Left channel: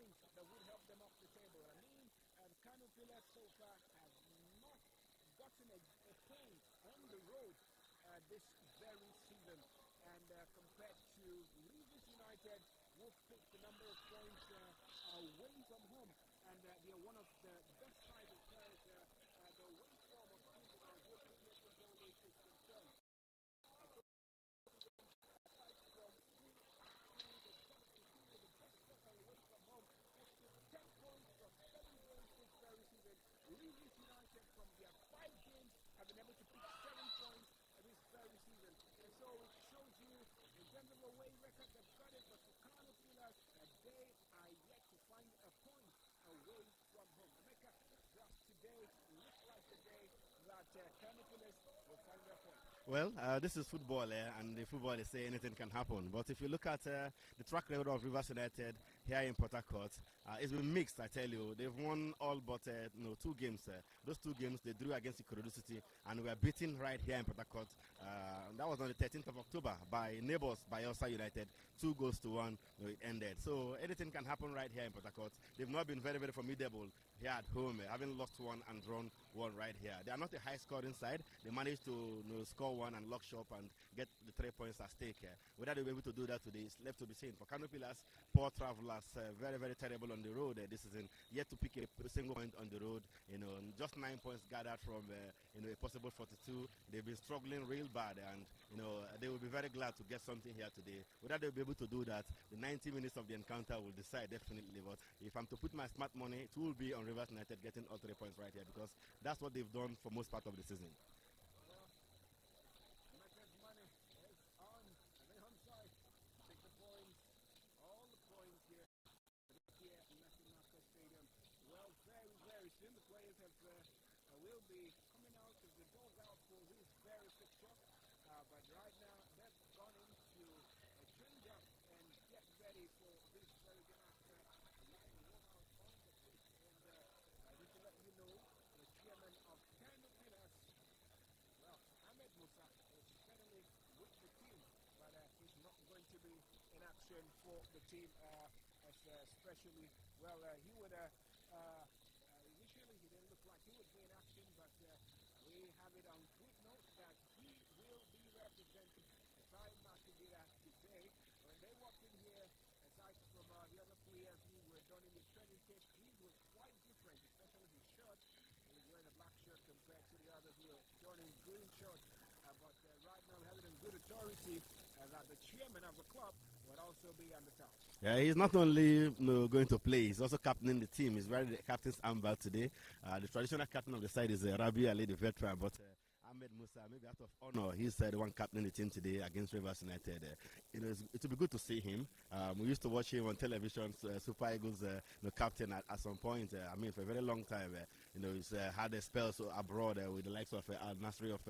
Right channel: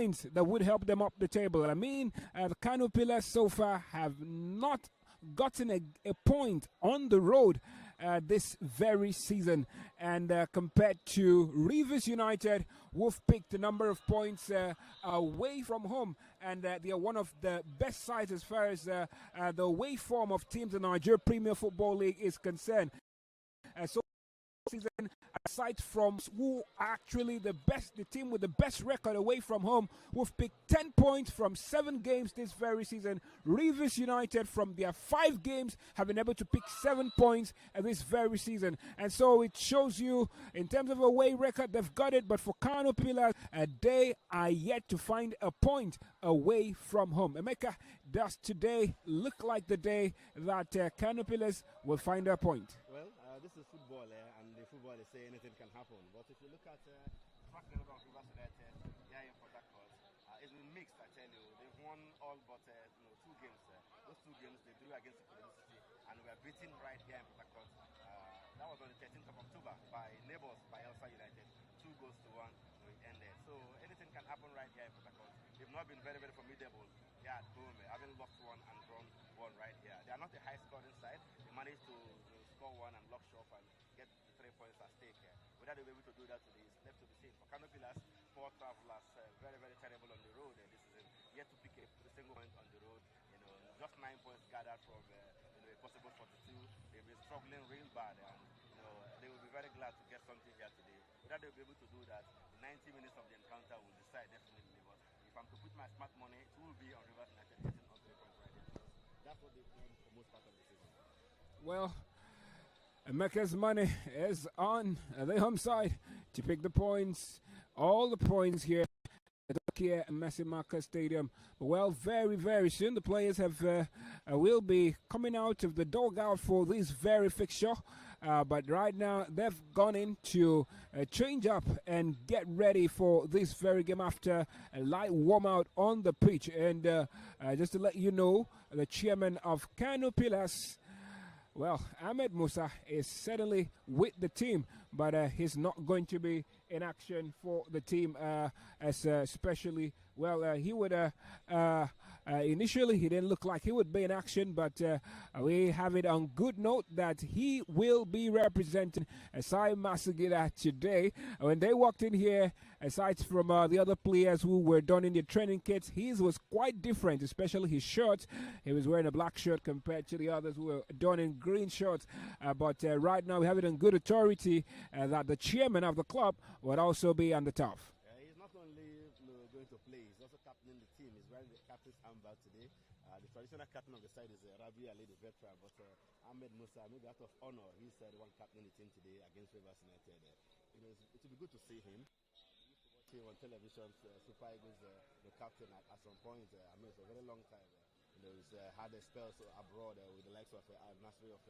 points that would help them up the table. I mean, the KANO Pillars so far have not gotten a point on the road this very season, and compared to Rivers United, who've picked a number of points away from home, and they are one of the best sides as far as the away form of teams in the Nigerian Premier Football League is concerned. So season, aside from who actually the team with the best record away from home, who've picked 10 points from 7 games this very season. Rivers United, from their 5 games, have been able to pick 7 points this very season. And so it shows you, in terms of away record, they've got it. But for KANO Pillars, they are yet to find a point away from home. Emeka, does today look like the day that KANO Pillars will find a point? Well, this is football, and the football is say anything can happen. But if you look at the track record of Rivers United here in Port Harcourt, it's been mixed, I tell you. They've won all but 2 games. Those 2 games they drew against Ikorodu City, and were beaten right here in Port Harcourt. That was on the 13th of October by neighbours, by Elsa United. 2 goals to 1 ended. So anything can happen right here in Port Harcourt. They've not been very, very formidable here at home, having lost 1 and drawn 1 right here. They are not a high-scoring side. They managed to score 1 and lock shop and get the 3 points at stake. Whether they'll be able to do that today is left to be seen. For KANO Pillars, poor travellers, very, very terrible on the road this season. Yet to pick a single point on the road. Just 9 points gathered from a possible 42. They've been struggling real bad, and they will be very glad to get something here today. Whether they'll be able to do that, the 90 minutes of the encounter will decide definitely. But if I'm to put my smart money, it will be on Rivers United getting all 3 points right here, because that's what they've done for most part of the season. Well, Emeka's money is on the home side to pick the points, all the points here at the Masimaka Stadium. Well, very, very soon the players will be coming out of the dugout for this very fixture. But right now they've gone in to change up and get ready for this very game after a light warm out on the pitch. And just to let you know, the chairman of KANO Pillars, well, Ahmed Musa, is certainly with the team, but he's not going to be in action for the team, especially, well, he would, initially he didn't look like he would be in action, but we have it on good note that he will be representing Asai Masagida today. When they walked in here, aside from the other players who were donning their training kits, his was quite different, especially his shirt. He was wearing a black shirt compared to the others who were donning green shirts. But right now we have it on good authority that the chairman of the club would also be on the top. Yeah, he's not only going to play, he's also captaining the team. He's wearing the captain's armband today. The traditional captain of the side is Rabi Ali, the veteran, but Ahmed Musa, maybe out of honor, he's the one captaining the team today against Rivers United. It will be good to see him. We used to watch him on television, Super Eagles captain at some point. For a very long time. He's had a spell abroad with the likes of Al Nasri of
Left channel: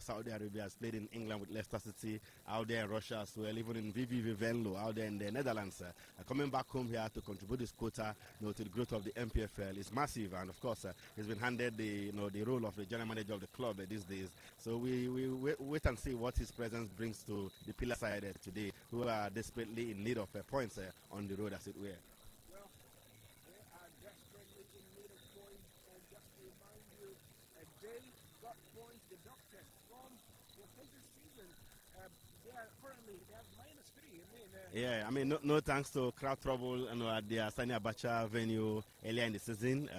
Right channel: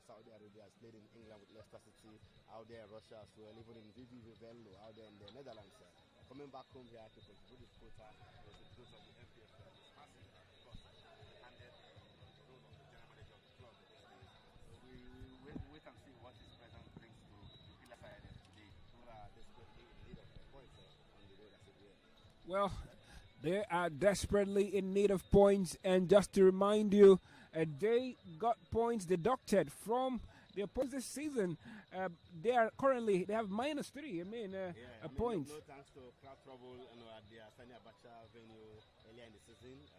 Saudi Arabia. Has played in England with Leicester City, out there in Russia as well, even in VV Venlo, out there in the Netherlands. Coming back home here to contribute his quota to the growth of the NPFL is massive, and of course he's been handed the role of the general manager of the club these days. So we wait and see what his presence brings to the Pillar side today, who are desperately in need of points on the road, as it were. Well, they are desperately in need of points, and just to remind you, they got points deducted from their points this season. They have -3. No thanks to crowd trouble at the Sani Abacha venue earlier in the season.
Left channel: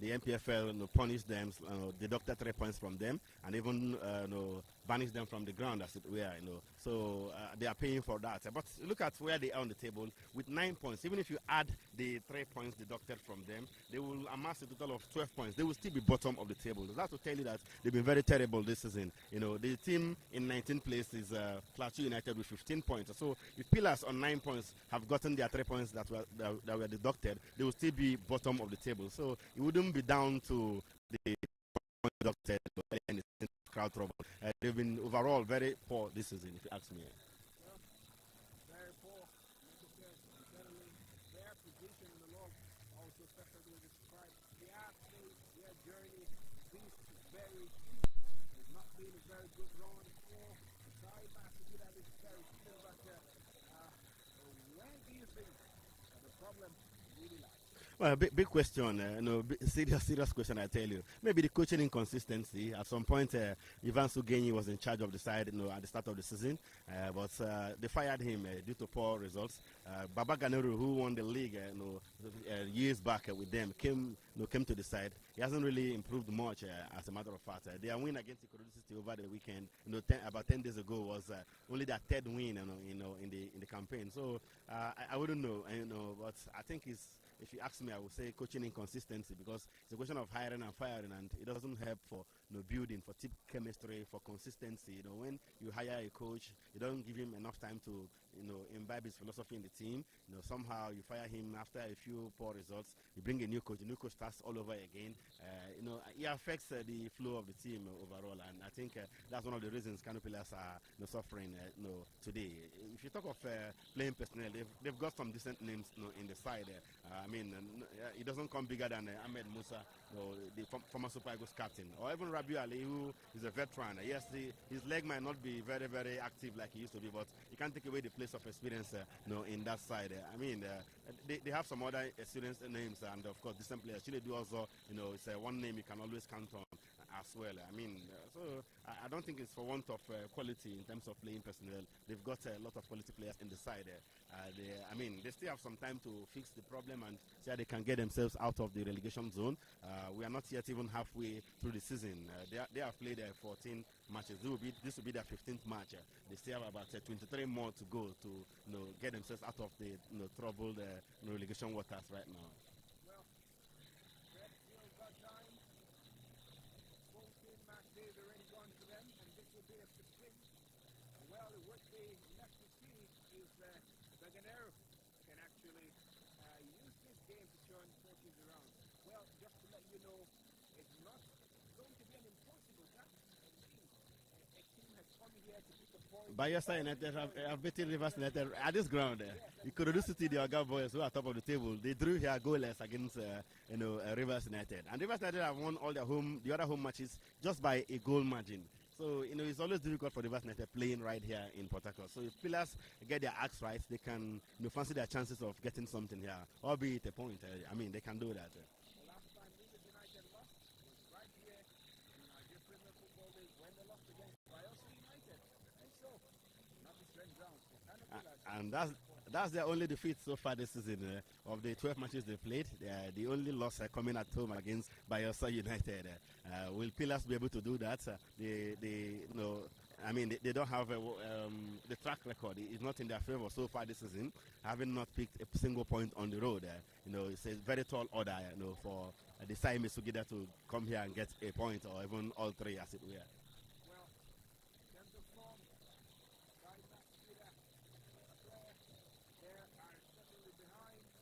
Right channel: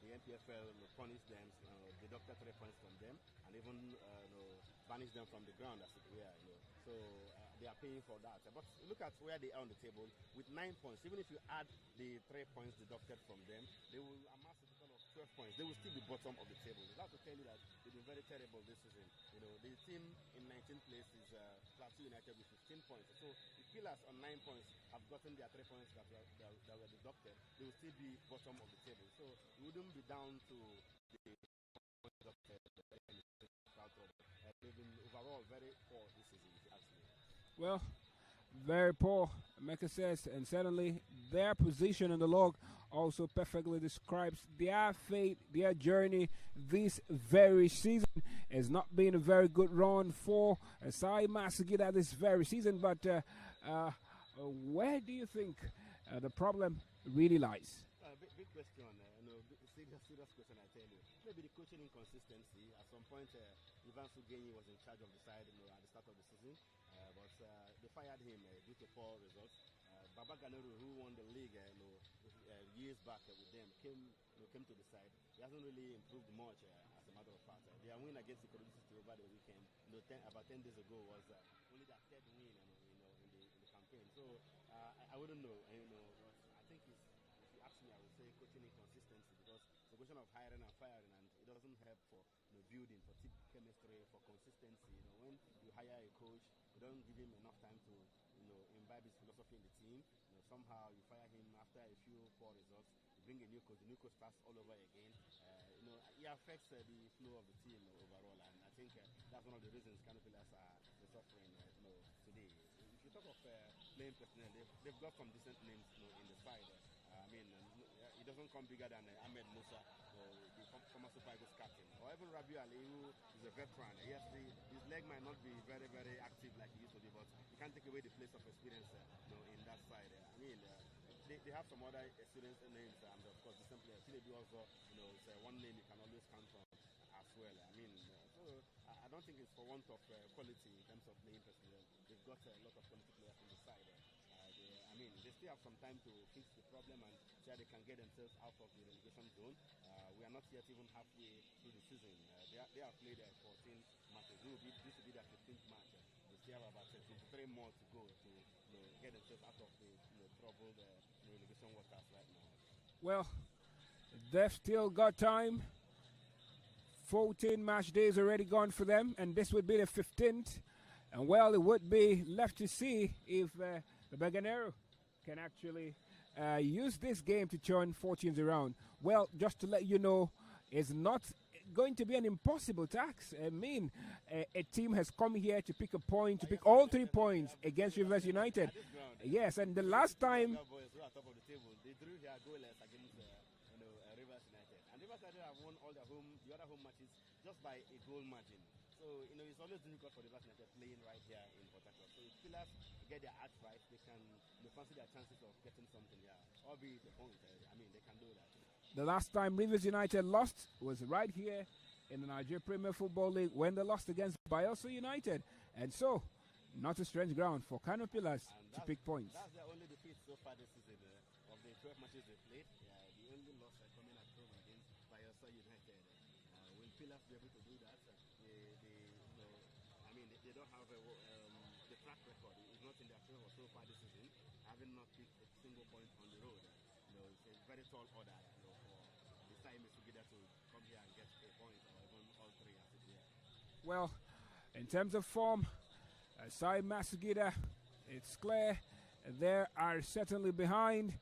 The NPFL punished them, deducted 3 points from them, and even banished them from the ground, as it were. So they are paying for that. But look at where they are on the table with 9 points. Even if you add the 3 points deducted from them, they will amass a total of 12 points. They will still be bottom of the table. So that's to tell you that they've been very terrible this season. The team in 19th place is Plateau United with 15 points. So if Pillars on 9 points have gotten their 3 points that were deducted, they will still be bottom of the table. So it wouldn't be down to the deducted and the crowd trouble. They've been overall very poor this season, if you ask me. Well, very poor, Mecca says, and certainly their position in the log also perfectly describes their fate, their journey this very season. Has not been a very good run for Asai Masagida this very season, but where do you think the problem really lies? Well, big question. Serious question. I tell you. Maybe the coaching inconsistency. At some point, Ivan Sugenyi was in charge of the side, at the start of the season, but they fired him due to poor results. Baba Ganeru, who won the league, years back with them, came to the side. He hasn't really improved much, as a matter of fact. Their win against Ikorodu City over the weekend, about 10 days ago, was only their third win, in the campaign. So I wouldn't know, but I think it's. If you ask me, I would say coaching inconsistency, because it's a question of hiring and firing, and it doesn't help for building, for team chemistry, for consistency. When you hire a coach, you don't give him enough time to imbibe his philosophy in the team. Somehow you fire him after a few poor results. You bring a new coach. The new coach starts all over again. It affects the flow of the team overall, and I think that's one of the reasons KANO players are suffering today. If you talk of playing personnel, they've got some decent names in the side. It doesn't come bigger than Ahmed Musa, the former Super Eagles captain, or even Rabiu Ali, who is a veteran. Yes, his leg might not be very, very active like he used to be, but you can't take away the place of experience in that side. They have some other experienced names, and of course, decent players. Chinedu also, it's one name you can always count on as well. So I don't think it's for want of quality in terms of playing personnel. They've got a lot of quality players in the side. They still have some time to fix the problem and see how they can get themselves out of the relegation zone. We are not yet even halfway through the season. They have played 14 matches. This will be their 15th match. They still have about 23 more to go to get themselves out of the troubled relegation waters right now. Well, they've still got time. 14 match days already gone for them, and this would be the 15th. And well, it would be left to see if the Baganero can actually use this game to turn fortunes around. Well, just to let you know, it's not going to be an impossible task. A team has come here to pick a point, to pick all 3 points against Rivers United. At this ground. Yes, and the last time... The boys who are top of the table, they drew here goalless against Rivers United. And Rivers United have won all the other home matches just by a goal margin. So, it's always difficult for the Rivers United playing right here in Port Harcourt. So, if players get their acts right, they can fancy their chances of getting something here, albeit a point. They can do that. The last time Rivers United lost was right here in the Nigerian Premier Football League when they lost against Bayelsa United. And so, not a strange ground for KANO pillars to pick points. That's their only defeat so far this season. Of the 12 matches they played, the only loss coming at home against Bayelsa United. Will Pillars be able to do that? They don't have the track record is not in their favor so far this season, having not picked a single point on the road. It's a very tall order for the Saime Sugida to come here and get a point, or even all 3 as it were. Well, in terms of form, Saime Sugida, it's clear they are certainly behind,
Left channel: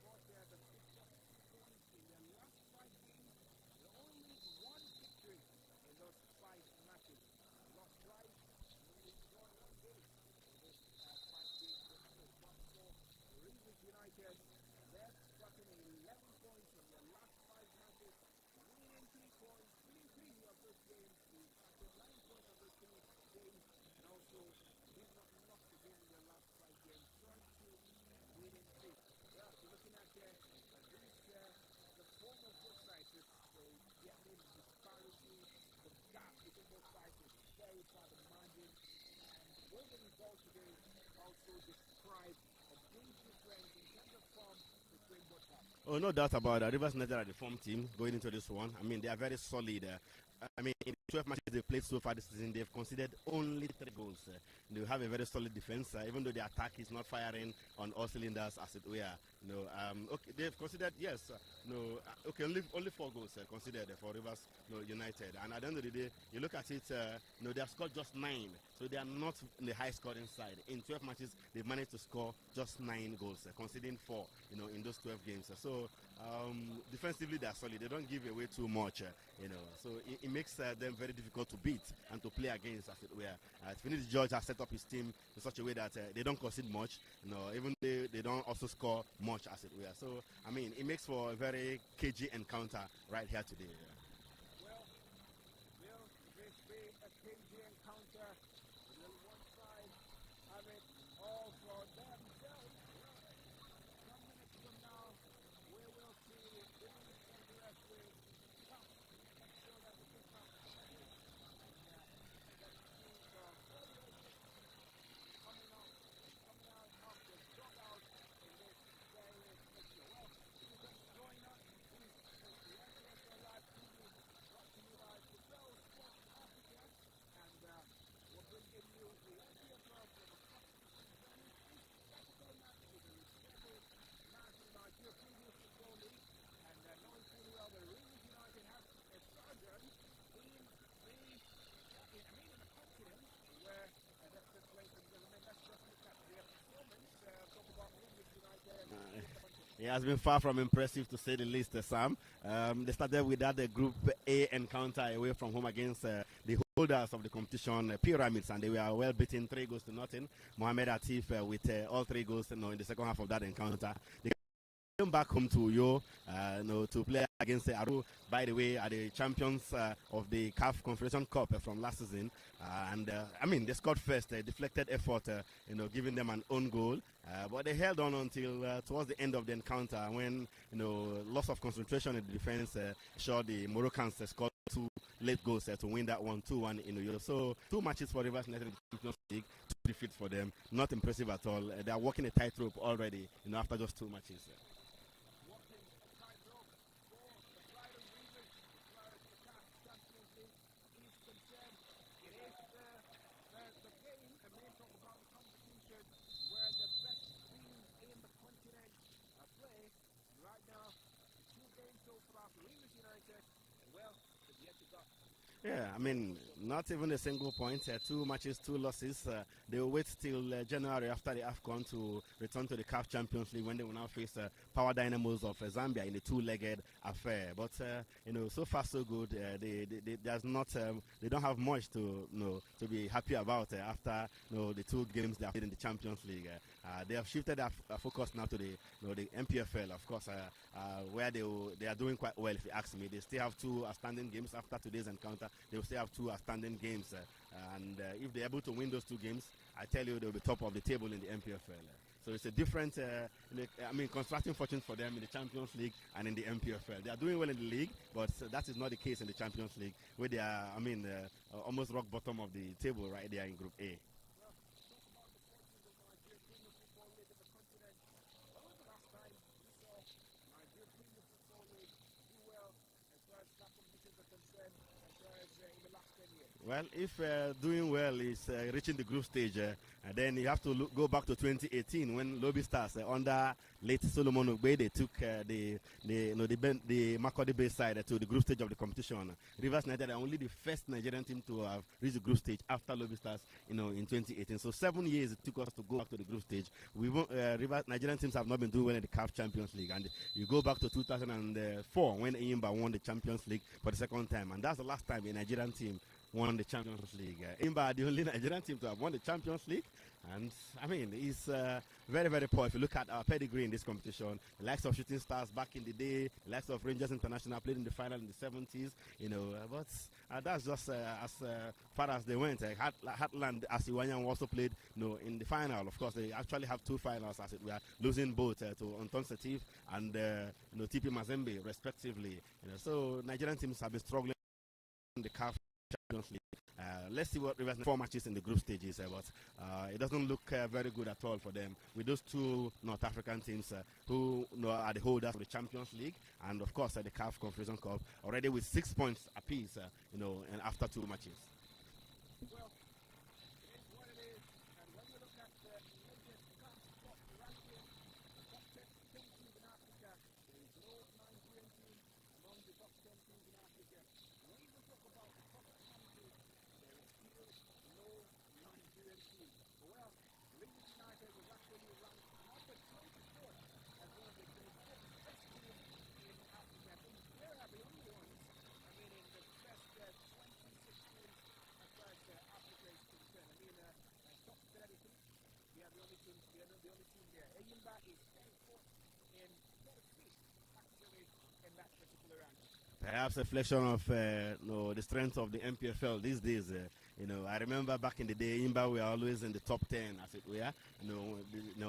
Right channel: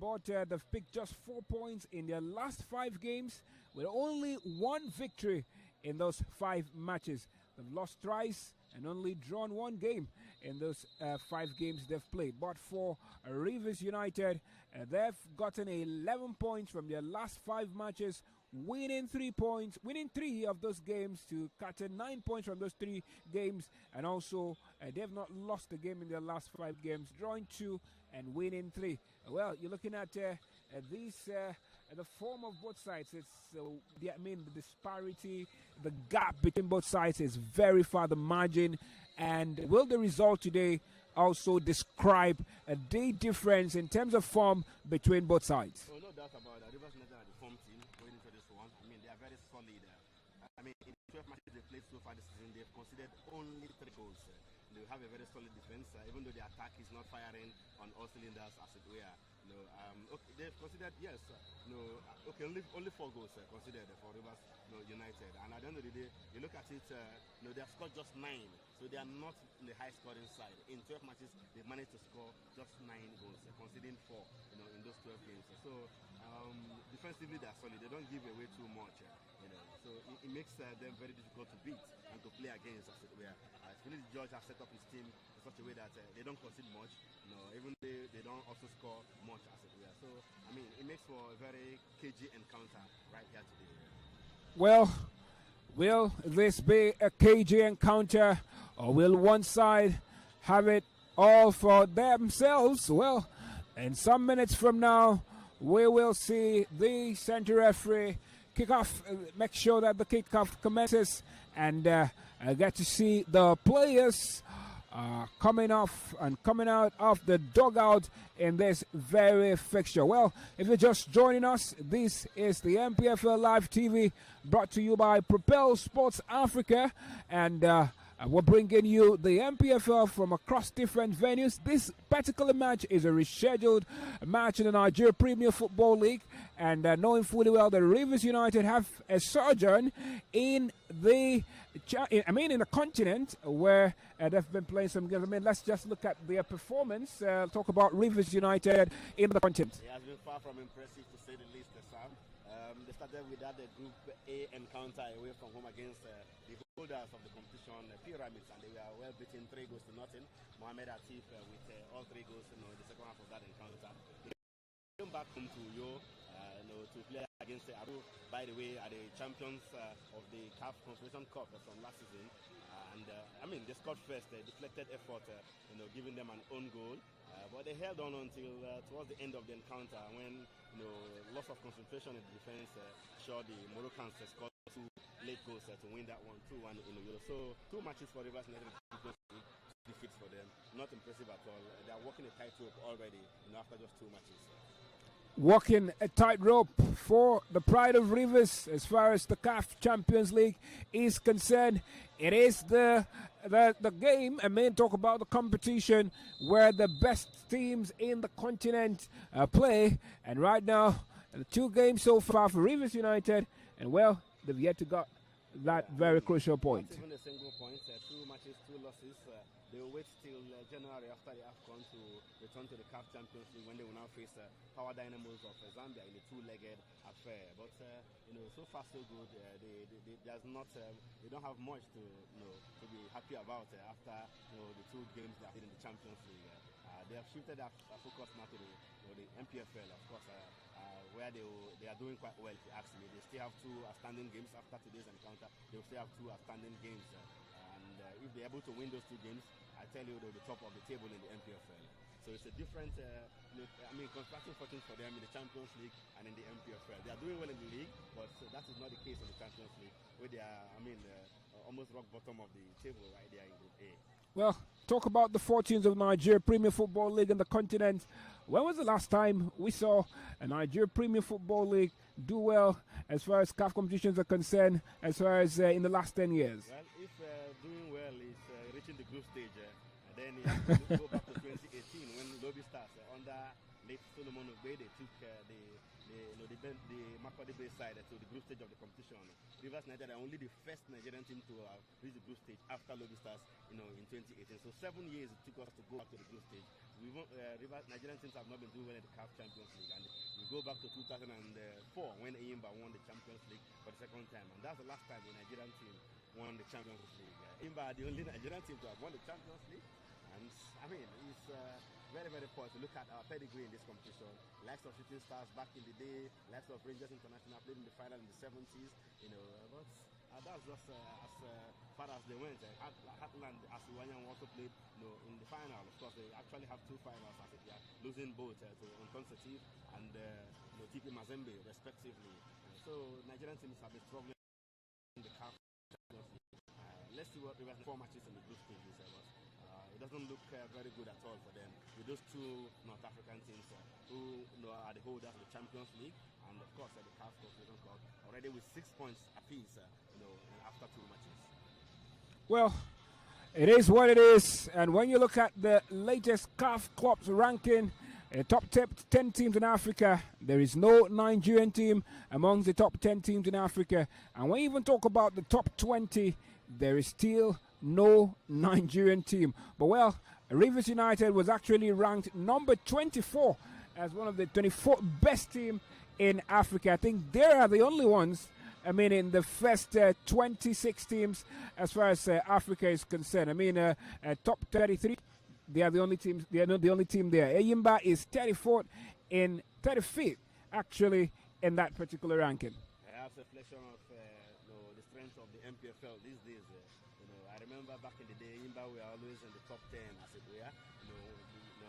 but they've picked just 4 points in their last 5 games, with only 1 victory in those 5 matches. They've lost twice and only drawn 1 game in those 5 games they've played. But for Rivers United, they've gotten 11 points from their last 5 matches, winning 3 of those games to cut 9 points from those 3 games, and also they've not lost a game in their last 5 games, drawing 2 and winning 3. Well, you're looking at the form of both sides. It's the disparity, the gap between both sides is very far, the margin. And will the result today also describe the difference in terms of form between both sides? Oh, no doubt about that. Rivers United are the form team going into this one. They are very solid. In 12 matches they've played so far this season, they've conceded only 3 goals. They have a very solid defense, even though the attack is not firing on all cylinders, as it were. They've considered, only 4 goals considered for Rivers United. And at the end of the day, you look at it, they have scored just 9. So they are not in the high scoring side. In 12 matches, they've managed to score just 9 goals, conceding 4, in those 12 games. So defensively, they are solid. They don't give away too much, So it makes them very difficult to beat and to play against, as it were. Finidi George has set up his team in such a way that they don't concede much, even they don't also score much, as it were. So, it makes for a very cagey encounter right here today. Well, will this be a cagey encounter, or will one side have it all for themselves? Well, In some minutes from now, we will see the center referee kick off, make sure that the kickoff commences, and get to see the players coming off and coming out of the dugout in this very fixture. Well, if you're just joining us, this is the NPFL Live TV brought to you by Propel Sports Africa, and we're bringing you the NPFL from across different venues. This particular match is a rescheduled match in the Nigerian Premier Football League, and knowing fully well that Rivers United have a sojourn in the in the continent where they've been playing some games. I mean, let's just look at their performance. Talk about Rivers United in the continent. It has been far from impressive, to say the least, Sam. They started with that Group A encounter away from home against the holders of the competition, Pyramids, and they were well beaten 3-0. Mohamed Atif with all 3 goals in the second half of that encounter. They came back home to Uyo to play against Aru, by the way, are the champions of the CAF Confederation Cup from last season. They scored first, deflected effort, giving them an own goal. But they held on until towards the end of the encounter when, loss of concentration in the defense showed the Moroccans scored 2 late goals to win that one 2-1 in Uyo. So 2 matches for Rivers United in the Champions League, 2 defeats for them. Not impressive at all. They are walking a tightrope already, after just 2 matches. Walking a tightrope for the pride of Rivers as far as the CAF Champions League is concerned. It is the game, talk about the competition where the best teams in the continent play. And right now, 2 games so far for Rivers United, and well, they've yet to got that crucial point. Not even a single point. 2 matches, 2 losses. They will wait till January after the AFCON to return to the CAF Champions League when they will now face Power Dynamos of Zambia in a 2-legged affair. But so far so good. They don't have much to be happy about after the 2 games they have played in the Champions League. They have shifted their focus now to the NPFL, of course, where they are doing quite well, if you ask me. They still have 2 outstanding games after today's encounter. They will still have 2 outstanding games, and if they're able to win those 2 games, I tell you, they'll be top of the table in the NPFL. So it's a different, constructing fortunes for them in the Champions League and in the NPFL. They are doing well in the league, but that is not the case in the Champions League, where they are, almost rock bottom of the table right there in Group A. Well, talk about the fortunes of Nigeria Premier Football League in the continent. When was the last time we saw a Nigeria Premier Football League do well as far as CAF competitions are concerned, as far as in the last 10 years? Well, if doing well is reaching the group stage, and then you have to go back to 2018 when Lobby Stars under late Solomon Ogbe, they took the Makurdi Bay side to the group stage of the competition. Rivers United are only the first Nigerian team to have reached the group stage after Lobby Stars, in 2018. So 7 years it took us to go back to the group stage. Nigerian teams have not been doing well in the CAF Champions League, and you go back to 2004 when Eyimba won the Champions League for the second time, and that's the last time a Nigerian team won the Champions League. Eyimba are the only Nigerian team to have won the Champions League, and it's very, very poor. If you look at our pedigree in this competition, the likes of Shooting Stars back in the day, the likes of Rangers International played in the final in the 70s, but that's just as far as they went. Heartland Asiwanyan also played in the final. Of course, they actually have 2 finals as it were, losing both to Anton Setif and TP Mazembe respectively. So Nigerian teams have been struggling in the CAF Champions League. Let's see what Rivers 4 matches in the group stages, but it doesn't look very good at all for them with those 2 North African teams who are the holders of the Champions League and of course the CAF Confederation Cup, already with 6 points apiece, and after 2 matches. Well, it is what it is, and when you look at the latest CAF clubs ranking, top 10 teams in Africa, there is no Nigerian team among the top 10 teams in Africa. And when you even talk about the top 20, there is still no Nigerian team. But well, Rivers United was actually ranked number 24 as one of the 24 best teams in Africa. I think they are the only ones, in the first 26 teams as far as Africa is concerned. Top 33. They are the only teams. They are not the only team there. Eyimba is 34th in 35th, actually, in that particular ranking. Perhaps a reflection of the strength of the NPFL these days. I remember back in the day, Imba were always in the top 10, as it were. In the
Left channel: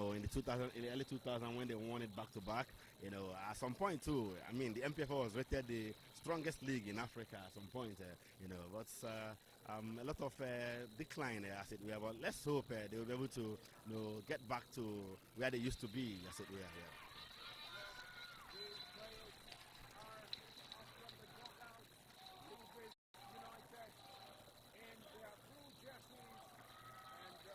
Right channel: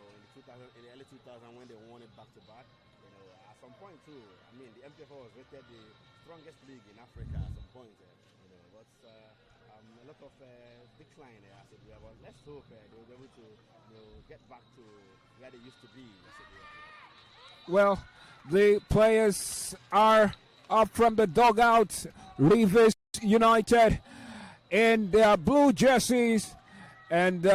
early 2000 when they won it back to back. At some point too. I mean, the NPFL was rated the strongest league in Africa at some point. But a lot of decline, as it were. But let's hope they will be able to, get back to where they used to be, as it were. Well, the players are up from the dugout. Rivers United in their blue jerseys and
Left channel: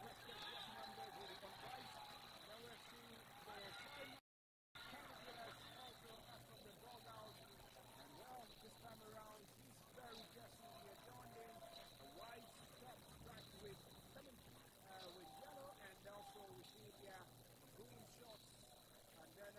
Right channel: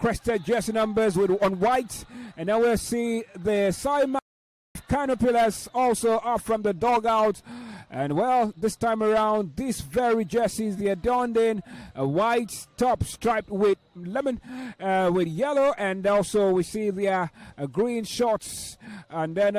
crested jersey numbers on white. And now we'll see the Simon KANO Pillars also up from the dugout. And well, this time around, these very jerseys, they are donned in a white top striped with lemon, with yellow, and also we see the green shorts. And then,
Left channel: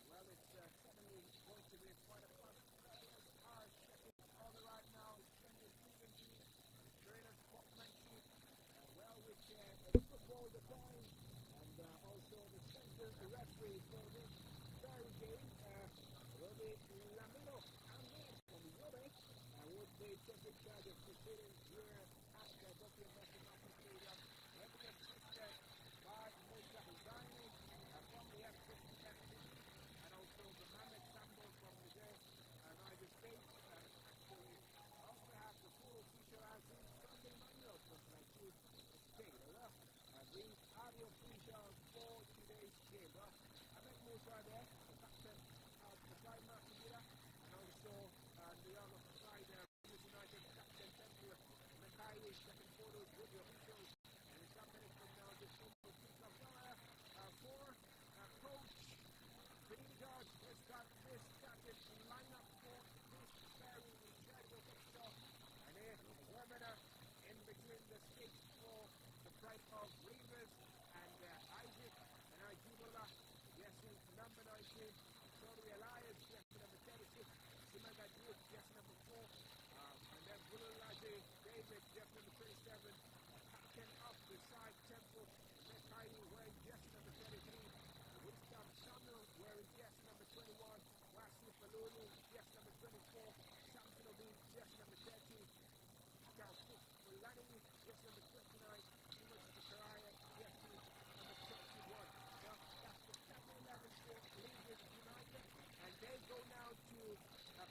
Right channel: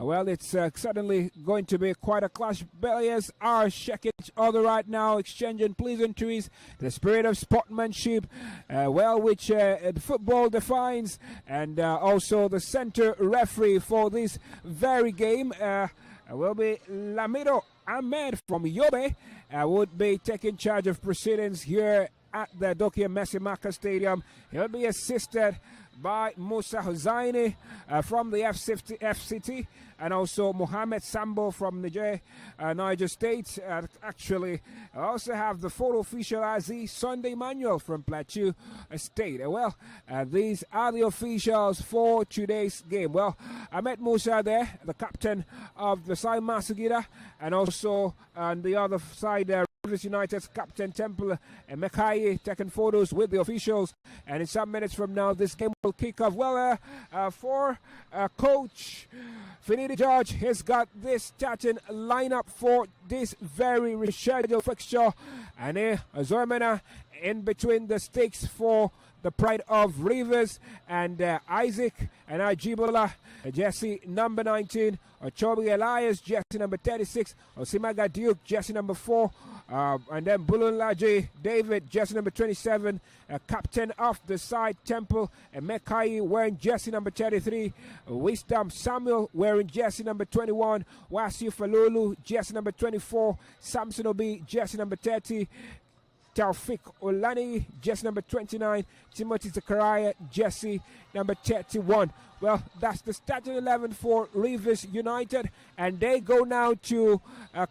well, it's certainly going to be quite a clash. Players are shaking each other right now, exchanging pleasantries, the spirit of sportsmanship, which the football defines, and also the center referee for this very game will be Lamido Ahmed from Yobe, would be taking charge of proceedings here at the Dokia Messimaka Stadium. He'll be assisted by Musa Hussaini from the FCT, and also Mohamed Sambo from Niger State. Actually, I also have the photo official Aziz Sunday Manuel from Plateau State. These are the officials for today's game. Well, I met Musa there, the captain of the side Masugida, and also on the other side Rivers United's captain Temple and Mekai taking photos with the officials. And in some minutes from now, this game will kick off. Well, for Coach Finidi George, he's got this starting lineup for this very rescheduled fixture. And Zormena in between the stakes for the pride of Rivers, and Isaac and Ajibola, jersey number 19, Ochobi Elias, jersey number 36, Osimaga Duke, jersey number 4, and then Bulunlaji David, jersey number 27, captain of the side Temple, and Mekai wearing jersey number 33, Wisdom Samuel wearing jersey number 21, Wasiu Falulu, jersey number 24, Samson Obi, jersey number 30, Taufik Olani, jersey number 29, Timothy Zakaria, jersey number 31. Well, that's the starting 11 for Rivers United, and they go now to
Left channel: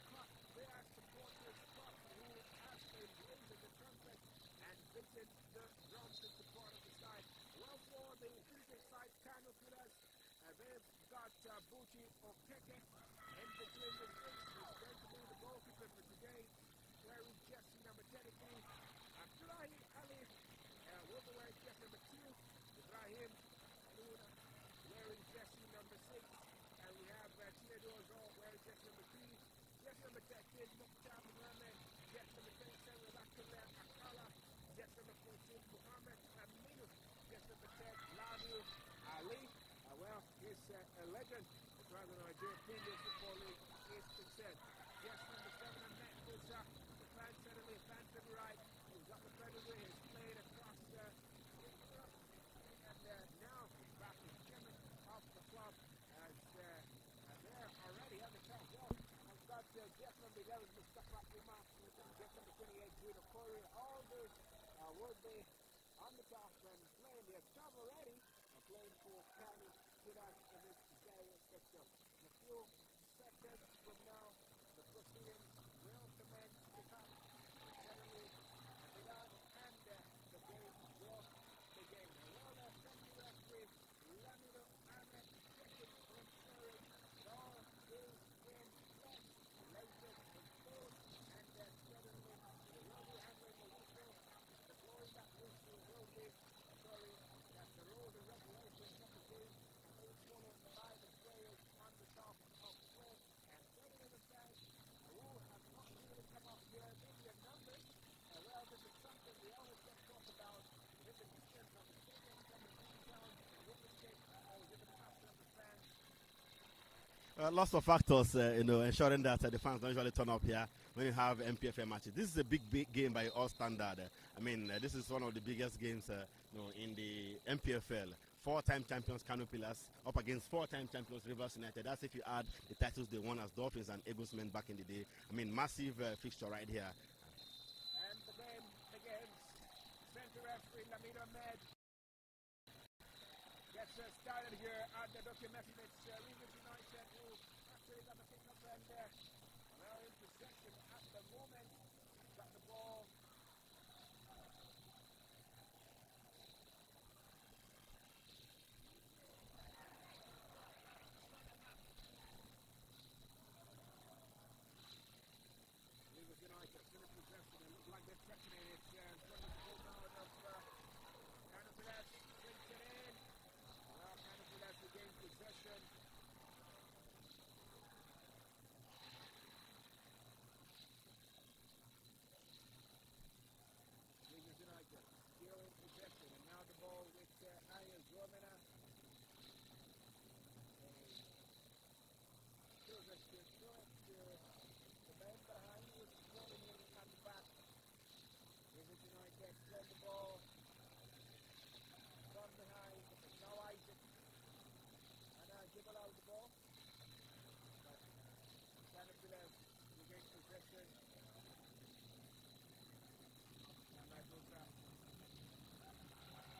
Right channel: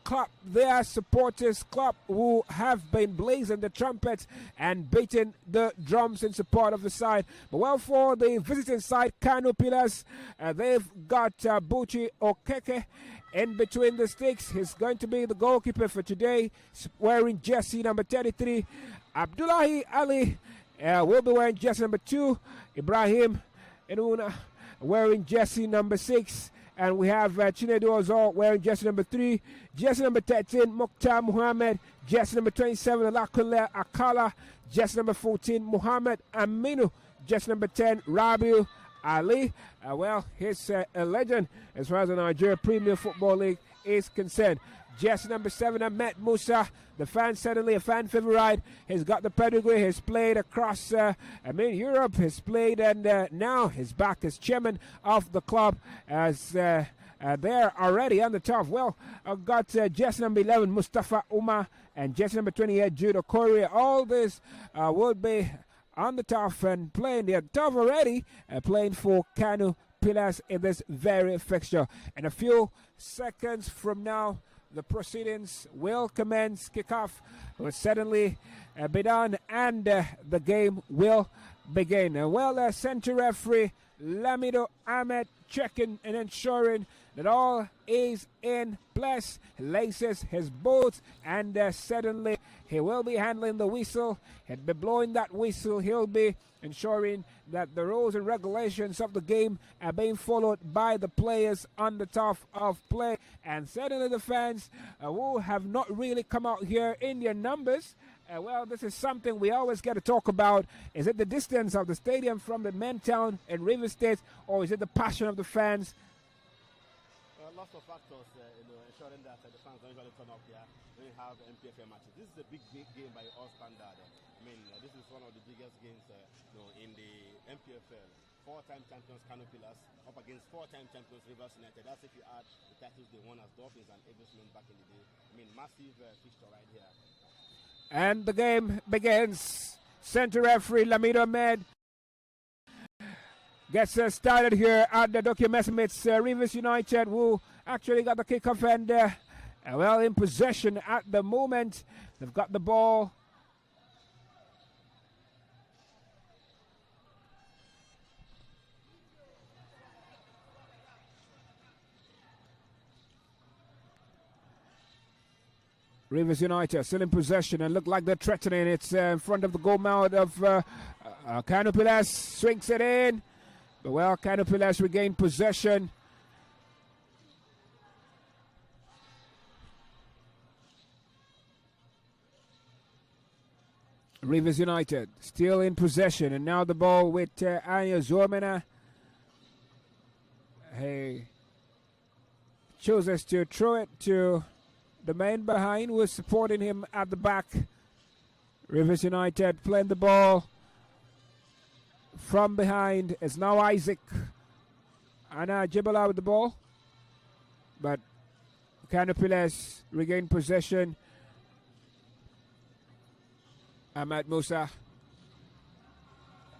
clap their supporters, club who have been blazing the trumpets and beating the drums in support of the side. But well, for the visiting side, KANO Pillars, they've got Buchi Okeke in between the sticks. He's going to be the goalkeeper for today, wearing jersey number 33. Abdullahi Ali will be wearing jersey number 2. Ibrahim Inuna wearing jersey number 6. And we have Chinedu Ozor wearing jersey number 3. Jersey number 13, Mukhtar Muhammad. Jersey number 27, Alakunle Akala. Jersey number 14, Muhammad Aminu. Jersey number 10, Rabiu Ali. He's a legend as far as the Nigerian Premier Football League is concerned. Jersey number 7, Ahmed Musa. The fan, certainly a fan favorite. He's got the pedigree. He's played across Europe. He's played, and now he's back as chairman of the club as they're already on the top. Well, I've got jersey number 11, Mustafa Umar, and jersey number 28, Judo Korea. All this will be on the top and playing. They're top already, playing for KANO Pillars in this very fixture. In a few seconds from now, the proceedings will commence. Kickoff will certainly be done, and the game will begin. Center referee Lamido Ahmed checking and ensuring that all is in place. Laces his boots, and suddenly he will be handling the whistle. He'll be blowing that whistle. He'll be ensuring that the rules and regulations of the game are being followed by the players on the top of play. And certainly the fans who have not really come out here in their numbers. This is something we always get to talk about. Is it the distance of the stadium from the main town in River State, or is it the passion of the fans? Lots of factors, ensuring that the fans don't usually turn up here when you have NPFL matches. This is a big game by all standard. This is one of the biggest games in the NPFL. 4-time champions KANO Pillars up against 4-time champions Rivers United. That's if you add the titles they won as Dolphins and Eaglesmen back in the day. Massive fixture right here. And the game begins. Center referee Lamido Ahmed gets started here at the Dokia Messim. It's Rivers United who actually got the kickoff and well in possession at the moment. They've got the ball. Rivers United still in possession and look like they're threatening. It's in front of the goal mouth of KANO Pilas. Swings it in. But well, KANO Pilas regained possession. Rivers United still in possession, and now the ball with Anya Zormena. He chooses to throw it to the man behind who is supporting him at the back. Rivers United playing the ball from behind. It's now Isaac Anna Jibala with the ball, but KANO Pilas regained possession. Ahmad Musa,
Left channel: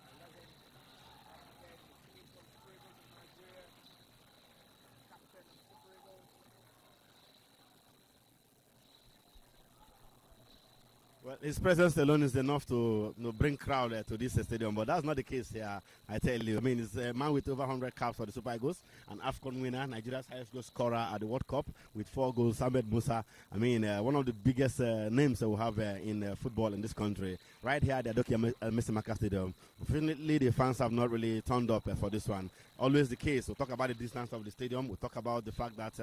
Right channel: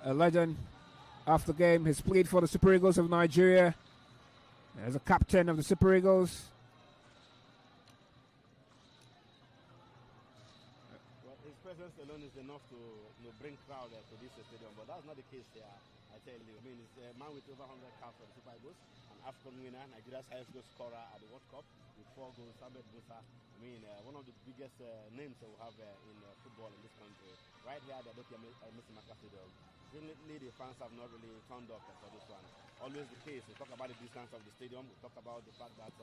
a legend of the game, has played for the Super Eagles of Nigeria as a captain of the Super Eagles. Well, his presence alone is enough to bring crowd to this stadium, but that's not the case here, I tell you. I mean, it's a man with over 100 caps for the Super Eagles, an AFCON winner, Nigeria's highest goal scorer at the World Cup with 4 goals, Ahmed Musa. I mean, one of the biggest names that we have in football in this country. Right here at the Dokia Messimaka Stadium. Unfortunately, the fans have not really turned up for this one. Always the case. We'll talk about the distance of the stadium. We'll talk about the fact that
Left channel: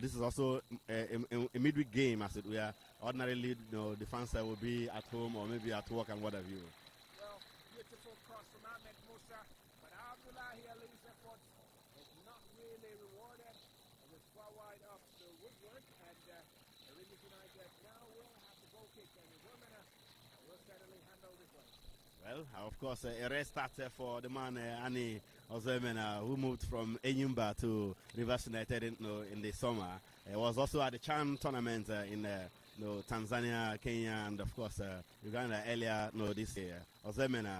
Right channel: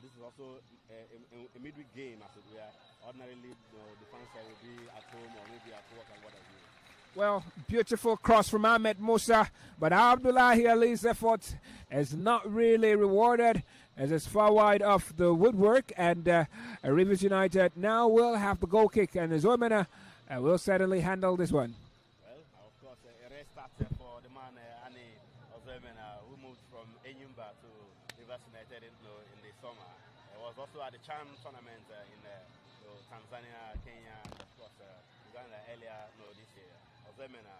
this is also a midweek game, as it were. Ordinarily, the fans will be at home or maybe at work and what have you. Well, beautiful cross from Ahmed Musa, but Abdullahi Ali's effort is not really rewarded as it's far wide off the woodwork, and Rivers United now will have the goal kick, and Zormena will certainly handle this one. Well, of course, a rare start for the man, Ani Ozemena, who moved from Enyimba to Rivers United in the summer. He was also at the Chan tournament in Tanzania, Kenya, and of course Uganda earlier this year. Ozemena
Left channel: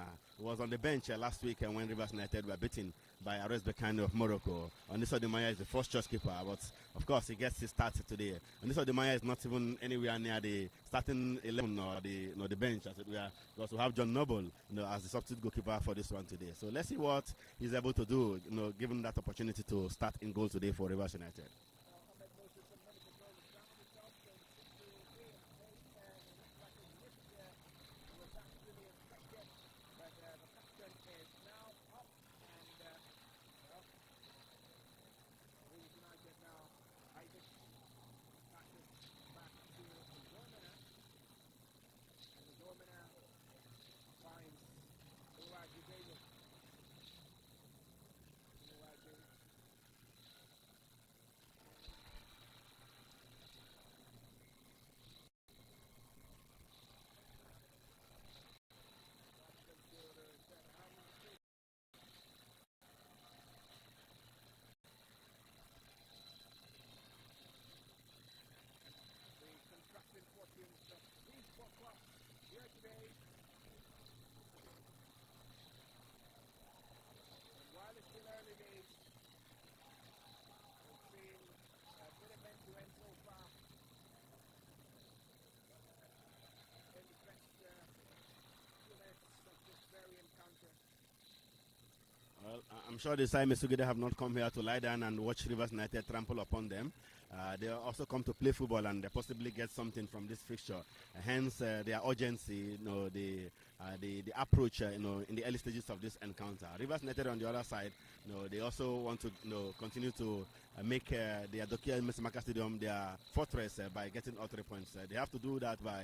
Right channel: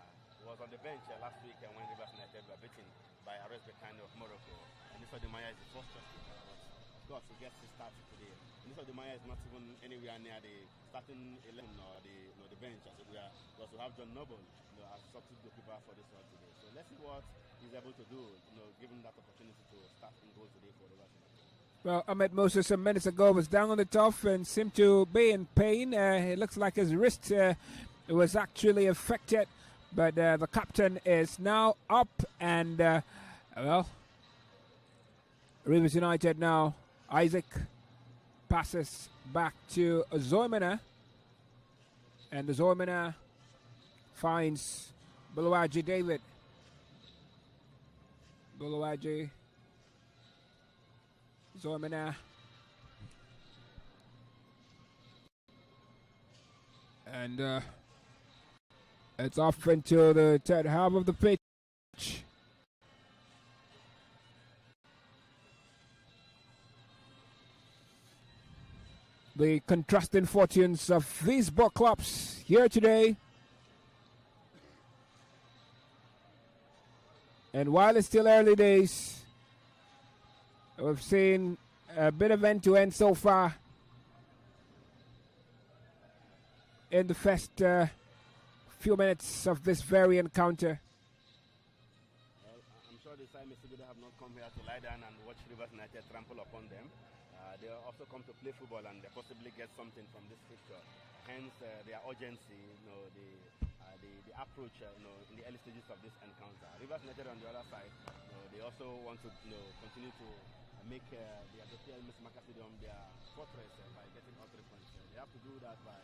was on the bench last week when Rivers United were beaten by Ares Bekane of Morocco. And this Odemaya is the first choice keeper, but of course he gets his start today. And this Odemaya is not even anywhere near the starting 11 or the bench, as it were. We also have John Noble as the substitute goalkeeper for this one today. So let's see what he's able to do, given that opportunity to start in goal today for Rivers United. Well, Ahmed Musa some minutes ago was down on the turf and seemed to be in pain. It looks like his wrist was actually affected, but the captain is now up, and well, Rivers United now. Isaac passes back to Zormena, and Zormena finds Buluwaji David. Buluwaji, Zormena, and it's off into the third half of the pitch. The contrasting fortunes of these both clubs here today. And while it's still early days, we've seen a bit of end-to-end so far in the first few minutes of this very encounter. Well, I'm sure the Sai Mesugide have not come here to lie down and watch Rivers United trample upon them. They also come to play football and they possibly get something from this fixture. Hence, their urgency, the approach, in the early stages of this encounter. Rivers United on the other side, they also want to, continue to make the Dokia Messimaka Stadium their fortress by getting all 3 points. They have to do that by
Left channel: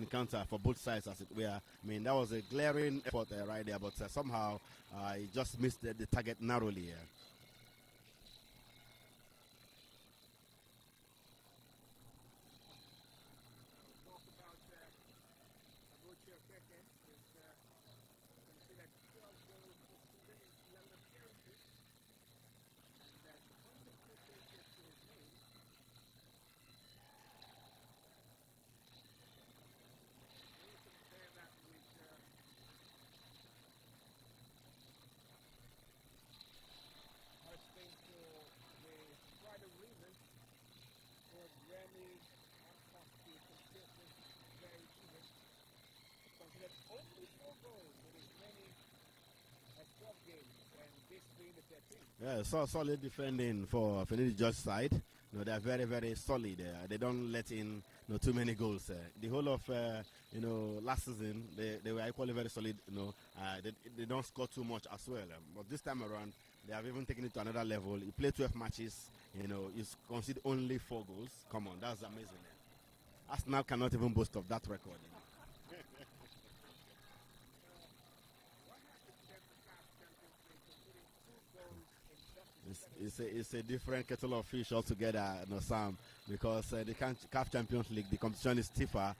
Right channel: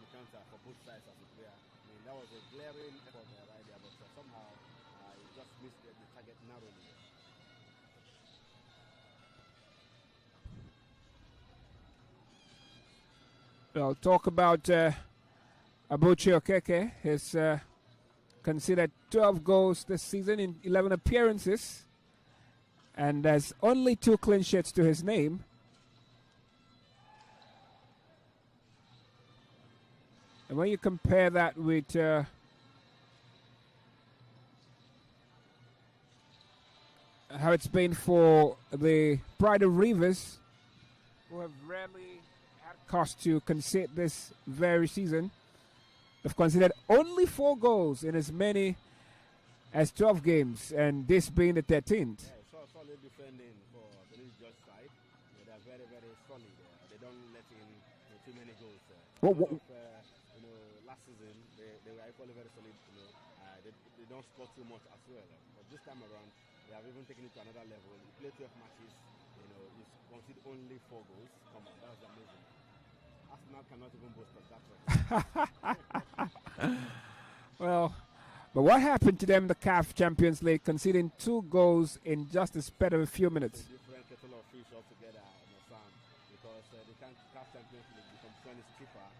encounter for both sides, as it were. I mean, that was a glaring effort right there, but somehow he just missed the target narrowly. Well, talk about Abuchi Okeke. He's conceded 12 goals this season in 11 appearances, and there's only 2 clean sheets to his name. And when you compare that with how it's been for the Pride of Rivers, who have rarely had cause to concede this very season, they've conceded only 4 goals in as many as 12 games, and this being the 13th. Yeah, so solid defending for Finidi George side. They're very, very solid. They don't let in too many goals. Last season they were equally very solid. They don't score too much as well. But this time around, they have even taken it to another level. You play 12 matches. You concede only 4 goals. Come on, that's amazing. Arsenal cannot even boast of that record. Well, but what happened to them in the CAF Champions League, conceding 2 goals in just a span of a few minutes? It's a different kettle of fish altogether, Sam, because the CAF Champions League, the competition is stiffer.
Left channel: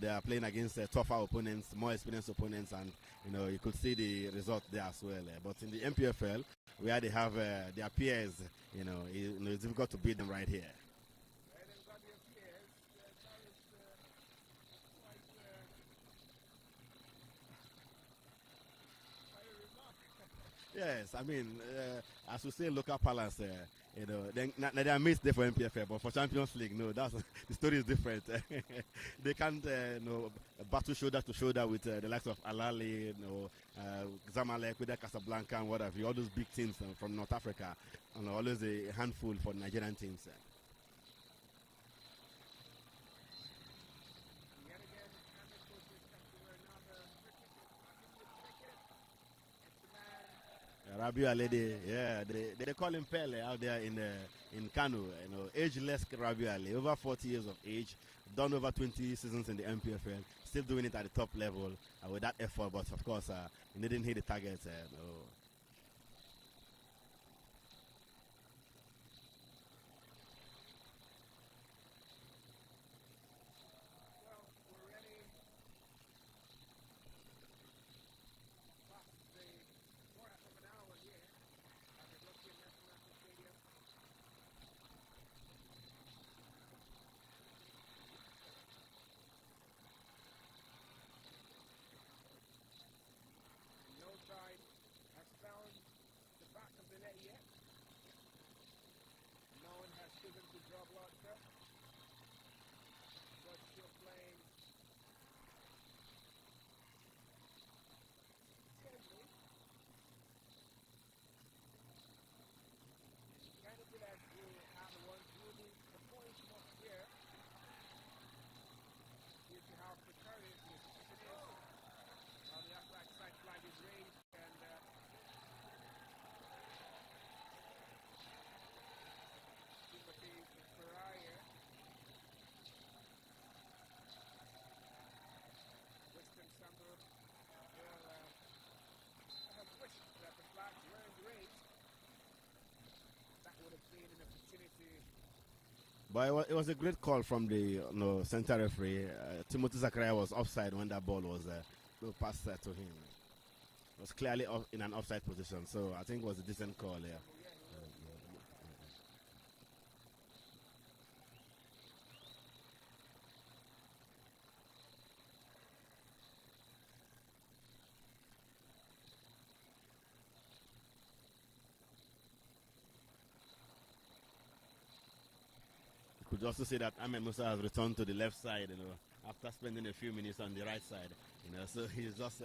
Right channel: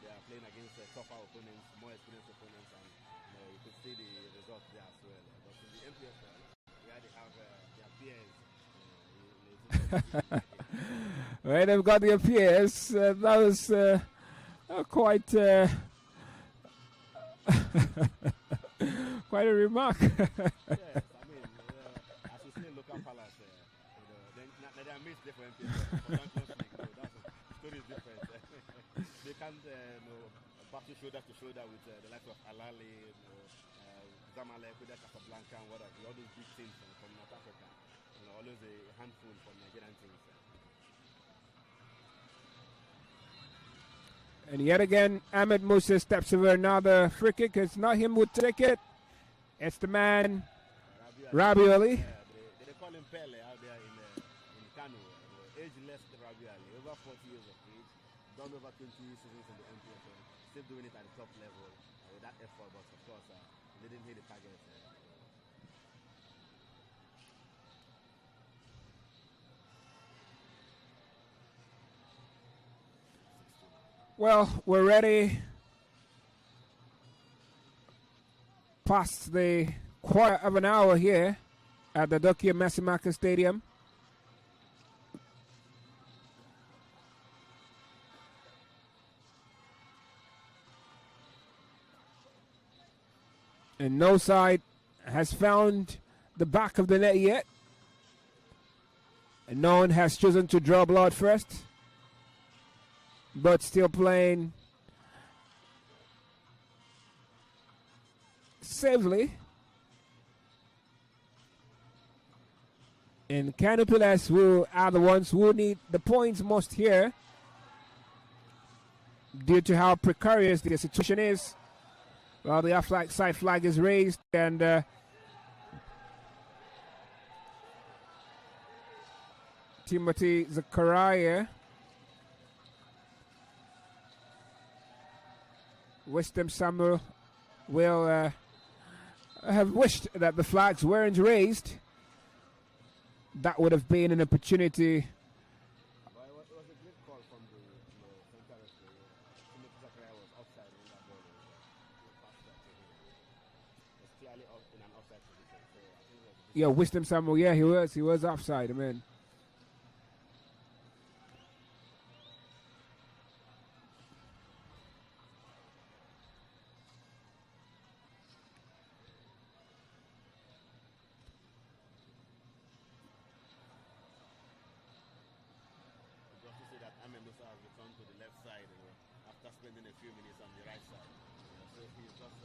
They are playing against tougher opponents, more experienced opponents, and you could see the result there as well. But in the NPFL, where they have their peers, it's difficult to beat them right here. Well, they've got their peers. That was quite quite a remark. Yes, I mean, as we say, local palace. They are missed there for NPFL, but for Champions League, the story is different. They can't battle shoulder to shoulder with the likes of Alali, Zamalek, with Casablanca, and what have you. All those big teams from North Africa, and always a handful for Nigerian teams. And yet again, Ahmed Musa steps over another free kick. It's not him who take it. It's the man, Rabiu Ali. Yeah, they call him Pele out there in KANO. Ageless Rabiu Ali, over 40 years of age, done over 20 seasons in the NPFL, still doing it at the top level with that effort. But of course, he didn't hit the target. Well, we're ready past the quarter of an hour here at the Dokia Masimaka Stadium. And no side has found the back of the net yet. And no one has chosen to draw blood first. But still playing safely. And KANO players who are the ones who need the points most here due to how precarious the situation is. Well, the offside flag is raised, and Timothy Zakaria, Wisdom Samuel will have wished that the flags weren't raised. That would have been an opportunity. But it was a great call from the center referee. Timothy Zakaria was offside when that ball was passed to him. It was clearly in an offside position, so I think it was a yeah, Wisdom Samuel. Yeah, he was offside. I mean, you could also say that Ahmed Musa has returned to the left side, after spending a few minutes on the right side. So he's just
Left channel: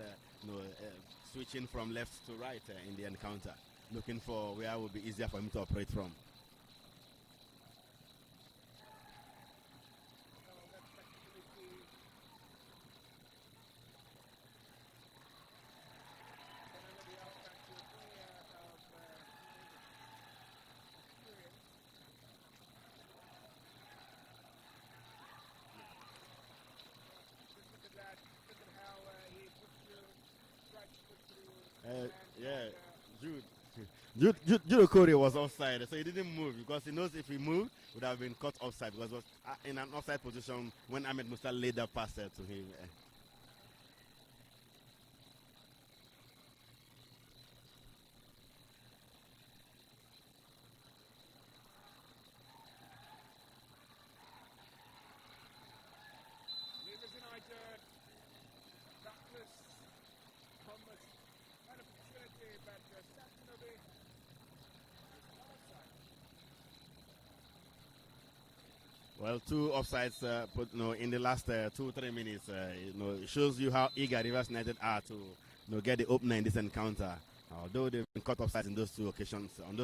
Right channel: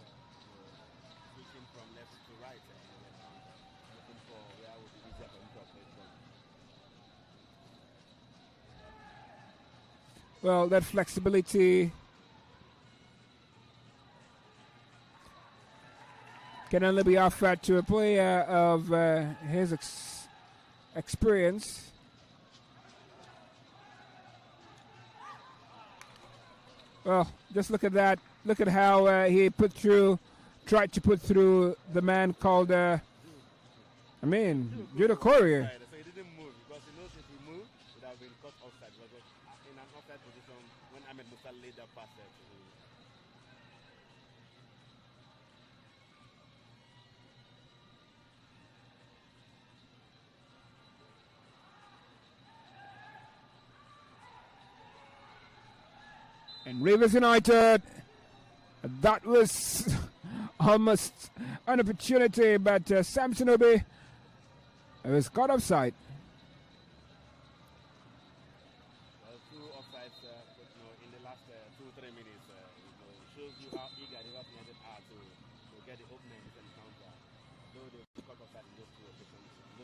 switching from left to right in the encounter, looking for where it would be easier for him to operate from. well, that flexibility can only be offered to a player of his experience. Well, just look at that. Look at how he tried to put through the man called Judo Corey was offside, so he didn't move because he knows if he moved, it would have been caught offside because he was in an offside position when Ahmed Musa laid that pass to him. And Rivers United, that was almost an opportunity, but Samson Obi was caught offside. Well, 2 offsides in the last 2-3 minutes. It shows you how eager Rivers United are to get the opener in this encounter. Although they've been caught offside in those two occasions, as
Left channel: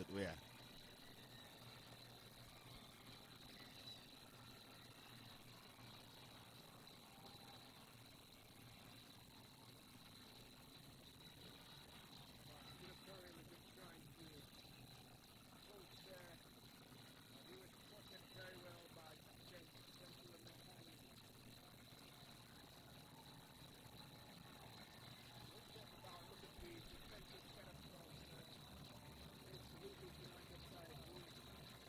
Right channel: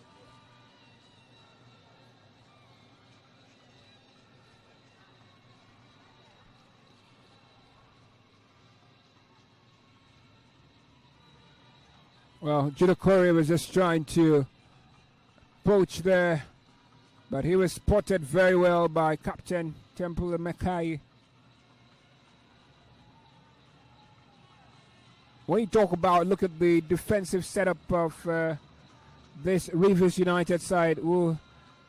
it were. Well, Judo Corey was just trying to poach there, but he was spotted very well by Captain Temple Mekai. When you talk about, look at the defensive setup of this Rivers United side, who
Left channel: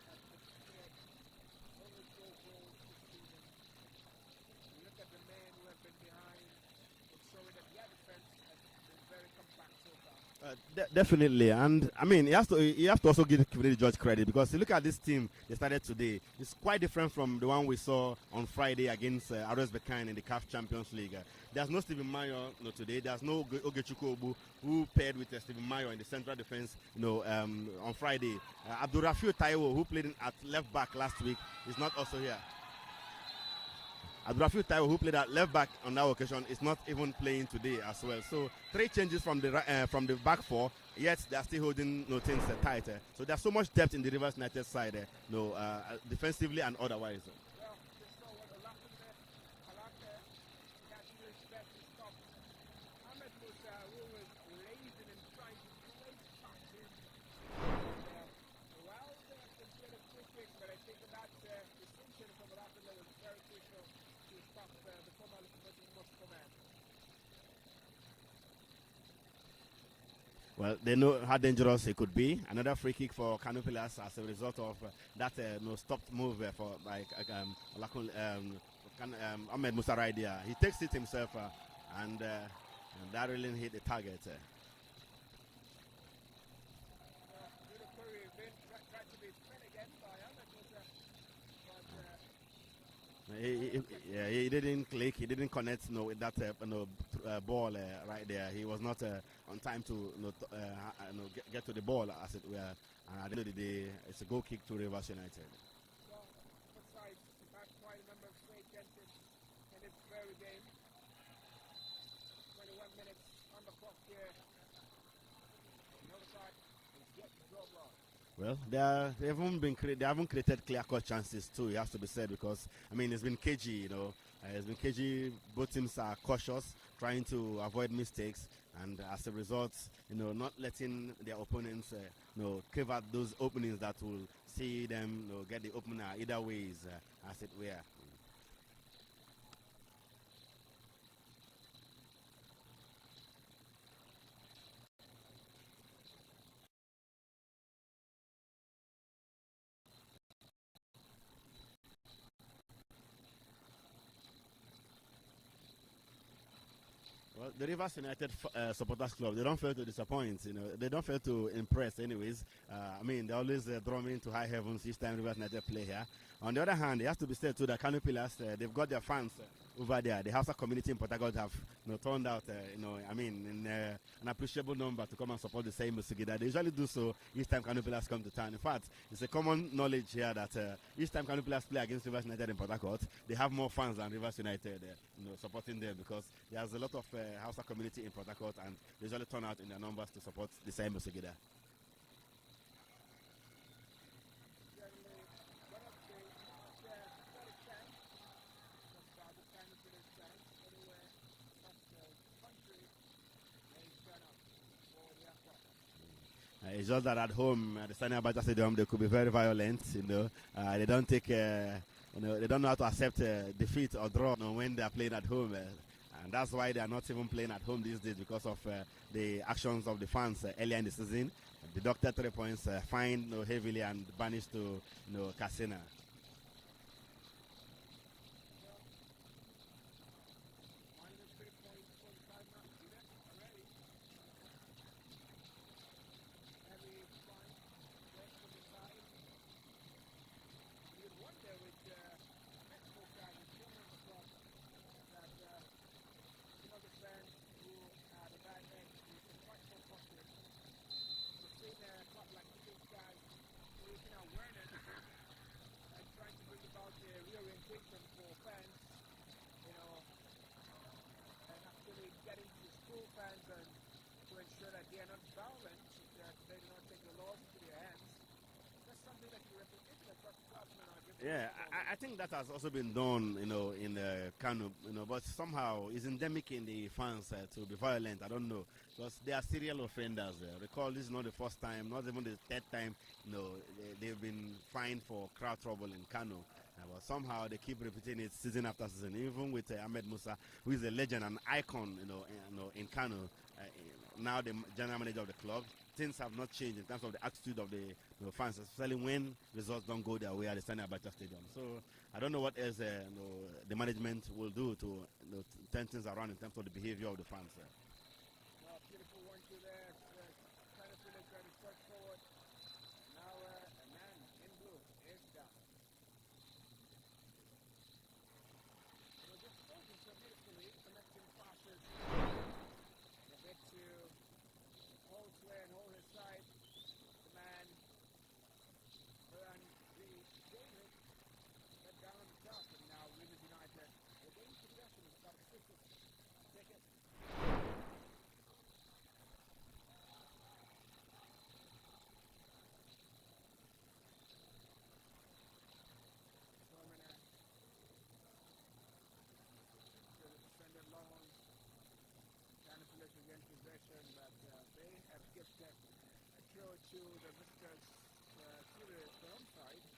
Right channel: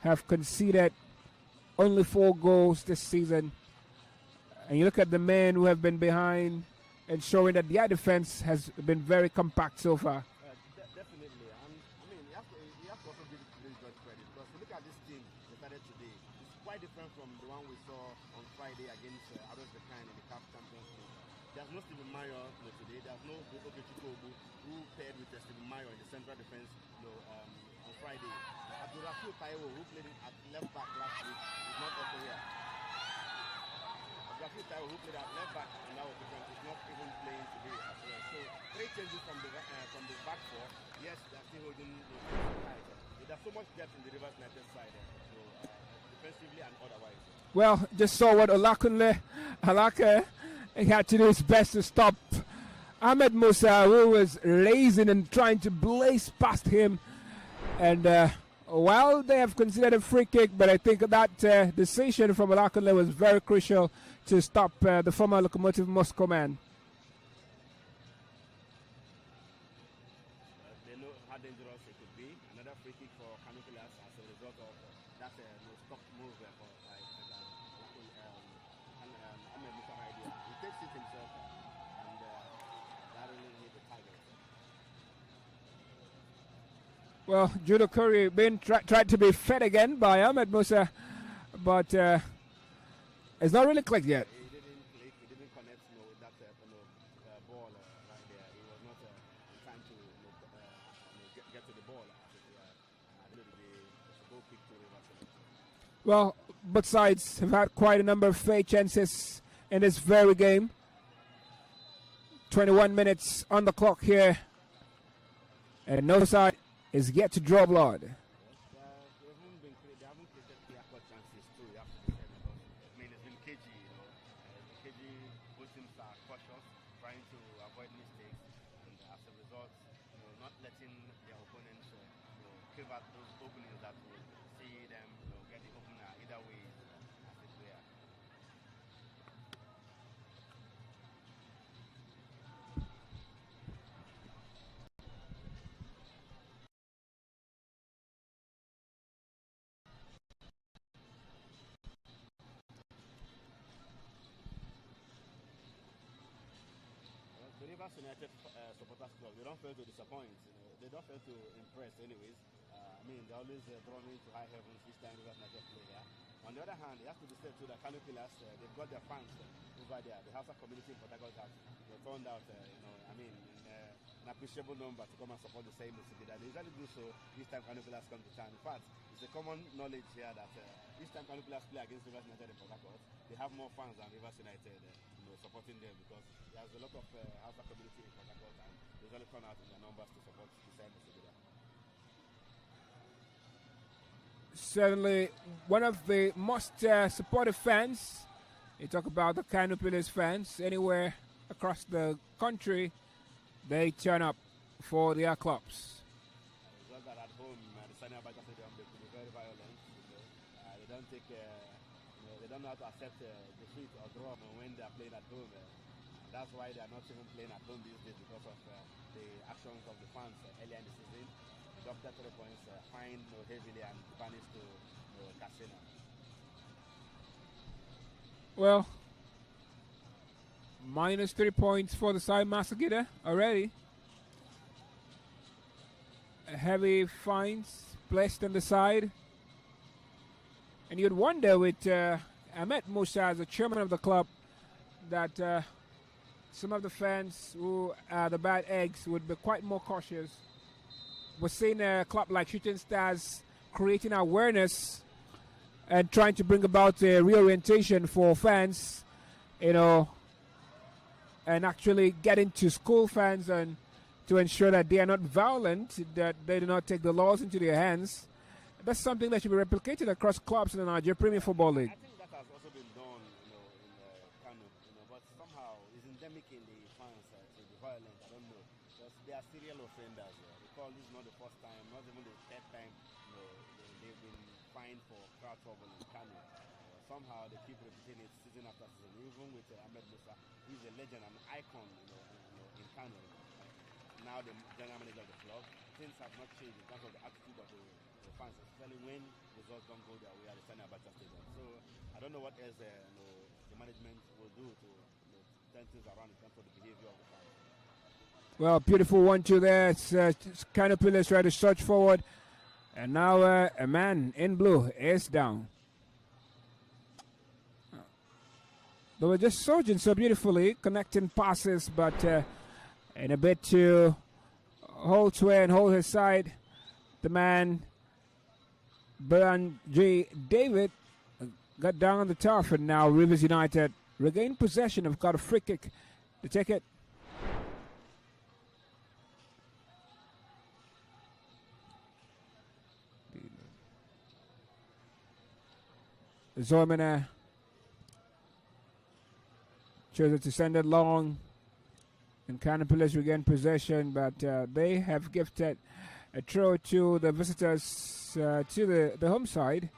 have conceded only 4 goals this season. And you look at the men who have been behind, and showing that their defense has been very compact so far. Definitely, and I mean, you have to also give the judge credit because you look at this team they started today. It's quite different from the one we saw on Friday against RS Berkane in the CAF Champions League. There's no Stephen Mayo today. There's no Ogechukwu Obu who paired with Stephen Mayo in the central defense. On Friday, Abdurrafiu Taiwo, who played at left back last week, is not also here. Abdurrafiu Taiwo, who played at left back on that occasion, is not even playing today as well. So 3 changes from the back 4, yet they are still holding things tight. So there's so much depth in the Rivers United side, defensively and otherwise. Well, just saw what Alake had to do his best to stop Ahmed Musa, who was lazy and trying to blaze past him. And while they have considered a free kick, but I think that decision from Alake was very crucial to stop the former Lokomotiv Moscow man. Well, they know how dangerous it could be. Another free kick for KANO Pillars as a result of that stopped move by Ahmed Musa right there. He takes it himself and that really hit the target. Well, Judo Curry being tried to be fed again by Ahmed Musa, but it's not really clicked yet. He didn't click. He didn't connect with that ball right there. He was not on time to get to the ball, as it were. And at the end of the day, it's a goal kick to Rivers United. Well, both sides have had quite a number of fair chances in this very game. 21 minutes on the clock here, and no side is yet to draw blood. Well, they haven't created clear-cut chances too. It has to be said because I mean it's been cagey. It's been cagey. Both teams are cautious, trying to avoid mistakes, and as a result, not letting their opponents, carve out those openings that will see them, get the opener either ways, as it were. The Rivers United supporters club, they don't fail to disappoint. They don't fail to impress. Anyways, I mean they always draw me into high heavens each time Rivers United play here. On the other hand, it has to be said too that KANO Pillars, they've got their fans over there. The Hausa community in Port Harcourt have turned out, in an appreciable number to come and support the same Musigida. They usually do so each time KANO Pillars come to town. In fact, it's a common knowledge here that each time KANO Pillars play against Rivers United in Port Harcourt, they have more fans than Rivers United supporting them because there's a lot of Hausa community in Port Harcourt and they usually turn out in their numbers to support the same Musigida. Certainly one of the most supportive fans. You talk about the KANO Pillars fans anywhere across the country, they turn up for their clubs. It's just that at home at the Sani Abacha Stadium they could be very violent. They don't take they don't know how to accept defeat or draw when they are playing at home. And that's why they are not even playing at home these days because of the actions of the fans earlier in the season. Deducted 3 points, fined heavily, and banished to Casina. Well, minus 3 points for the side Masagida already. Heavy fines placed on the side. And you'd wonder with Ahmed Musa as the chairman of the club that some of the fans who are the bad eggs would be quite more cautious. We're seeing a club like Shooting Stars creating awareness and trying to bring about a reorientation for fans, and actually getting to school fans and to ensure that they are not violent, that they do not take the laws into their hands. That's something that should be replicated across clubs in the Nigerian Premier Football League. I think that has also been done, in KANO, but somehow it's endemic in the fans to be violent. I don't know, because they are serial offenders. Recall, this is not the first time, not even the third time. They've been fined for crowd trouble in KANO. But somehow they keep repeating it season after season. Even with Ahmed Musa, who is a legend and icon, in KANO, now the general manager of the club. Things have not changed in terms of the attitude of the fans, especially when results don't go their way at the Sani Abacha Stadium. So I don't know what else the management will do to turn things around in terms of the behavior of the fans. Well, beautiful 1-2 there. It's kind of pillars try to search forward. And now a man in blue is down. They were just surging so beautifully, connecting passes, but in a bit to hold sway and hold his side, the man, Brian J. David, got down on the turf, and now Rivers United regain possession. Have got a free kick to take it. Zormina chose to send it long, and Canopolis regain possession, but they have gifted a throw to the visitors, to the home side.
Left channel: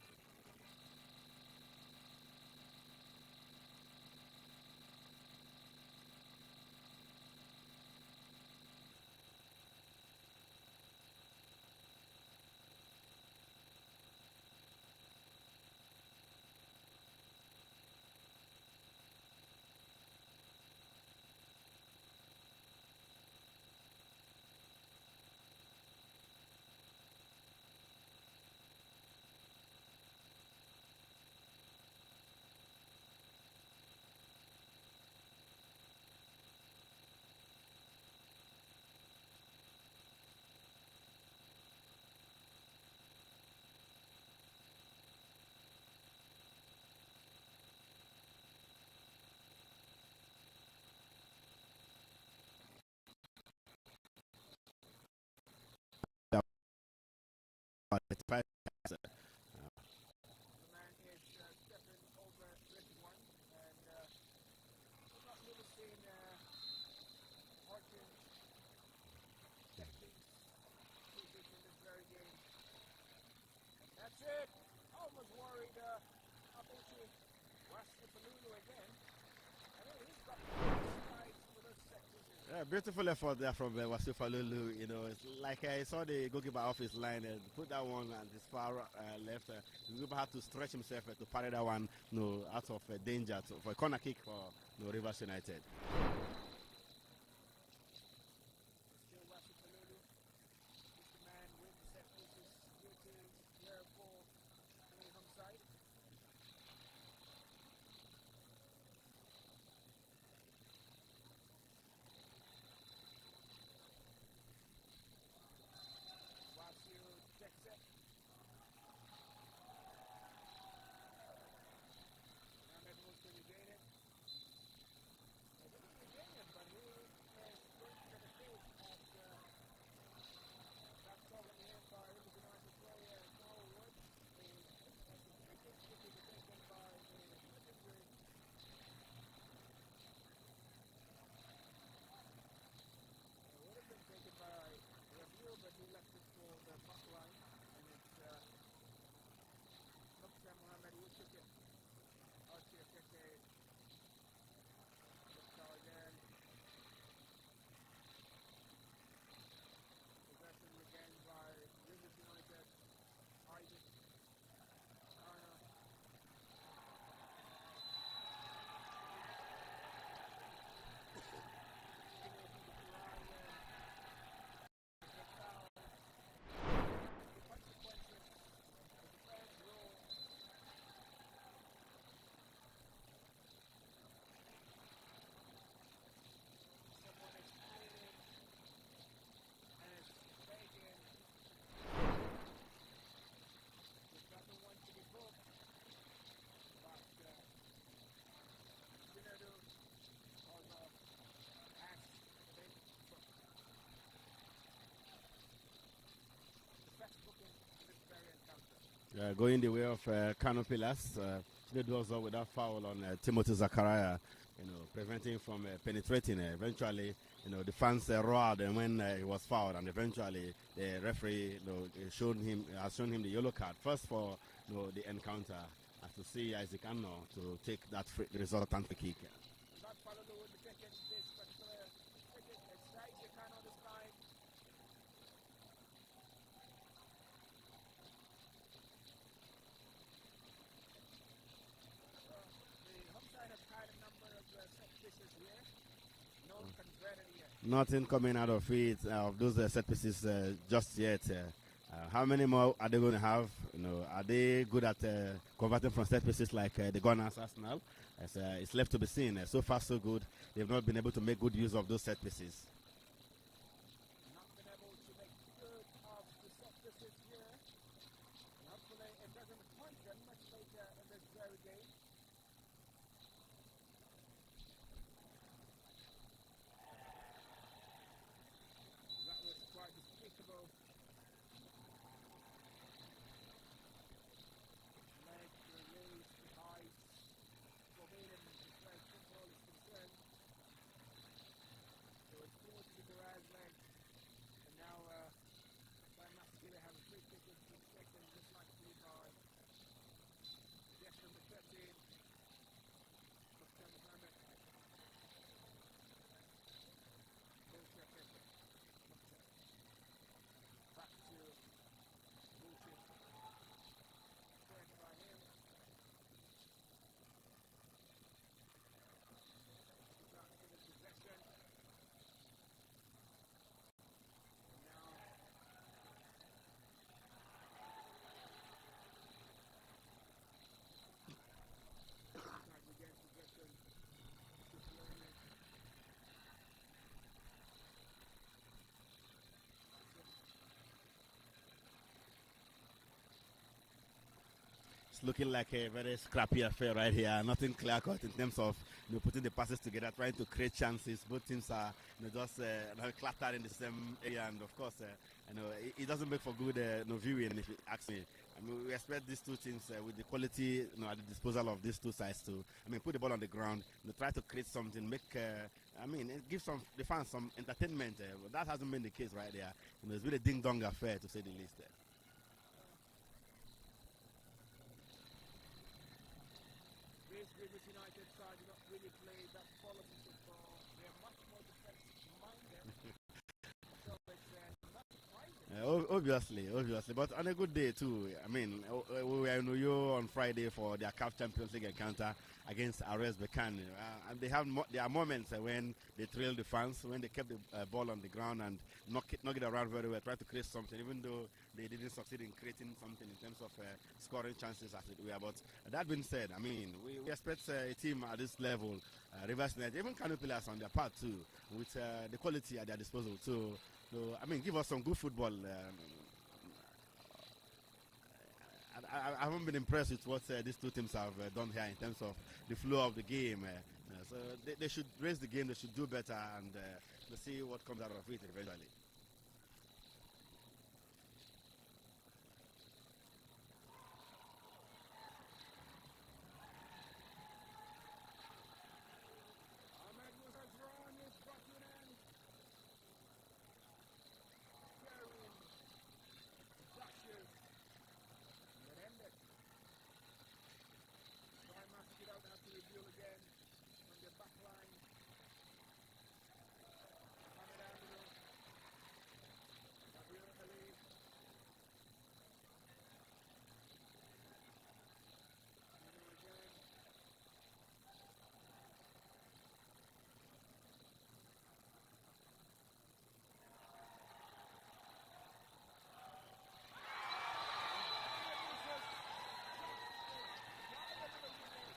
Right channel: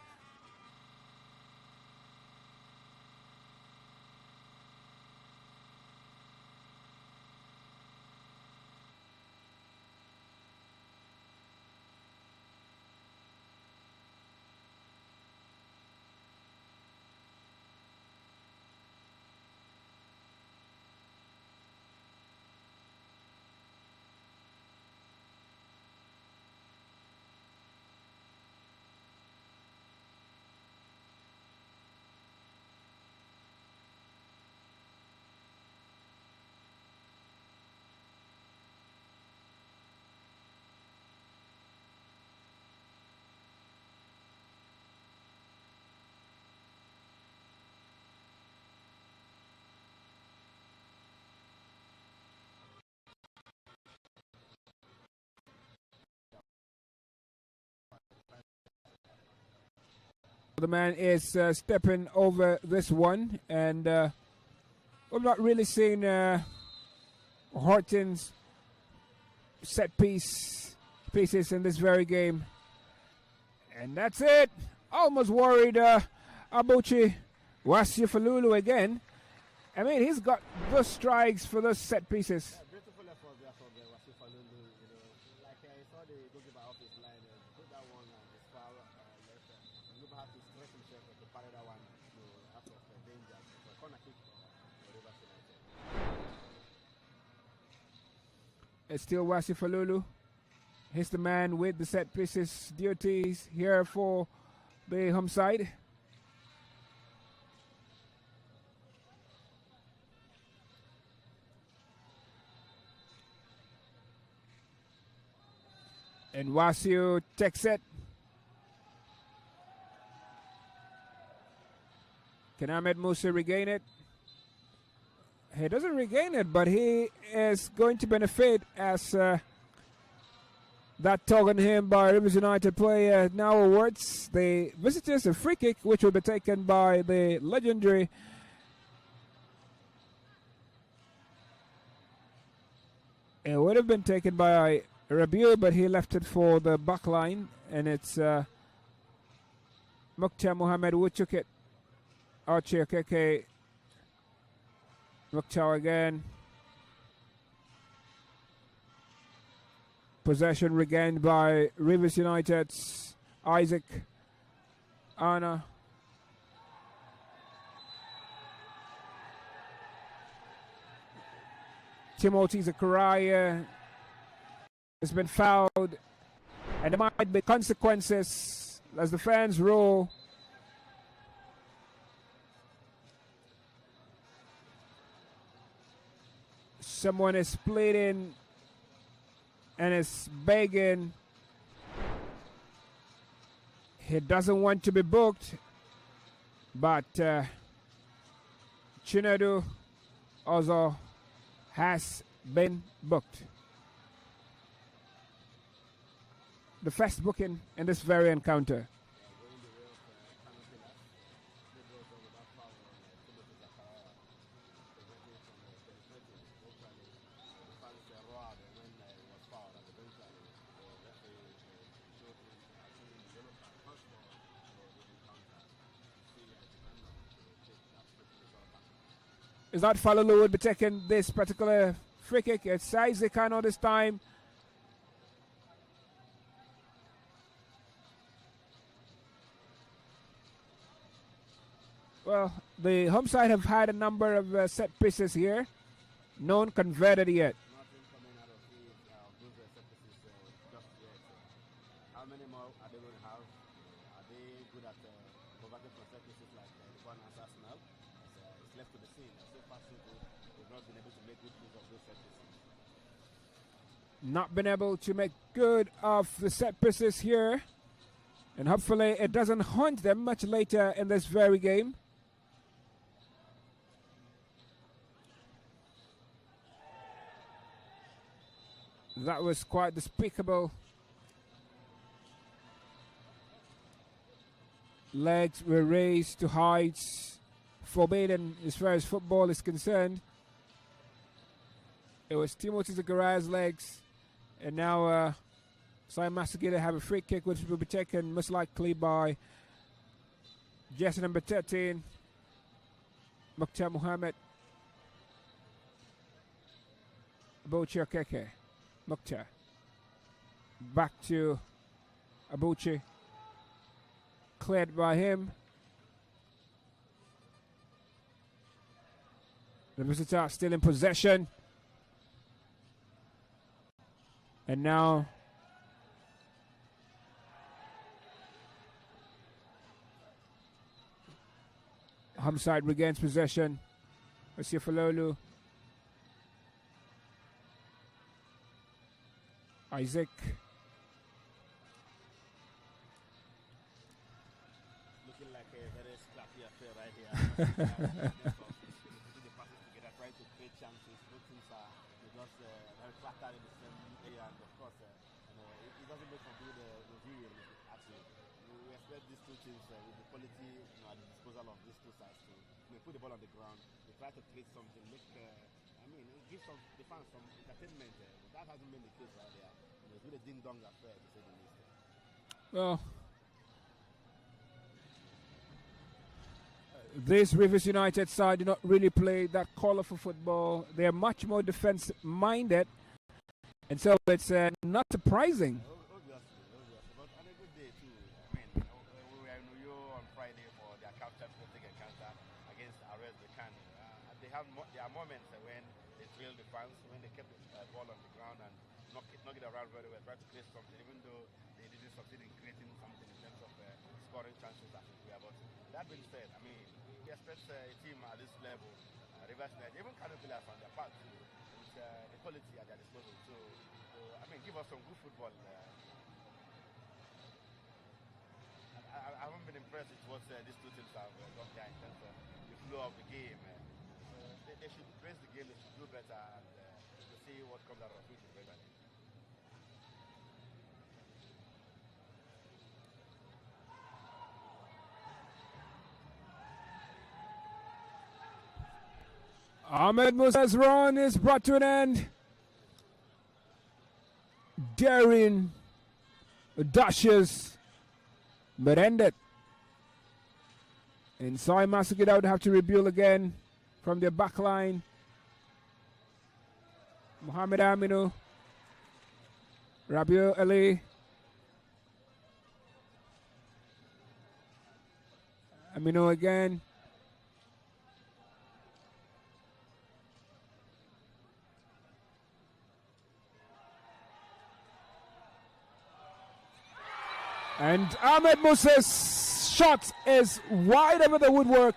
The man is stepping over this one, and we're not really seeing Horton's set pieces in this very game. And that's it. Almost worried Abuchi Wasiufalulu again. I mean, he's got good strikes for those set pieces. Yeah, beautiful effort there from Wasiufalulu. It's like I saw the goalkeeper off his line and put that one on his far left. The goalkeeper had to stretch himself to parry that one out of danger for a corner kick for Rivers United. It's still Wasiufalulu. He's the man with the set pieces duties here for the home side. And Wasiu takes it. Can Ahmed Musa regain it? He doesn't regain it, but he is going to benefit as that tug on him by Rivers United player now awards the visitors a free kick, which will be taken by the legendary it would have been taken by Rabiu, but he left it for the back line, and it's Mukhtar Mohammed who took it. Archie Keke. Mukhtar again. Possession regained by Rivers United's Isaac Anna. Timothy Zachariah has been fouled, and there might be consequences as the fans roar. Someone is pleading and is begging. He doesn't want to be booked, but Chinedu also has been booked. The first booking in this very encounter. Going the way of KANO Pillars. Chinedu also without foul on Timothy Zachariah, preventing him from penetrating. Eventually, the fans roared and when he was fouled, and eventually the referee has shown him the yellow card. First for the encounter, as to see Isaac Anno to take that resultant free kick. Is that Falulu would be taking this particular free kick? It's Isaac Anno this time. Well, the home side have had a number of set pieces here. None converted yet. Nothing coming out of it, of those set pieces just yet. How many more are they going to have? Are they good at converting from set pieces like the Gunners Arsenal? It's left to be seen. So far, so good. They've not been able to make good use of those set pieces. Not been able to make good of the set pieces here. And hopefully it doesn't haunt them much later in this very game. That was quite despicable. Legs were raised to heights forbidden as far as football is concerned. It was Timothy Zachariah's legs, and now Simon Masagida have a free kick which will be taken most likely by jersey number 13, Mukhtar Mohammed. Abuchi Okeke. Mukhtar. Back to Abuchi. Cleared by him. The visitor still in possession. And now home side regains possession. Monsieur Falolu. Isaac. It's looking like a very scrappy affair right here. Nothing clear in terms of putting the passes together, trying to create chances. Both teams are just cluttered in the same area, and of course, it doesn't make for good viewing. If you ask me, we expect these two teams with the quality at the disposal of these two sides to put the ball on the ground, try to create something, make. Give the fans some entertainment. That hasn't been the case right there. It's been a ding-dong affair, to say the least. Well, this Rivers United side do not really play that colorful football. They are much more defense-minded, and so it's not surprising. Obviously, but on a good day too. We were in Uyo on Friday for their CAF Champions League encounter against RS Bekan, and there are moments when they trail the fans, when they kept the ball on the ground and knock it around very well, try to create something, even though they didn't succeed in creating something in terms of scoring chances as it were. But that being said, we expect a team at this level, Rivers United, even KANO Pillars on their part too, with the quality at their disposal. So give us some good football. I haven't been impressed with what these two teams have done here in terms of the flow of the game. So they should raise the game, they should do better, and we'll see what comes out of it eventually. Ahmed Musa's run is brought to an end. Daring dashes, but ended Inside Masugida would have to rebuild again from their back line. Mohamed Aminu. Rabiu Ali. Aminu again. And Ahmed Musa's shot is wide over the woodwork.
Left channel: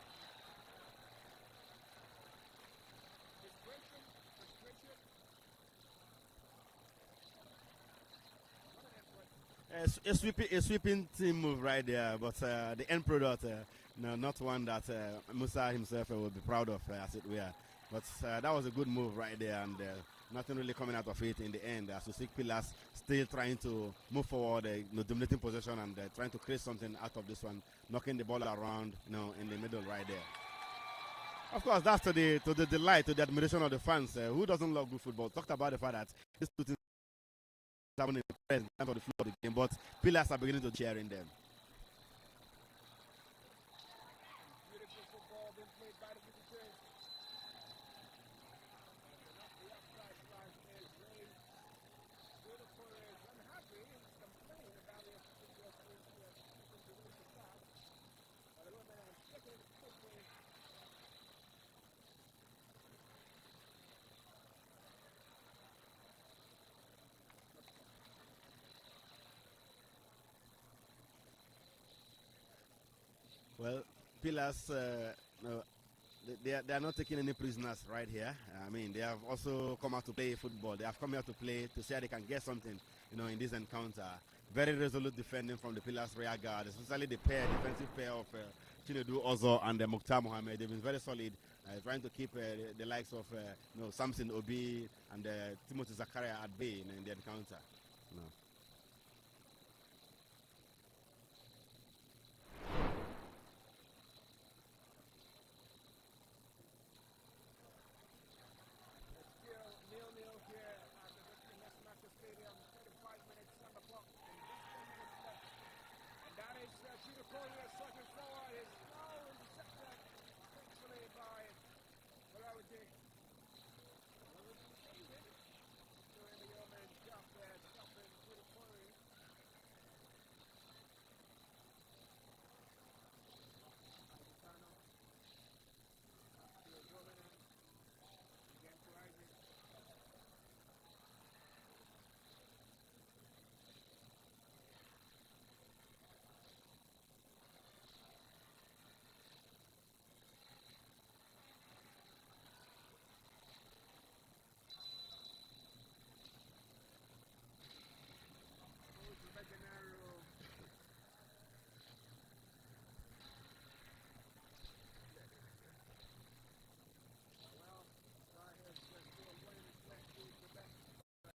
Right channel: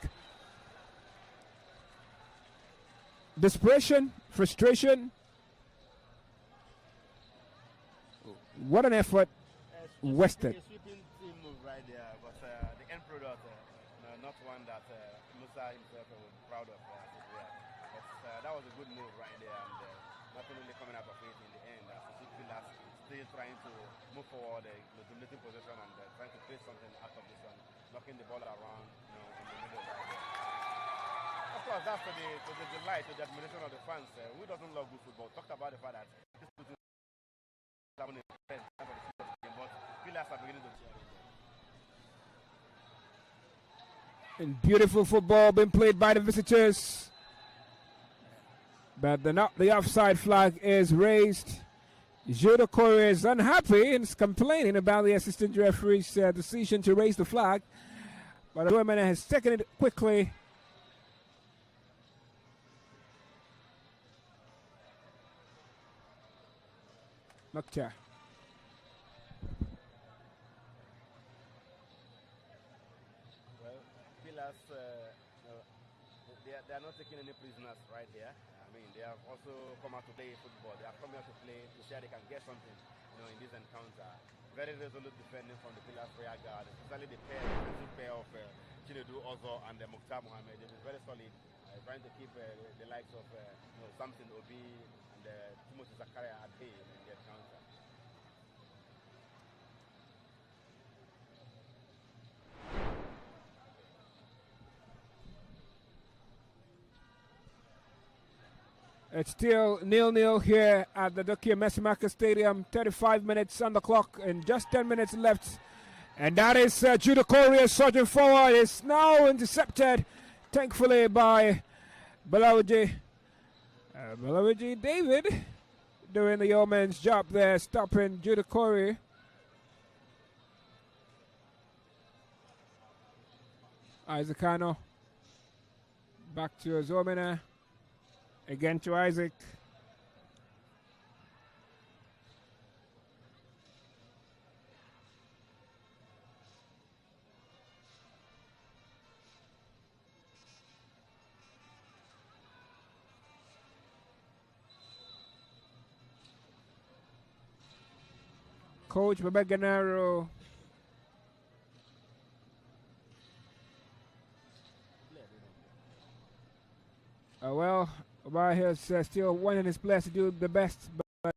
Desperation, frustration. What an effort. A sweeping team move right there, but the end product, not one that Musa himself will be proud of, as it were. But that was a good move right there, and nothing really coming out of it in the end. As we see Pillars still trying to move forward, dominating possession and trying to create something out of this one, knocking the ball around, in the middle right there. Of course, that's to the delight, to the admiration of the fans. Who doesn't love good football? Talked about the fact that this two things happening in the time of the floor of the game, but Pillars are beginning to cheer in them. And beautiful football being played by the visitors. But the offside flag is raised. Judo Corey is unhappy and is complaining about the assistant referee's decision to raise the flag. But the woman has taken it quickly. Mokhtar. Well, Pillars, they are not taking any prisoners right here. I mean, they have also come out to play football. They have come here to play to see how they can get something, in this encounter. Very resolute defending from the Pillars rear guard, especially the defensive pair of Chinedu Ozo and Mokhtar Mohamed. They've been very solid, trying to keep the likes of Samson Obi and Timothy Zakaria at bay in the encounter. It's still 0-0 here at the Dokia Messimaka Stadium. 35 minutes on the clock and just 10 minutes left. And that is Judo Korea surging forward. It's now intercepted, thankfully, by Balawaji. Balawaji David doing the yeoman's job there, stopping Judo Korea. Isaac KANO. Back to Zomina. Again to Isaac. Coach Babaganaro. Well, Obama has still wanting his players to do the best, but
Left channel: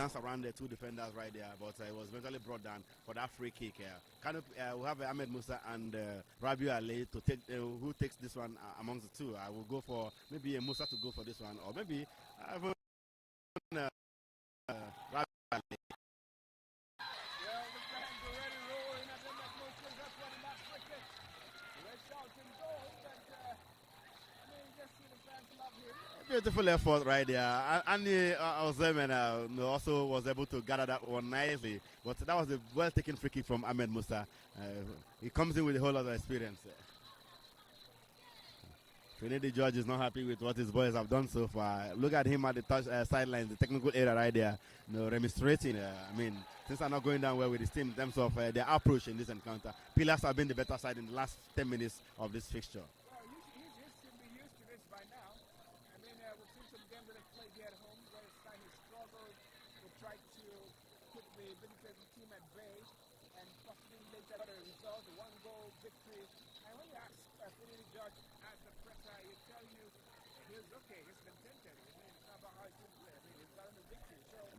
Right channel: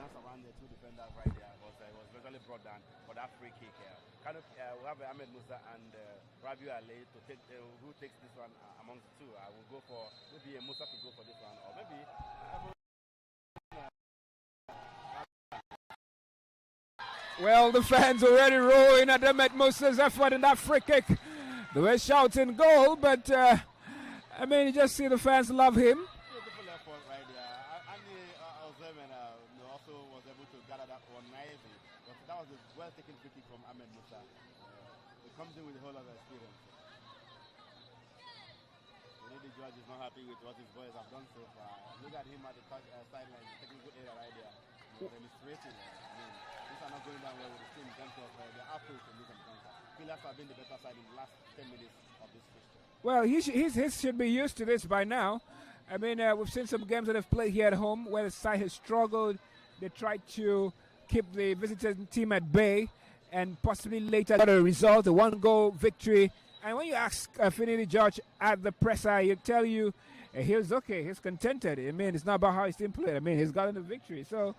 danced around the two defenders right there, but it was eventually brought down for that free kick. We have Ahmed Musa and Rabiu Ali to take who takes this one amongst the two. I will go for maybe Musa to go for this one, or maybe Well, the fans already roaring at Ahmed Musa's effort in that free kick. They were shouting goal, but I mean, you just see the fans love him. Beautiful effort right there. Andy Ozemena also was able to gather that one nicely, but that was a well-taken free kick from Ahmed Musa. He comes in with a whole lot of experience. Kennedy George is not happy with what his boys have done so far. Look at him at the sideline, the technical area right there, remonstrating. I mean, things are not going down well with his team in terms of their approach in this encounter. Pillars have been the better side in the last 10 minutes of this fixture. Well, he should be used to this by now. I mean, we've seen some games that have played here at home where the side has struggled. They tried to keep the visiting team at bay and possibly later got a result, a one-goal victory. And when you ask Finidi George at the presser, he'll tell you he's okay, he's contented. I mean, it's not about how his team played. I mean, he's gotten the victory. So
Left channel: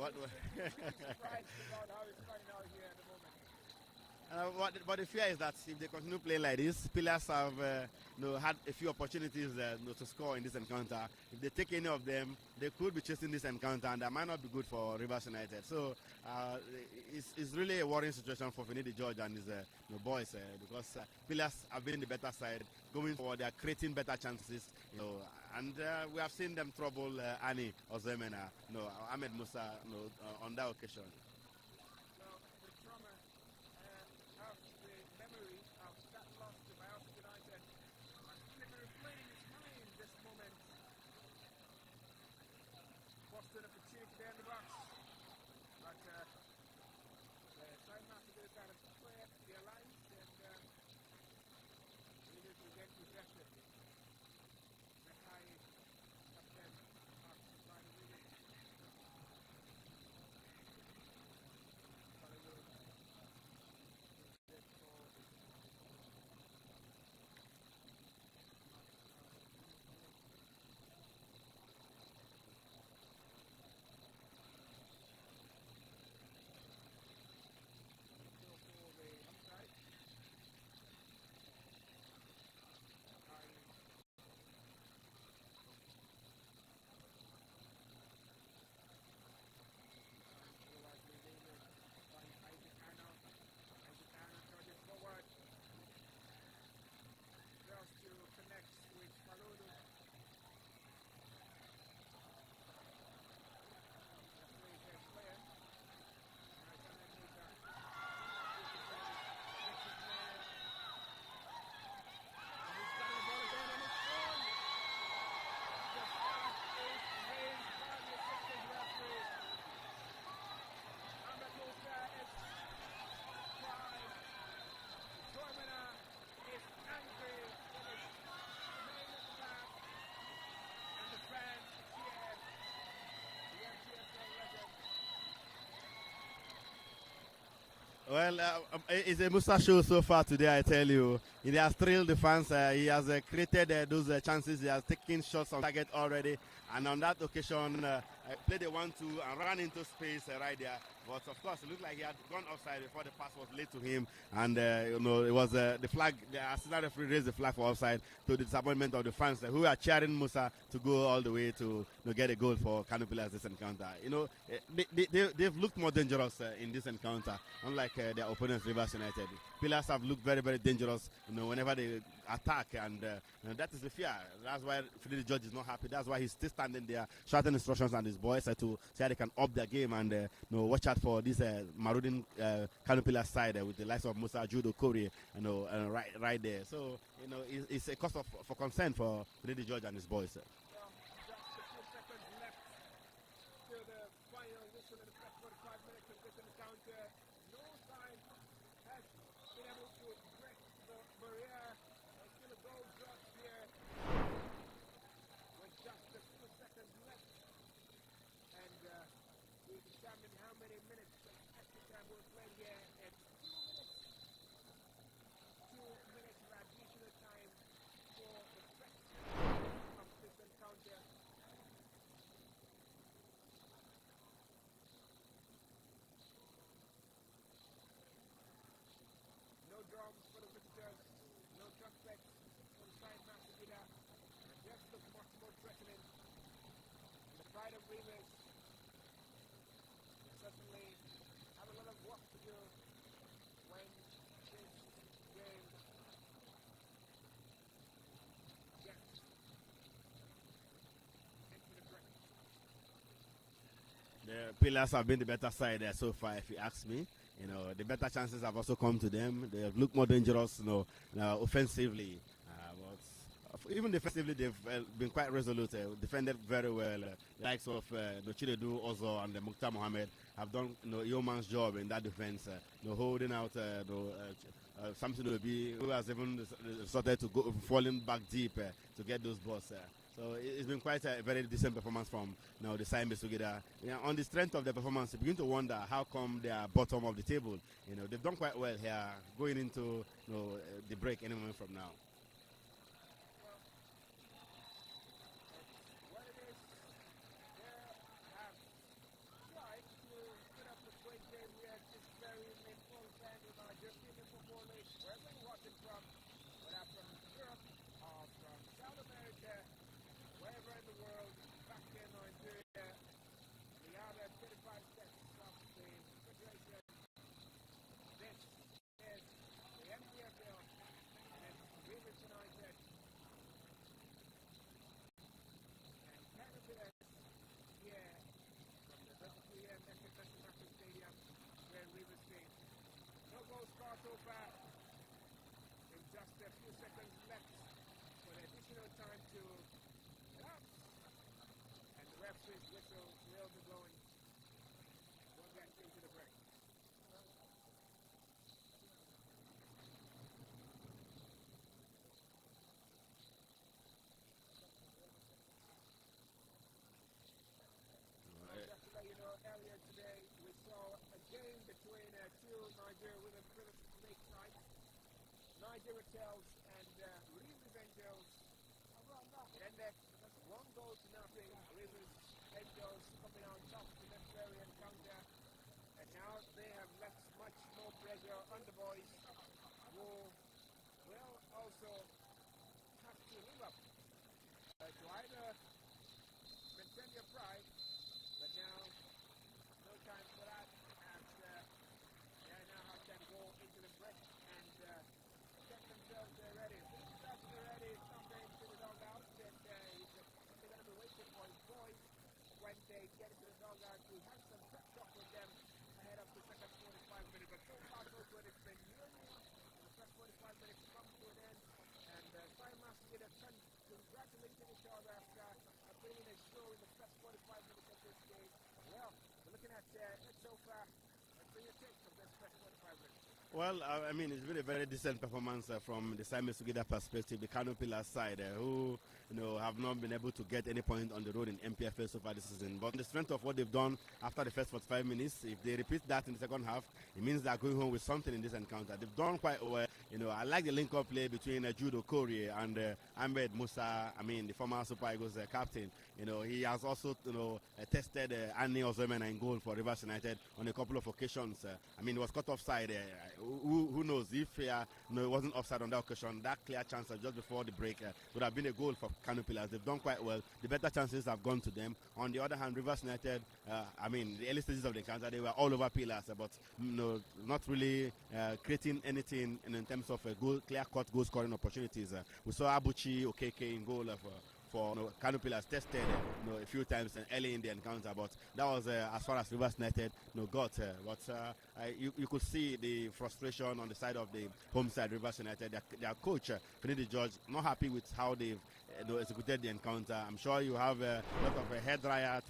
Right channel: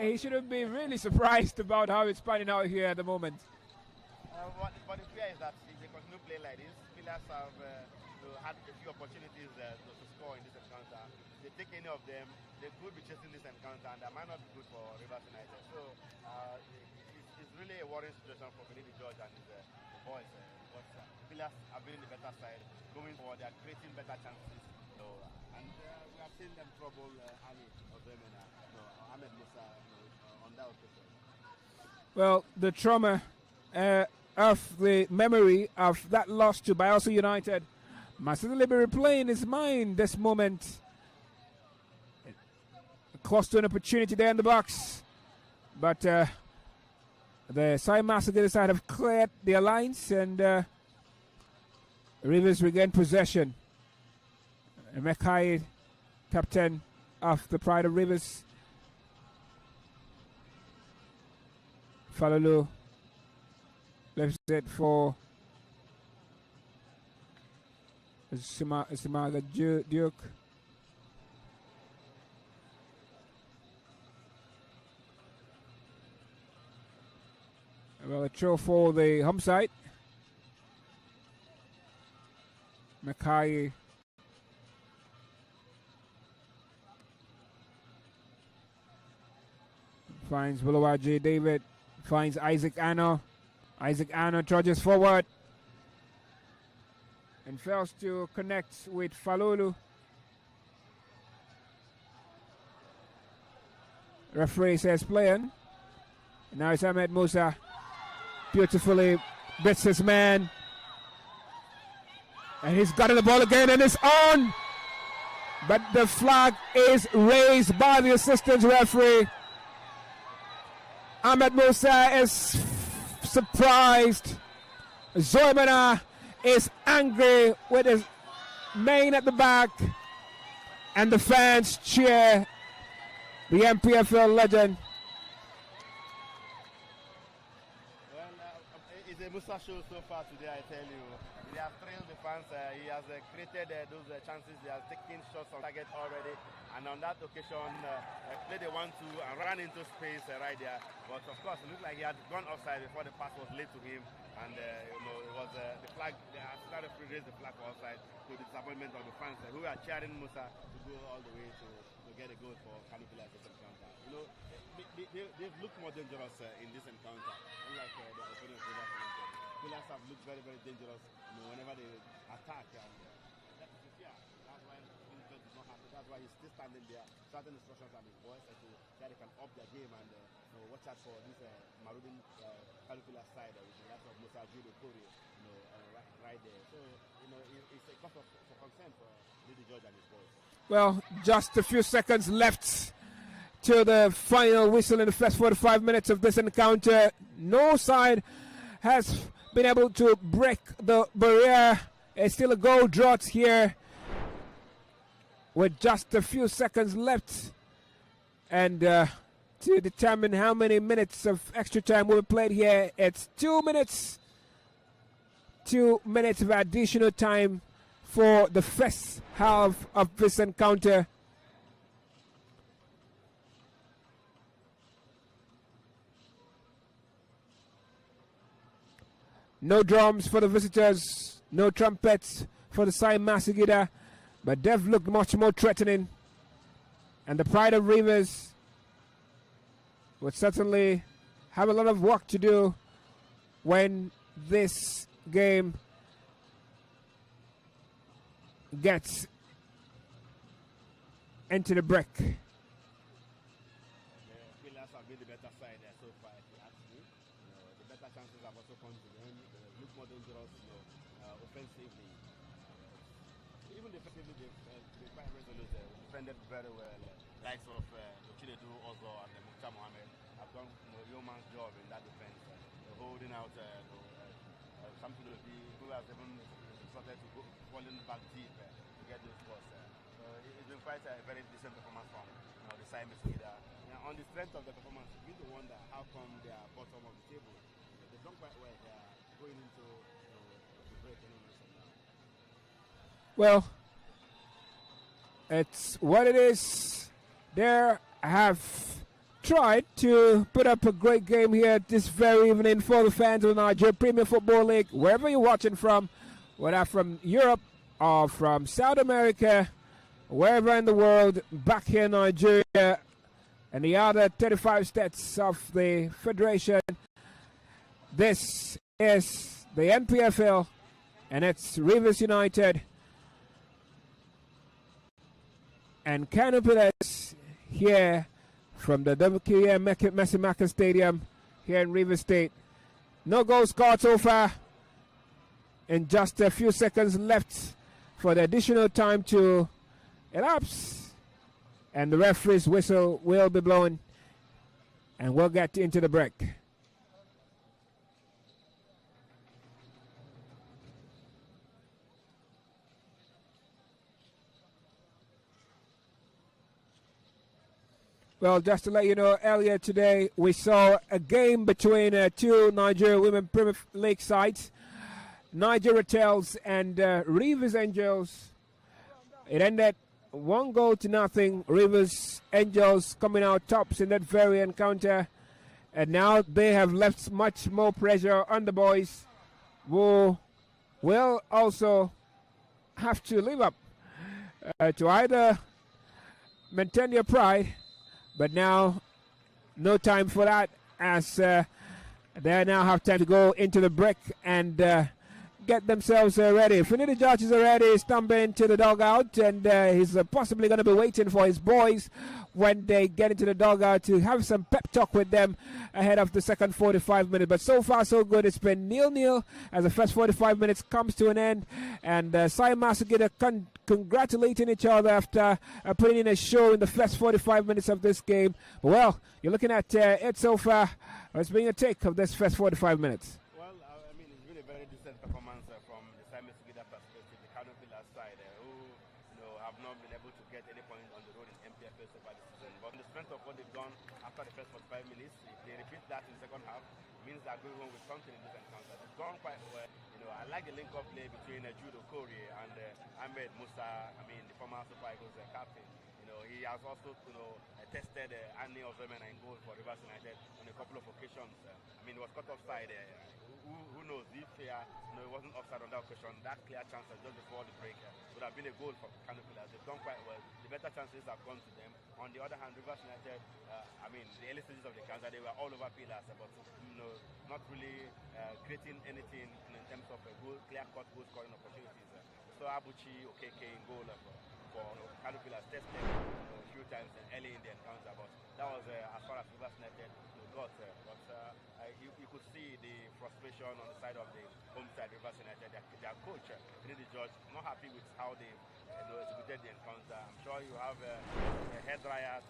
he shouldn't be really surprised about how it's panning out here at the moment. But the fear is that if they continue playing like this, Pillars have had a few opportunities to score in this encounter. If they take any of them, they could be chasing this encounter, and that might not be good for Rivers United. So it's really a worrying situation for Finidi George and his boys because Pillars have been the better side going forward. They are creating better chances, and we have seen them trouble Annie Ozemena, Ahmed Musa, on that occasion. Well, the trauma of the memory of that loss to Bayelsa United must certainly be replaying his mind this moment. Close to an opportunity there in the box, but the side master side have cleared their lines, and Rivers regain possession. Mekai, captain of the Pride of Rivers, Falulu left it for Simaga Duke. Well, a throw for the home side. Mekai finds Bulawaji David, finds Isaac Anno. Isaac Anno trudges forward and fails to connect with Falulu. Referee says playing. Now it's Ahmed Musa. Beautifully bits his man. And he's gotten the ball again and it's on. But the flag is raised by the assistant referee. Ahmed Musa is surprised. Zoimana is angry with his mane at the back. And the fans cheer the NPFL legend. Well, it's a Musa show so far today, I tell you. He has thrilled the fans. He has created those chances. He has taken shots on target already. And on that occasion, played a 1-2 and ran into space right there. But of course, it looked like he had gone offside before the pass was laid to him. And it was the flag. The Arsenal referee raised the flag for offside to the disappointment of the fans who are cheering Musa to go all the way to get a goal for KANO Pillars this encounter. They've looked more dangerous in this encounter, unlike their opponents, Rivers United. Pillars have looked very, very dangerous, whenever they attack, and that is the fear. That's why Finidi George is not happy. That's why he's still standing there, shouting instructions on his boys to see how they can up their game and watch out for this marauding KANO Pillars side with the likes of Musa Judo Kori, right there. So it's a cause for concern for Finidi George and his boys. Well, just a few seconds left to the final whistle in the first 45 minutes of this encounter. No side has been able to break the barrier. It's still a goal drought here with just a few seconds left, and to determine how many minutes of extra time will be played here, it's 2 minutes. 2 minutes of additional time for the first half of this encounter. No drums for the visitors. No trumpets for the Sai Masagida. But they've looked much more threatening. And the Pride of Rivers would certainly have a lot of work to do when this game gets into the break. The Pillars have been the better side there so far, if you ask me. You know, the better chances have also come to them. They have looked more dangerous, offensively. But even defensively, they've been quite resolute. Defended very well. Likes of the Chinedu Ozo and the Mukhtar Mohammed have done yeoman's job in that defense. Holding out something to be who has even started to go falling back deep to get those balls. So it's been quite a very decent performance from the Siamese together. On the strength of the performance, you begin to wonder how come they are bottom of the table. They've done quite well here, going into the break any moment from now. Well, it's what it is. They have tried to put up a great game here this very evening for the fans of the Nigerian Premier Football League, wherever you're watching from, whether from Europe or from South America, wherever in the world, back here in Nigeria and the other 35 states of the Federation. This is the NPFL, and it's Rivers United and KANO here from the WKM Messimaka Stadium here in Rivers State. No goals scored so far, and just a few seconds left for the additional time to elapse, and the referee's whistle will be blown, and we'll get into the break. Well, just to let you know, earlier today we saw a game between two Nigerian Women Premier League sides, Nigeria Tails and Rivers Angels. It ended 1-0. Rivers Angels coming out tops in that very encounter, and now they have left much more pressure on the boys, who will also have to live up to either maintain their pride. But now, no time for that, as they now have time to go into the break and get themselves ready. Finidi George is already stumbling to the dugout, and he's possibly going to be waiting for his boys when they get into the dugout to have some pep talk with them ahead of the second 45 minutes. But so far, so good. It's been 0-0 as the first 45 minutes comes to an end. And Sai Masagida congratulating each other after putting in a show in the first 45 minutes of this game. Well, you're looking at it so far. It's been a take of this first 45 minutes. Well, I mean, it's been a very decent performance from the Simon Sugida perspective, the KANO Pillars side, who have not been able to get any point on the road in NPFL so far this season. But the strength of what they've done after the first 45 minutes, if they repeat that in the second half, it means they're going home with something in this encounter. They've done quite well. I like the link-up play between Judo Kori and Ahmed Musa, the former Super Eagles captain. He has also, tested Annie Ozemena in goal for Rivers United on a couple of occasions. He was cut offside. Who knows if it wasn't offside on that occasion, that clear chance just before the break would have been a goal for KANO Pillars. They've done quite well. The better chances have gone to them. On the other hand, Rivers United, the early stages of the encounter, they were all over Pillars, but not really creating anything in terms of clear-cut goal-scoring opportunities. We saw Abuchi Okeke in goal for KANO Pillars tested a few times early in the encounter, but that was as far as Rivers United got. But you could see the frustration on the side of the home side, Rivers United. Their coach, Finidi George, not happy with how they've executed the encounter. I'm sure you have a hair dryer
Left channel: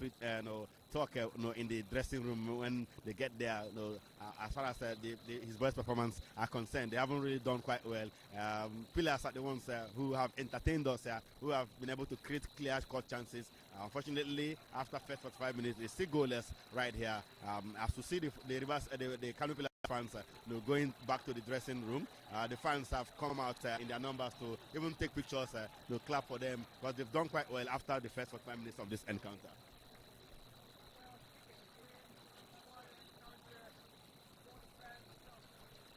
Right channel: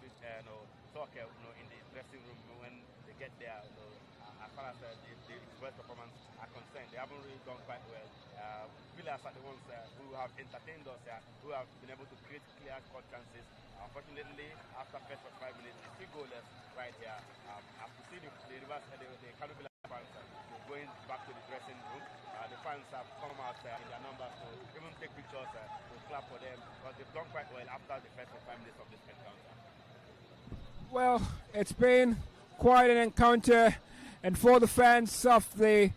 talk in the dressing room when they get there. As far as his boys' performance are concerned, they haven't really done quite well. Pillars are the ones who have entertained us, who have been able to create clear-cut chances. Unfortunately, after first 45 minutes, they still goalless right here. As you see the KANO Pillars fans going back to the dressing room, the fans have come out in their numbers to even take pictures, to clap for them, but they've done quite well after the first 45 minutes of this encounter. Well, it's been quite an encounter, and for the fans of the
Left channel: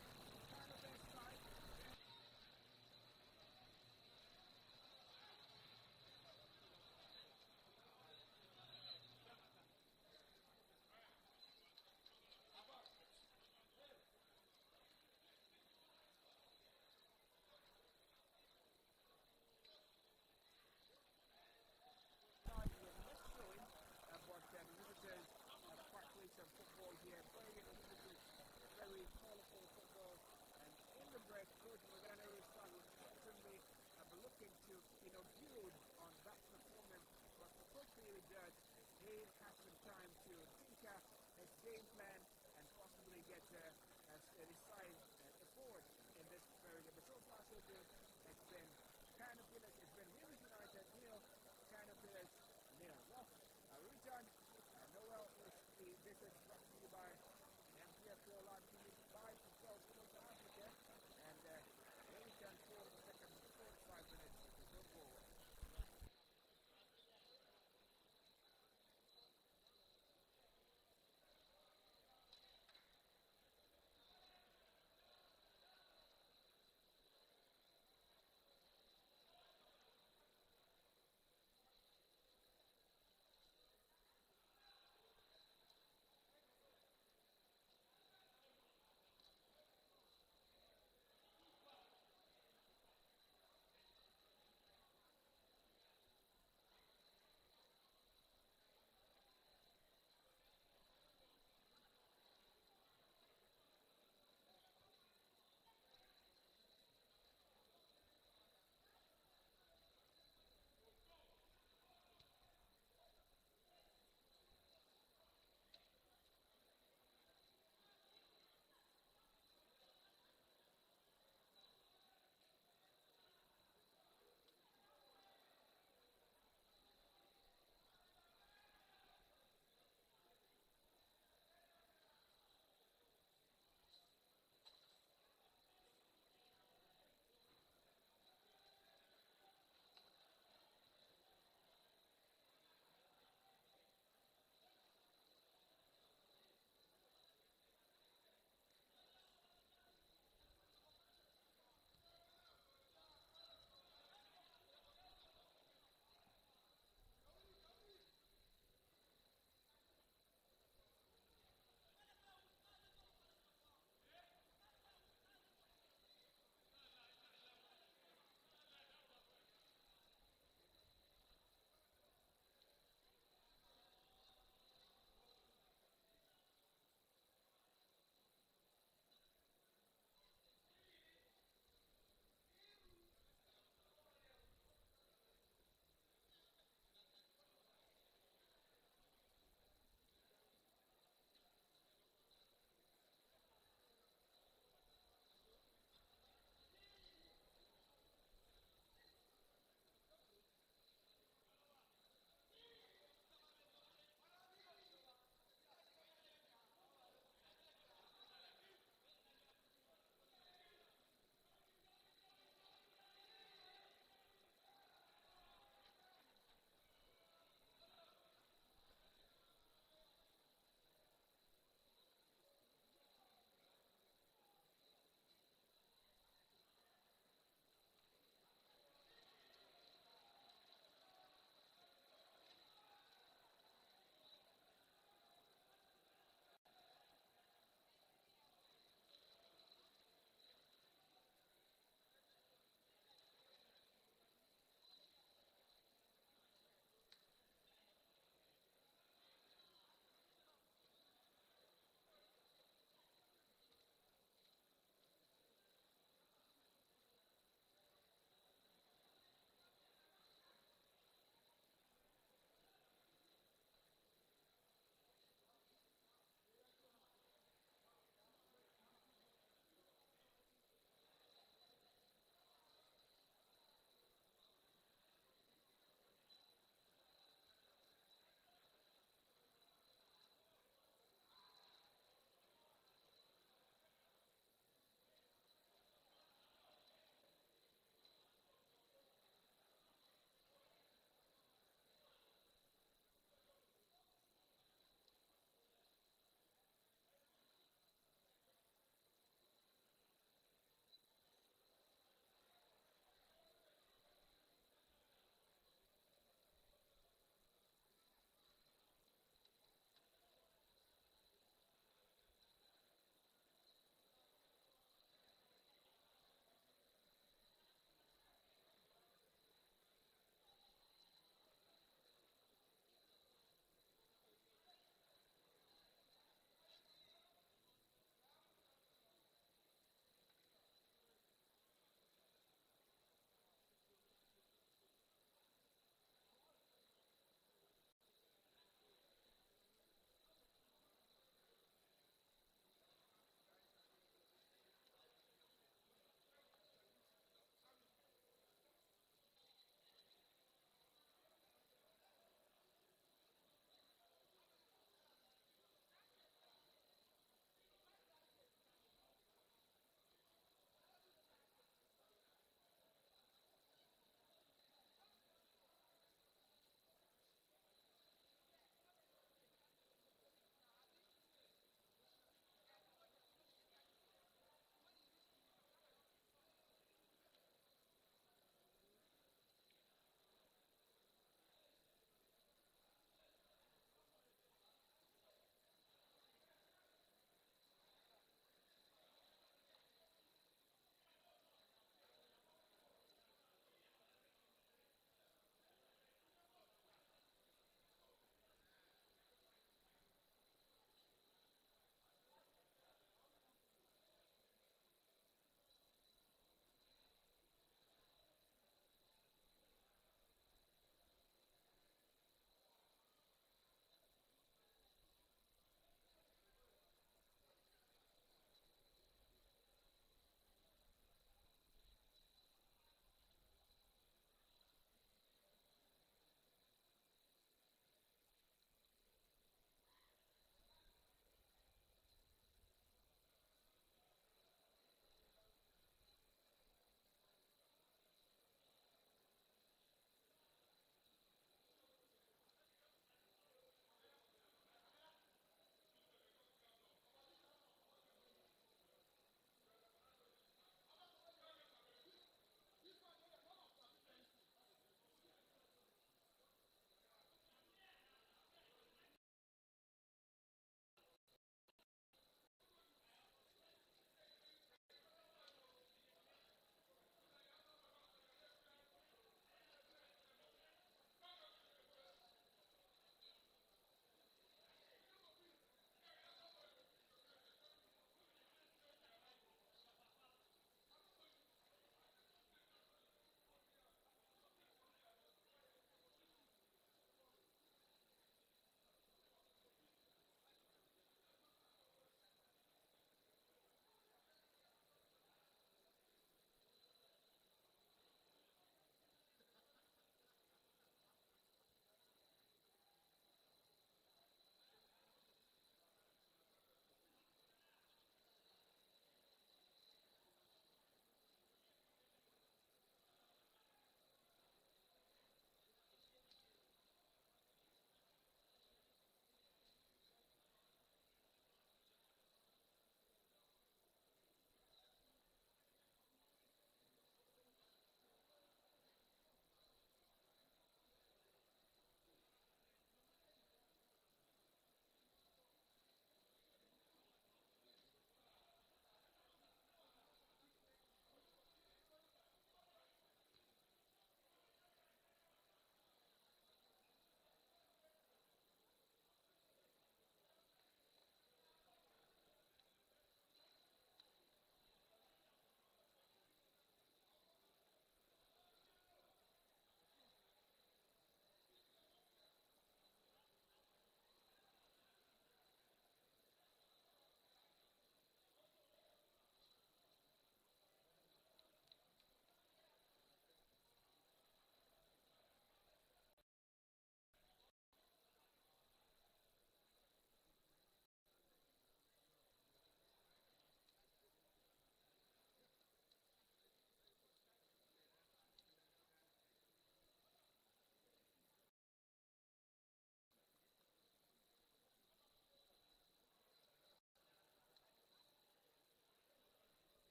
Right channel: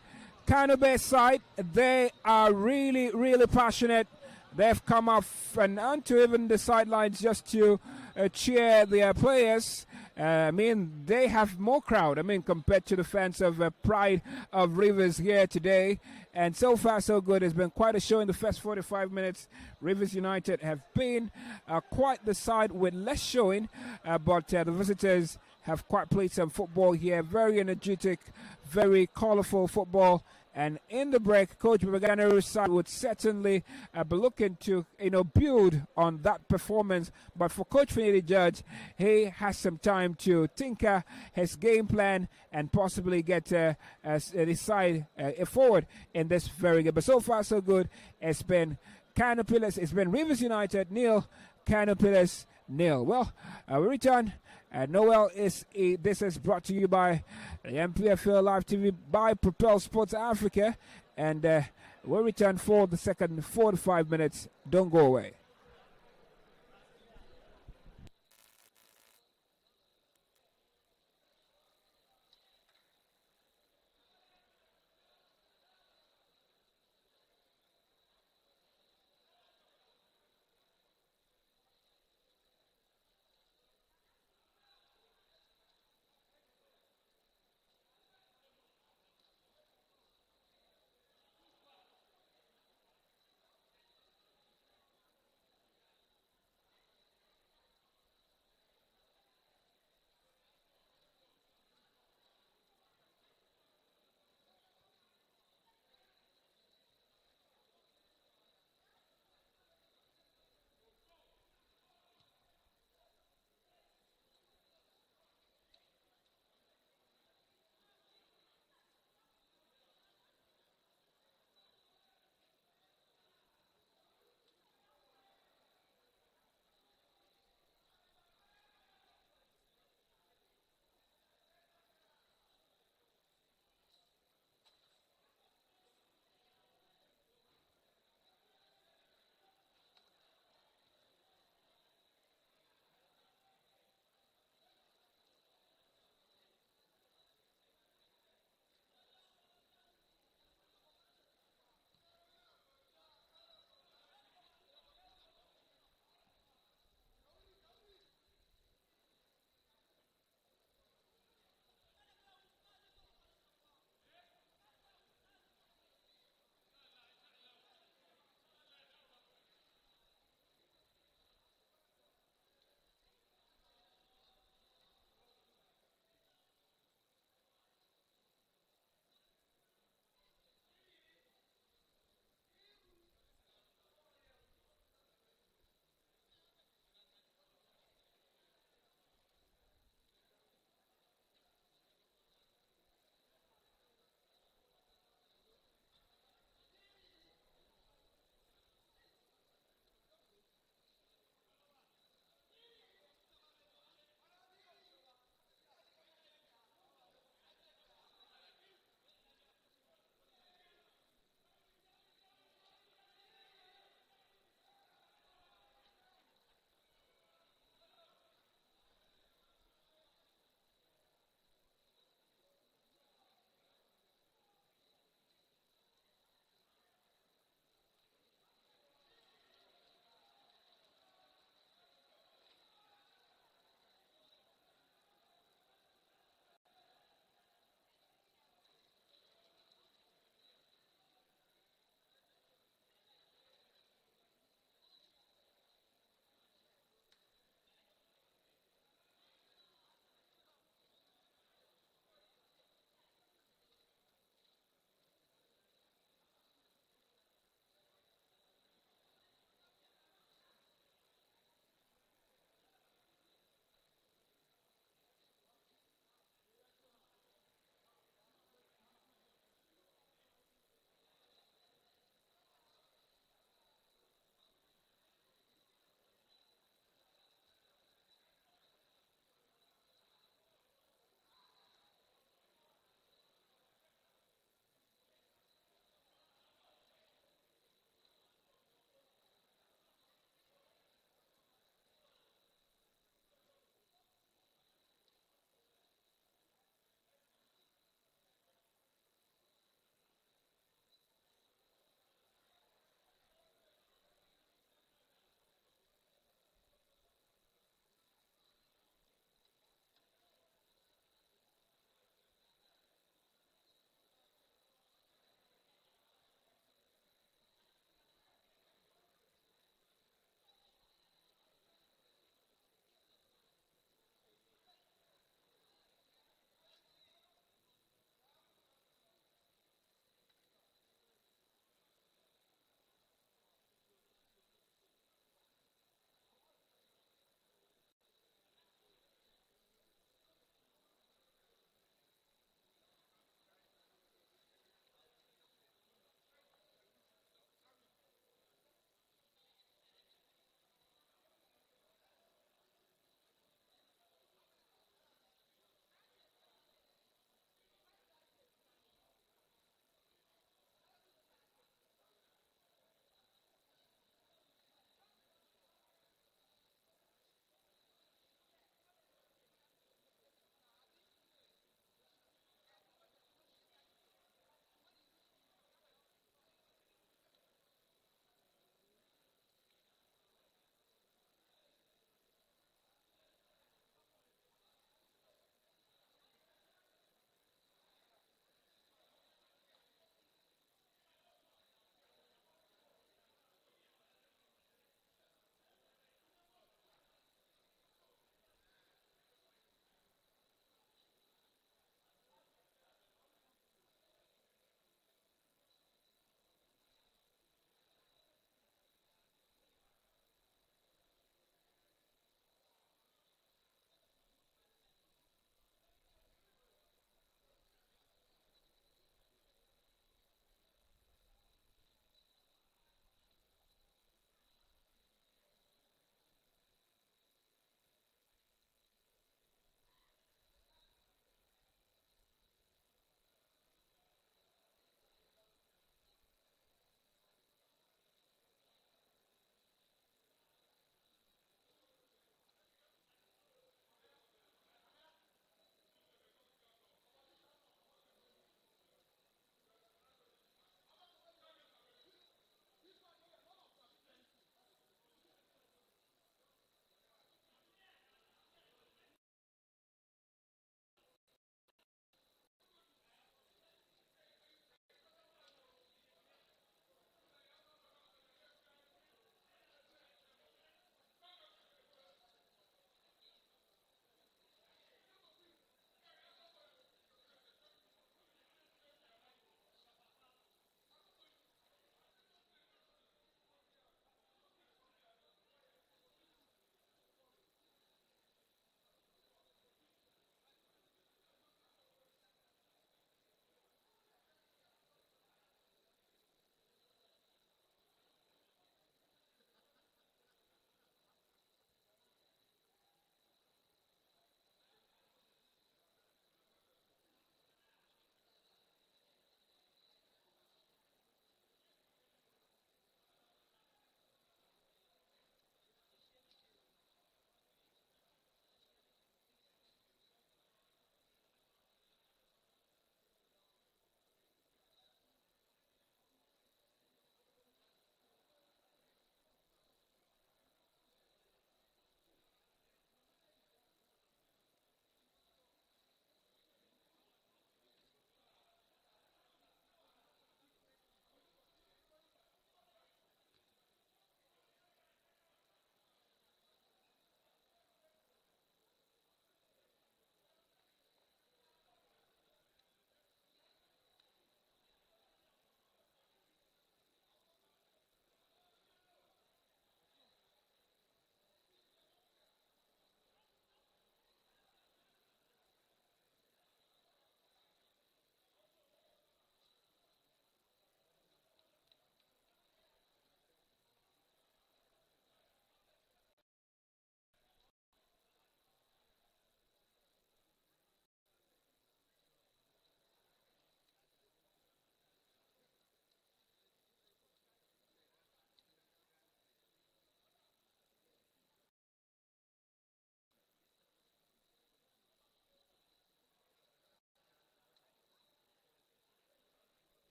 KANO Base side, they are really, really passionate. They've come off and onto even the sidelines just to cheer their players. I mean, they have more crowd, I mean, compared to the fans of Pride of Rivers here today. And so far, so good. It's been quite a show in the first 45 minutes. Rivers United have been quite the side with less showing, but the visitors have quite played some football here. Very energetic, very colorful football. And in the break, Coach Babaganu's side would certainly be looking to, build on that performance. But for Coach Finidi Judge, he has some time to tinker his game plan and possibly get his side forward in this very good. But so far, so good. It's been KANO Pillars, it's been Rivers United nil, KANO Pillars nil. Well, we return. Noel this is brought to you by the NPFL Live TV by Propel Sports Africa, and we'll return for the second 45 minutes. Don't go away.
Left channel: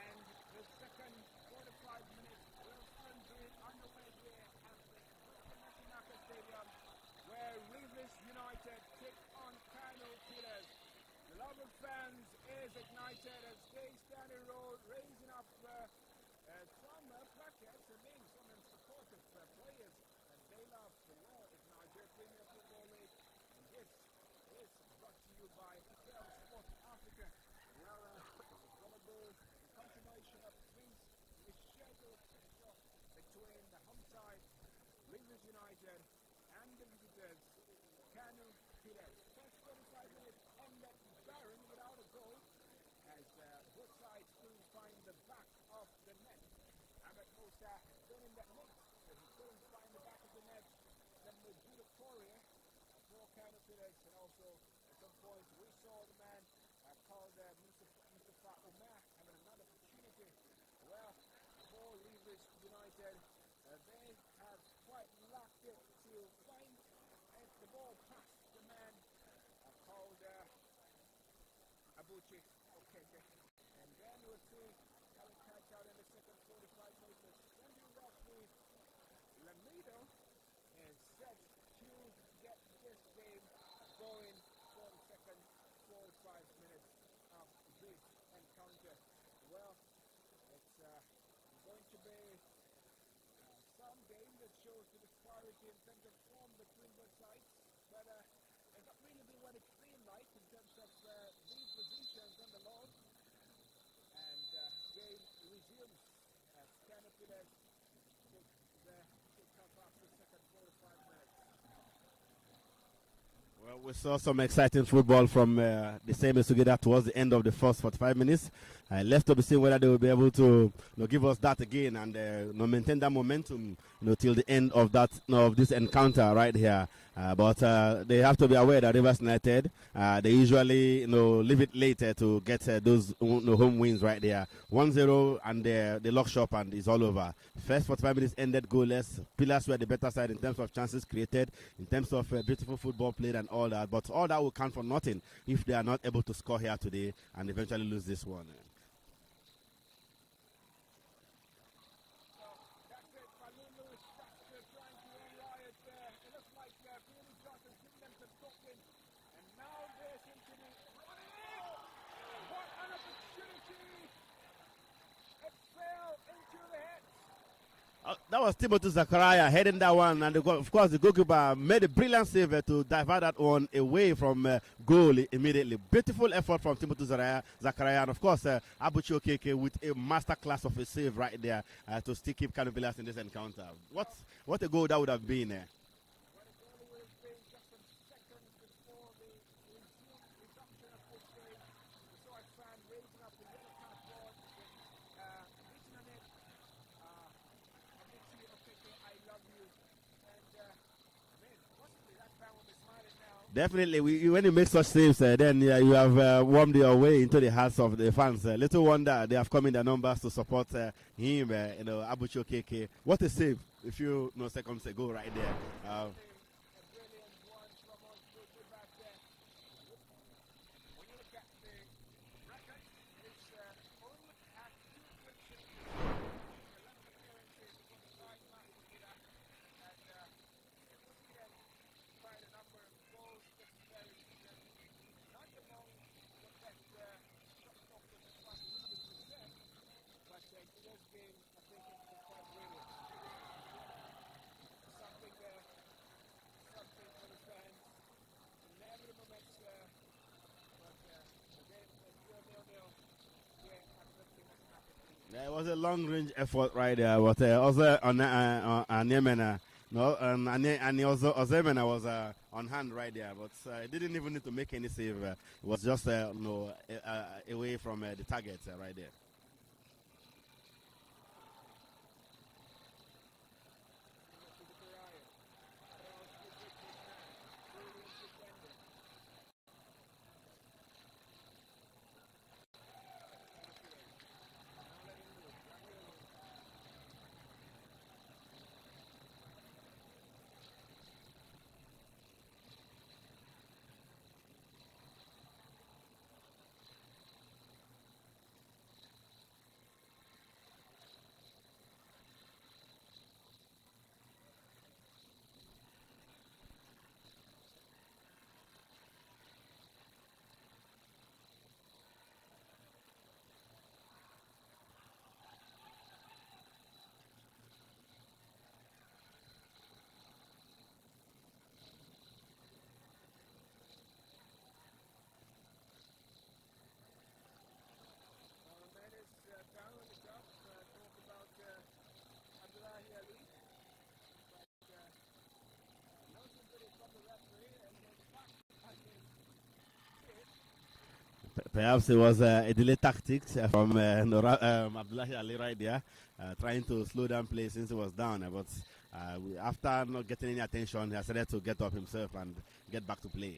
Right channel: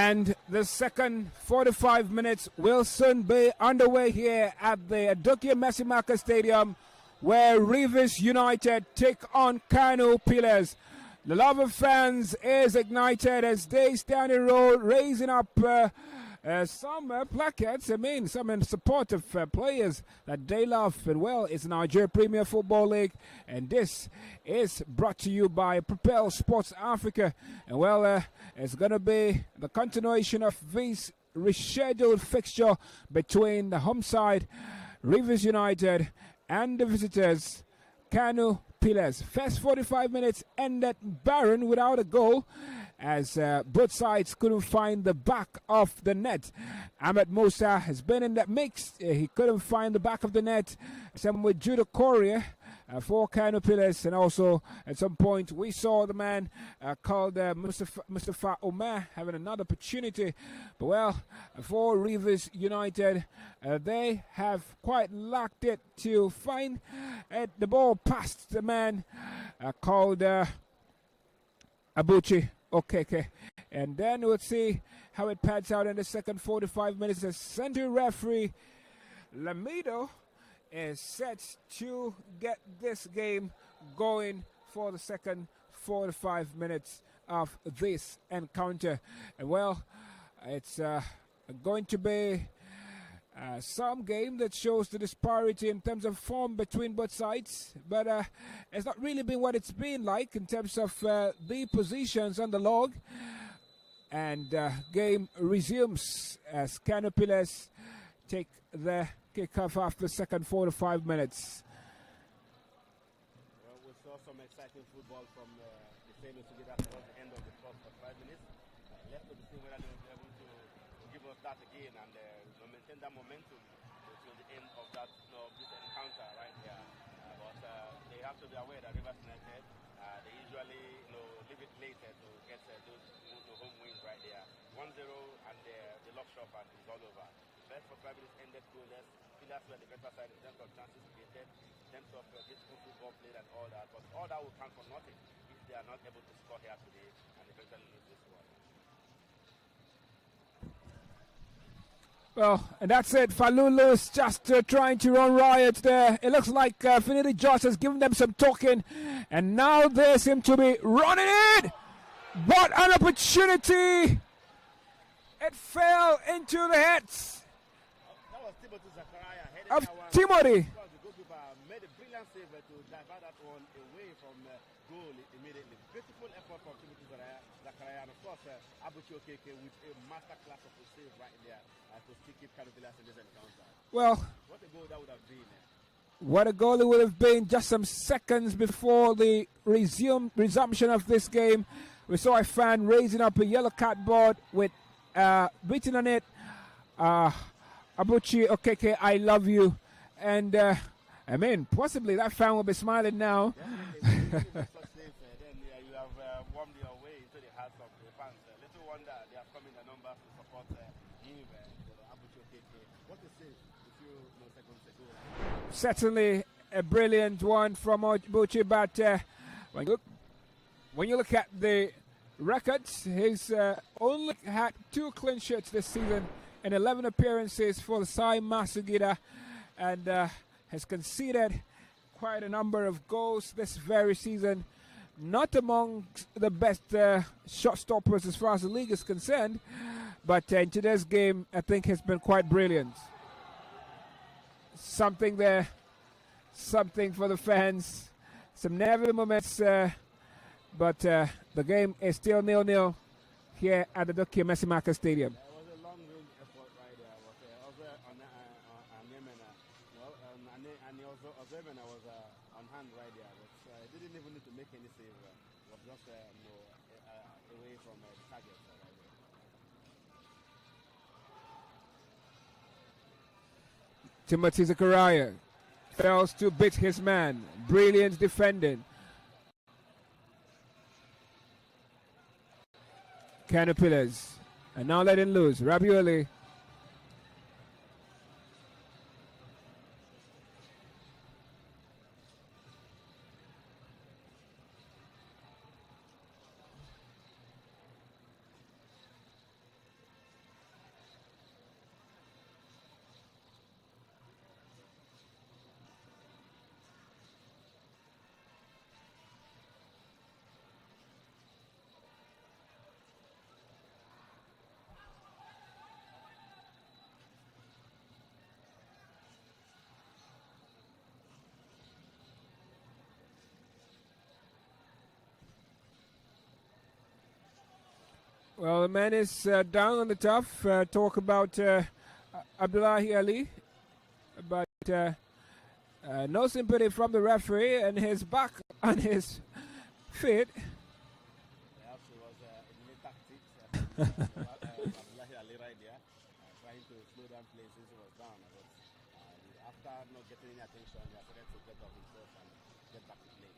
And the second 45 minutes will soon be underway here at the Adokia Messimaka Stadium, where Rivers United take on KANO Pillars. The love of fans is ignited as they stand in row, raising up some placards. I mean, some in support of players that they love. And well, it's Nigerian Premier Football League, and this is brought to you by Propel Sports Africa. And well, it's going to be the continuation of this rescheduled fixture between the home side, Rivers United, and the visitors, KANO Pillars. First 45 minutes ended barren without a goal, as both sides couldn't find the back of the net. Ahmed Musa has been in that mix. He couldn't find the back of the net. Same with Judah Korea for KANO Pillars. And also, at some point, we saw the man called Mustafa Omar having another opportunity. But well, for Rivers United, they have quite lacked it to find the ball past the man called Abuchi Okeke. And then we'll see how it pans out in the second 45 minutes. The center referee Lamido is set to get this game going for the second 45 minutes of this encounter. And well, it's going to be some game that shows the disparity in terms of form between both sides, but it's not really been what it's been like in terms of the positions on the log. And game resumes as KANO Pillars take the kickoff after the second 4 to 5 minutes. Well, we saw some exciting football from the same as together towards the end of the first 45 minutes. Left to be seen whether they will be able to give us that again and maintain that momentum till the end of that of this encounter right here. But they have to be aware that Rivers United, they usually leave it later to get those home wins right there. 1-0 and they lock shop and it's all over. First 45 minutes ended goalless. Pillars were the better side in terms of chances created, in terms of beautiful football played and all that. But all that will count for nothing if they are not able to score here today and eventually lose this one. Well, and that's it. Falulu's just trying to run riot there. It looks like Finidi Josh has given them some talking, and now they seem to be running it. What an opportunity! It fell into the heads. That was Timothy Zakaria heading that one. Timothy. And of course, the goalkeeper made a brilliant save to divert that one away from goal immediately. Beautiful effort from Timothy Zakaria. And of course, Abuchi Okeke with a masterclass of a save right there to still keep KANO Pillars in this encounter. Well, what a goal that would have been. What a goal it would have been just some seconds before the resumption of this game. We saw a fan raising up a yellow cardboard with written on it, Abuchi Okeke, I love you. And I mean, possibly that fan will be smiling now. Definitely, when you make such saves, then you have warmed your way into the hearts of the fans. Little wonder they have come in their numbers to support him, Abuchi Okeke. What a save a few seconds ago right there. Certainly a brilliant one from Abuchi, but when you look at the records, he's only had 2 clean sheets this season and 11 appearances for the Sai Masugida, and has conceded quite a number of goals this very season. Not among the best shot stoppers as far as the league is concerned, but in today's game, I think has been quite brilliant. Something there, something for the fans, some nervy moments, but the game is still 0-0 here at the Adokia Messimaka Stadium. Yeah, it was a long-range effort right there, but also on Yemena, and also Ozemena was on hand right there, but he didn't even need to make any save. It was just away from the target right there. Timothy Zakaria fails to beat his man. Brilliant defending. KANO Pillars. And now letting loose. Rabioli. Well, the man is down on the tough. Talk about Abdullahi Ali, but no sympathy from the referee, and his back on his feet. Perhaps it was a delayed tactics from Abdullahi Ali right there, trying to slow down play since he was down. But after not getting any attention, he decided to get up himself and get back to play.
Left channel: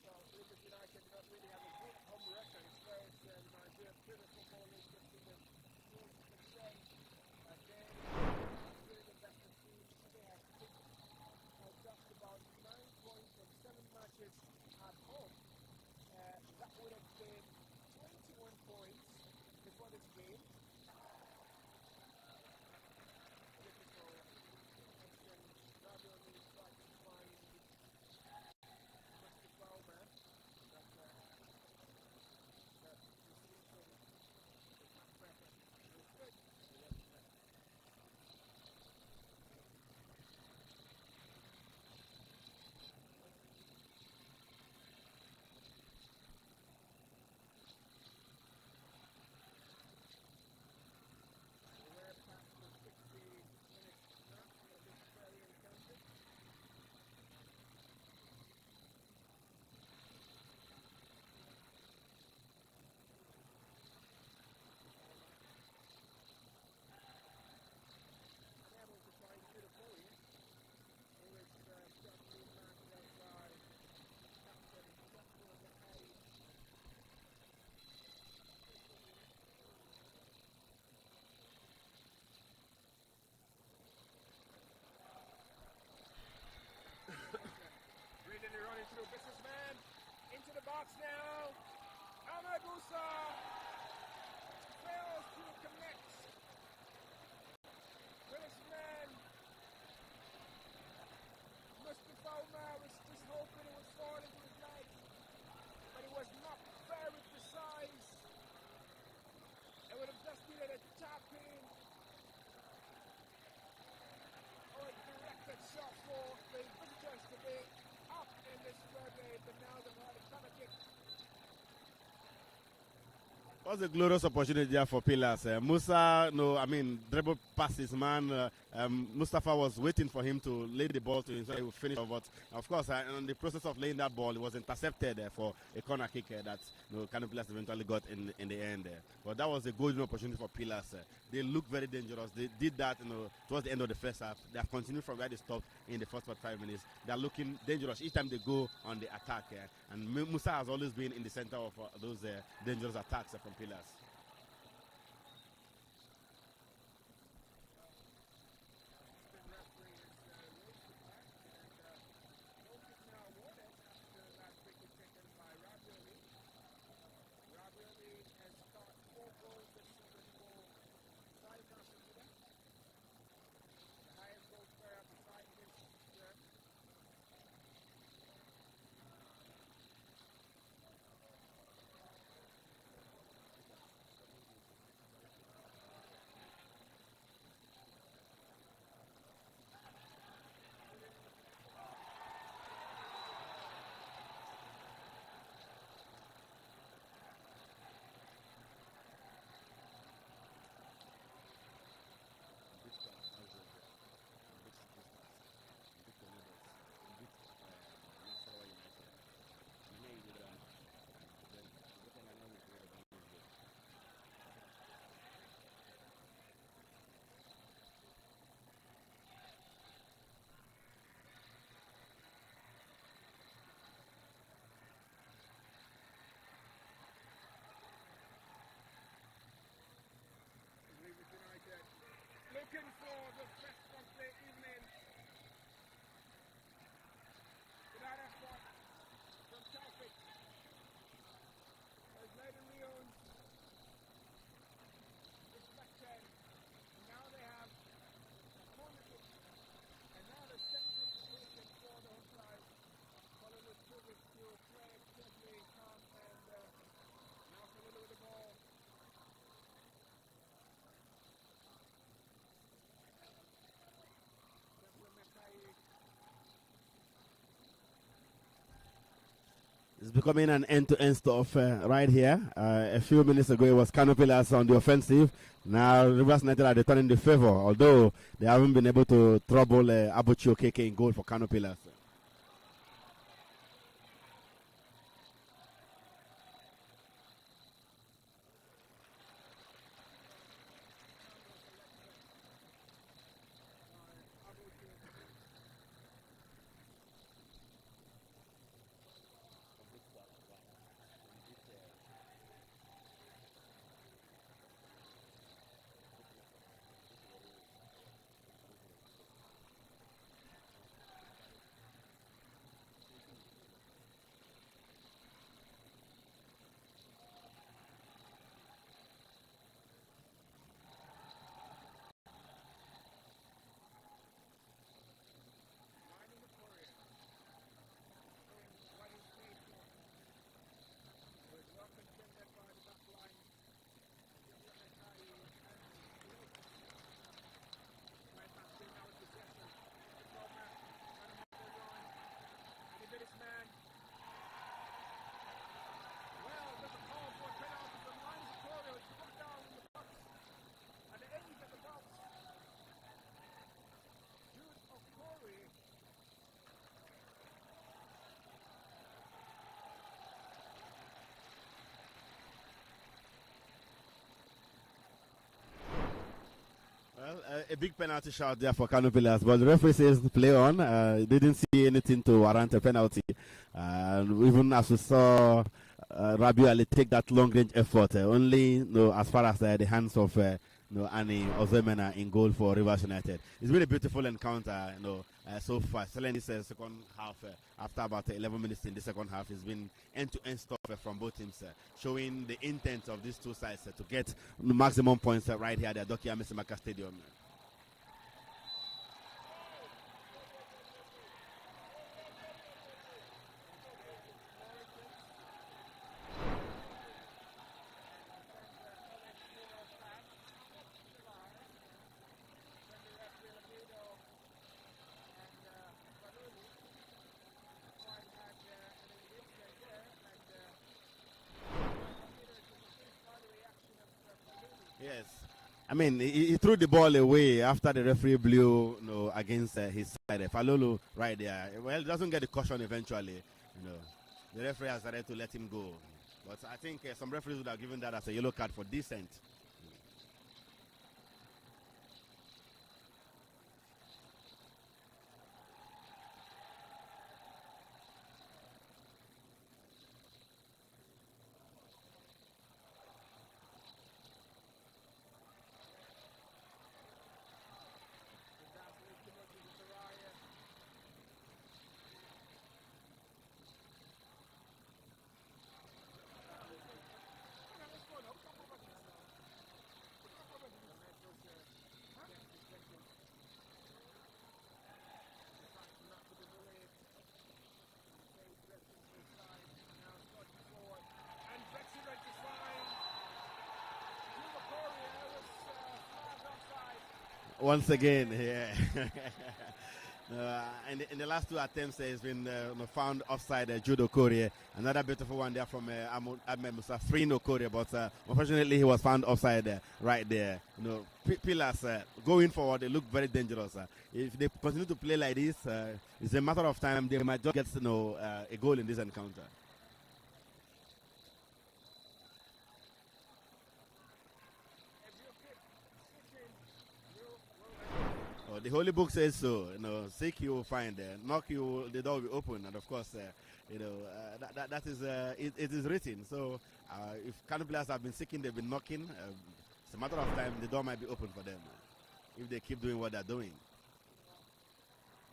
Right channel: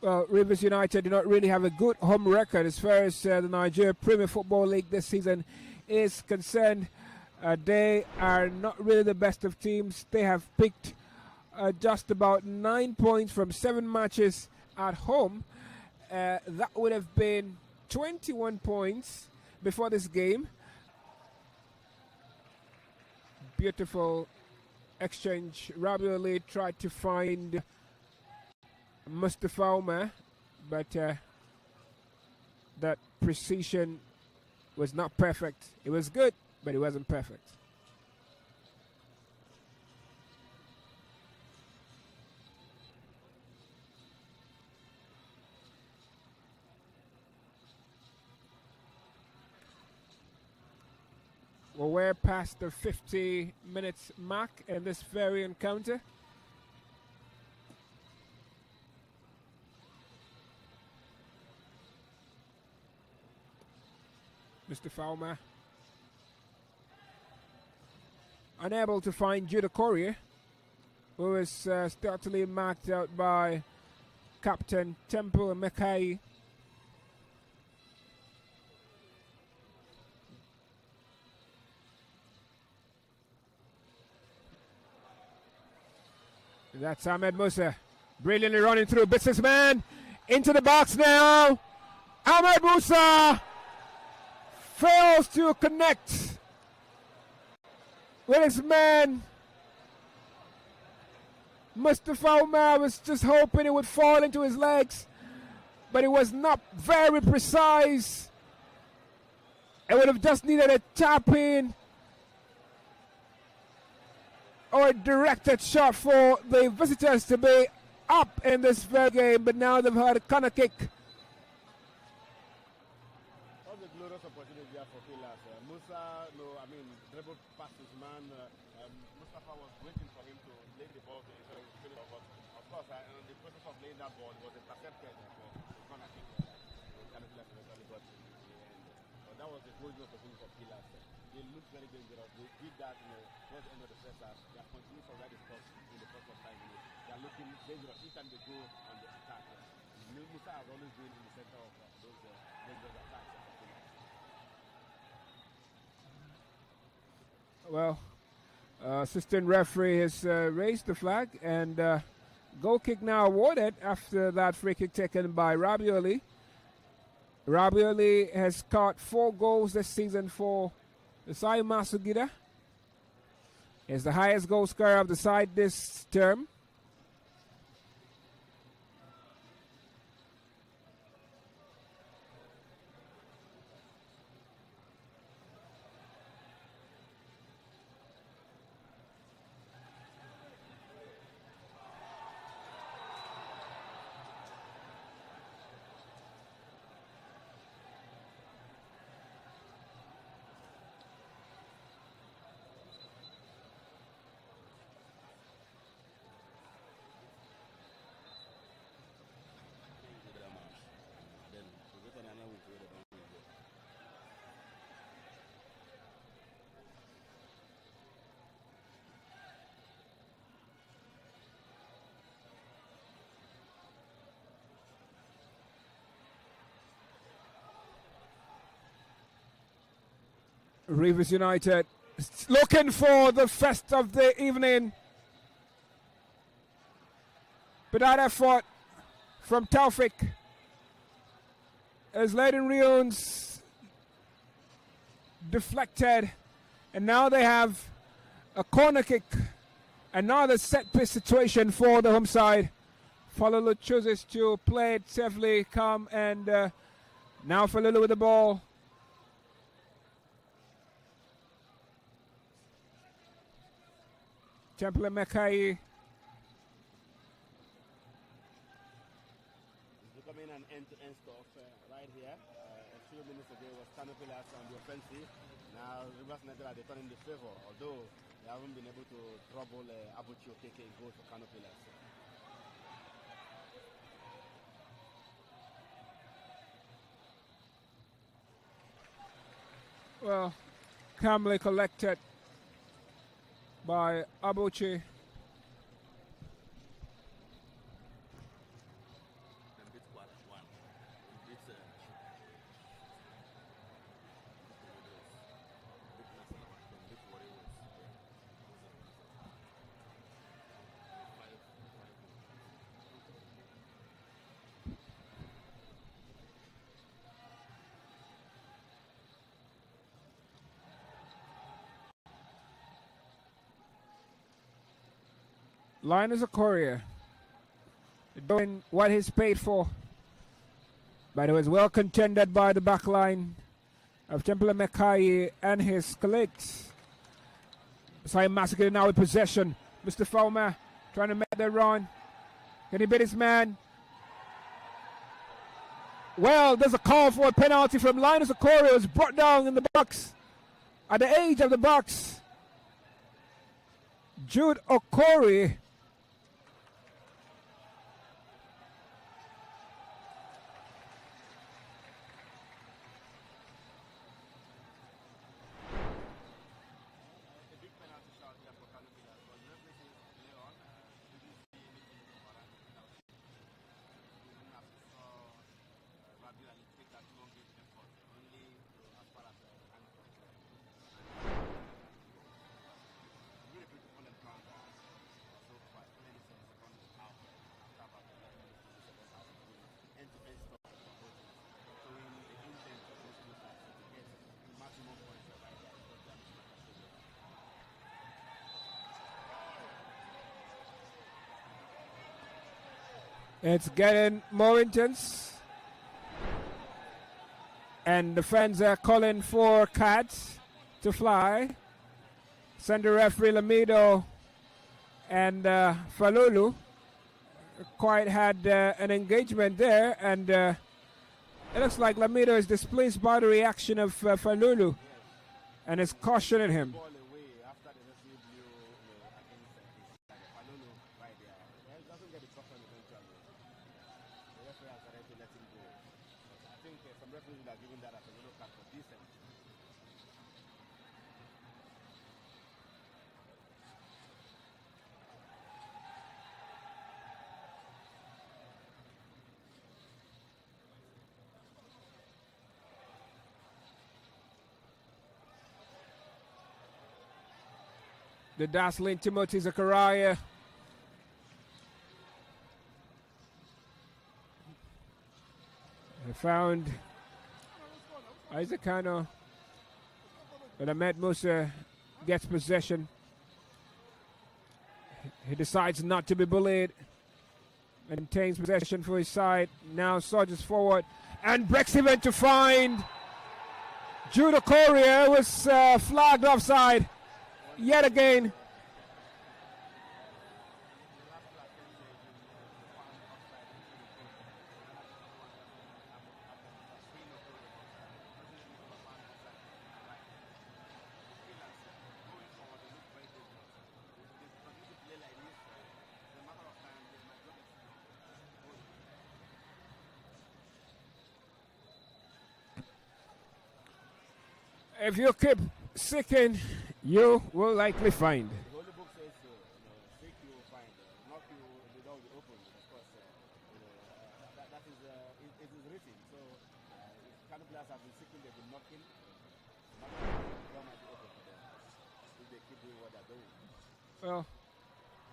Well, Rivers United do not really have a good home record as far as the Nigerian Premier Football League this season is concerned. They are not really the best of teams. They have picked just about 9 points from 7 matches at home. That would have been 21 points before this game. Beautiful exchange. Rabiu Ali tried to find Mustafa Omar, but that precision was not perfect. It was good, but it wasn't perfect. Well, we're past the 50 minutes mark in this very encounter. Mr. Falmer unable to find Judah Correa, who is startily marked out by Captain Temple Mekai. That's Ahmed Musa, brilliantly running through businessman into the box now. Ahmed Musa fails to connect with his man. Mustafa Umar was just hoping it would fall into his legs, but it was not very precise. It would have just needed a tap in or a directed shot for the visitors to be up in this very game, but now they've had a corner kick. It was a glorious opportunity there for Pillars. Musa, dribble past his man. Mustafa was waiting for him to lay the ball to him so he would finish. But of course, in the process of laying that ball, it was intercepted for a corner kick that KANO Pillars eventually got in the end. But that was a golden opportunity for Pillars. They looked very dangerous. They did that towards the end of the first half. They have continued from where they stopped in the first 45 minutes. They are looking dangerous each time they go on the attack. And Musa has always been in the center of those dangerous attacks from Pillars. Well, assistant referee has raised the flag, and goal kick now awarded after that free kick taken by Rabiu Ali. Rabiu Ali has caught 4 goals this season for the side. Masugida is the highest goal scorer of the side this term. Rivers United looking for the first of the evening. But that effort from Taufik as Leiden Rions deflected. And now they have a corner kick. Another set piece situation for the home side. Falulu chooses to play it safely, calm, and now Falulu with the ball. Temple Mekai. It's becoming an end-to-end stuff right here. A few minutes ago, it was KANO Pillars on the offensive. Now, Rivers United are returning the favor, although they haven't been able to trouble Abuchi Okeke in goal for KANO Pillars. Well, calmly collected by Abuchi. Linus Okorie doing what he's paid for. But it was well contended by the back line of Temple Mekai and his colleagues. Simon Massacre now with possession. Mr. Fowler trying to make the run. Can he beat his man? Well, there's a call for a penalty from Linus Okorie. It was brought down in the box at the edge of the box. Jude Okorie. A big penalty shot there for KANO Pillars, but the referee says play on. Didn't see anything to warrant a penalty. Even as we saw Rabiu Ali take that long-range effort, only as far as the hands of Annie Ozemena in goal for Rivers United. It's been a beautiful encounter, so far. Certainly, this second half, after about 11 minutes in the second half, it's been end-to-end stuff from both teams, showing the intent of these two sides to get the maximum points right here at the Dokia Mesimaka Stadium. It's getting more intense. And the fans are calling for cats to fly. Send the referee Lamido and Falulu quite had an engagement there. And it looks like Lamido is displeased by the reaction of Falulu. Yes. And he threw the ball away after the referee blew against his side. Falulu right there. Well, doesn't get the caution eventually. The referee has decided to let him go. But I think some referees would have given that as a yellow card for dissent. The dazzling Timothy Zachariah. They found Isaac KANO, but Ahmed Musa gets possession. He decides not to be bullied and obtains possession for his side. Now surges forward and breaks even to find Jude Okorie was flagged offside. Once yet again. Yeah. In the last two attempts, he's been found offside. Jude Okorie, another beautiful one there from Ahmed Musa, freeing Okorie, but unfortunately he was found offside right there. Pillars going forward, they look very dangerous. If they continue to play like this, it's a matter of time. They might just get a goal in this encounter. If you keep seeking, you will likely find. The Holy Book says so. Seek you will find. Knock you, the door will be open. And of course, that is it is written. So if KANO players have been seeking, they've been knocking. It's a matter of time. The door might be open for them if they keep doing what they're doing. Well,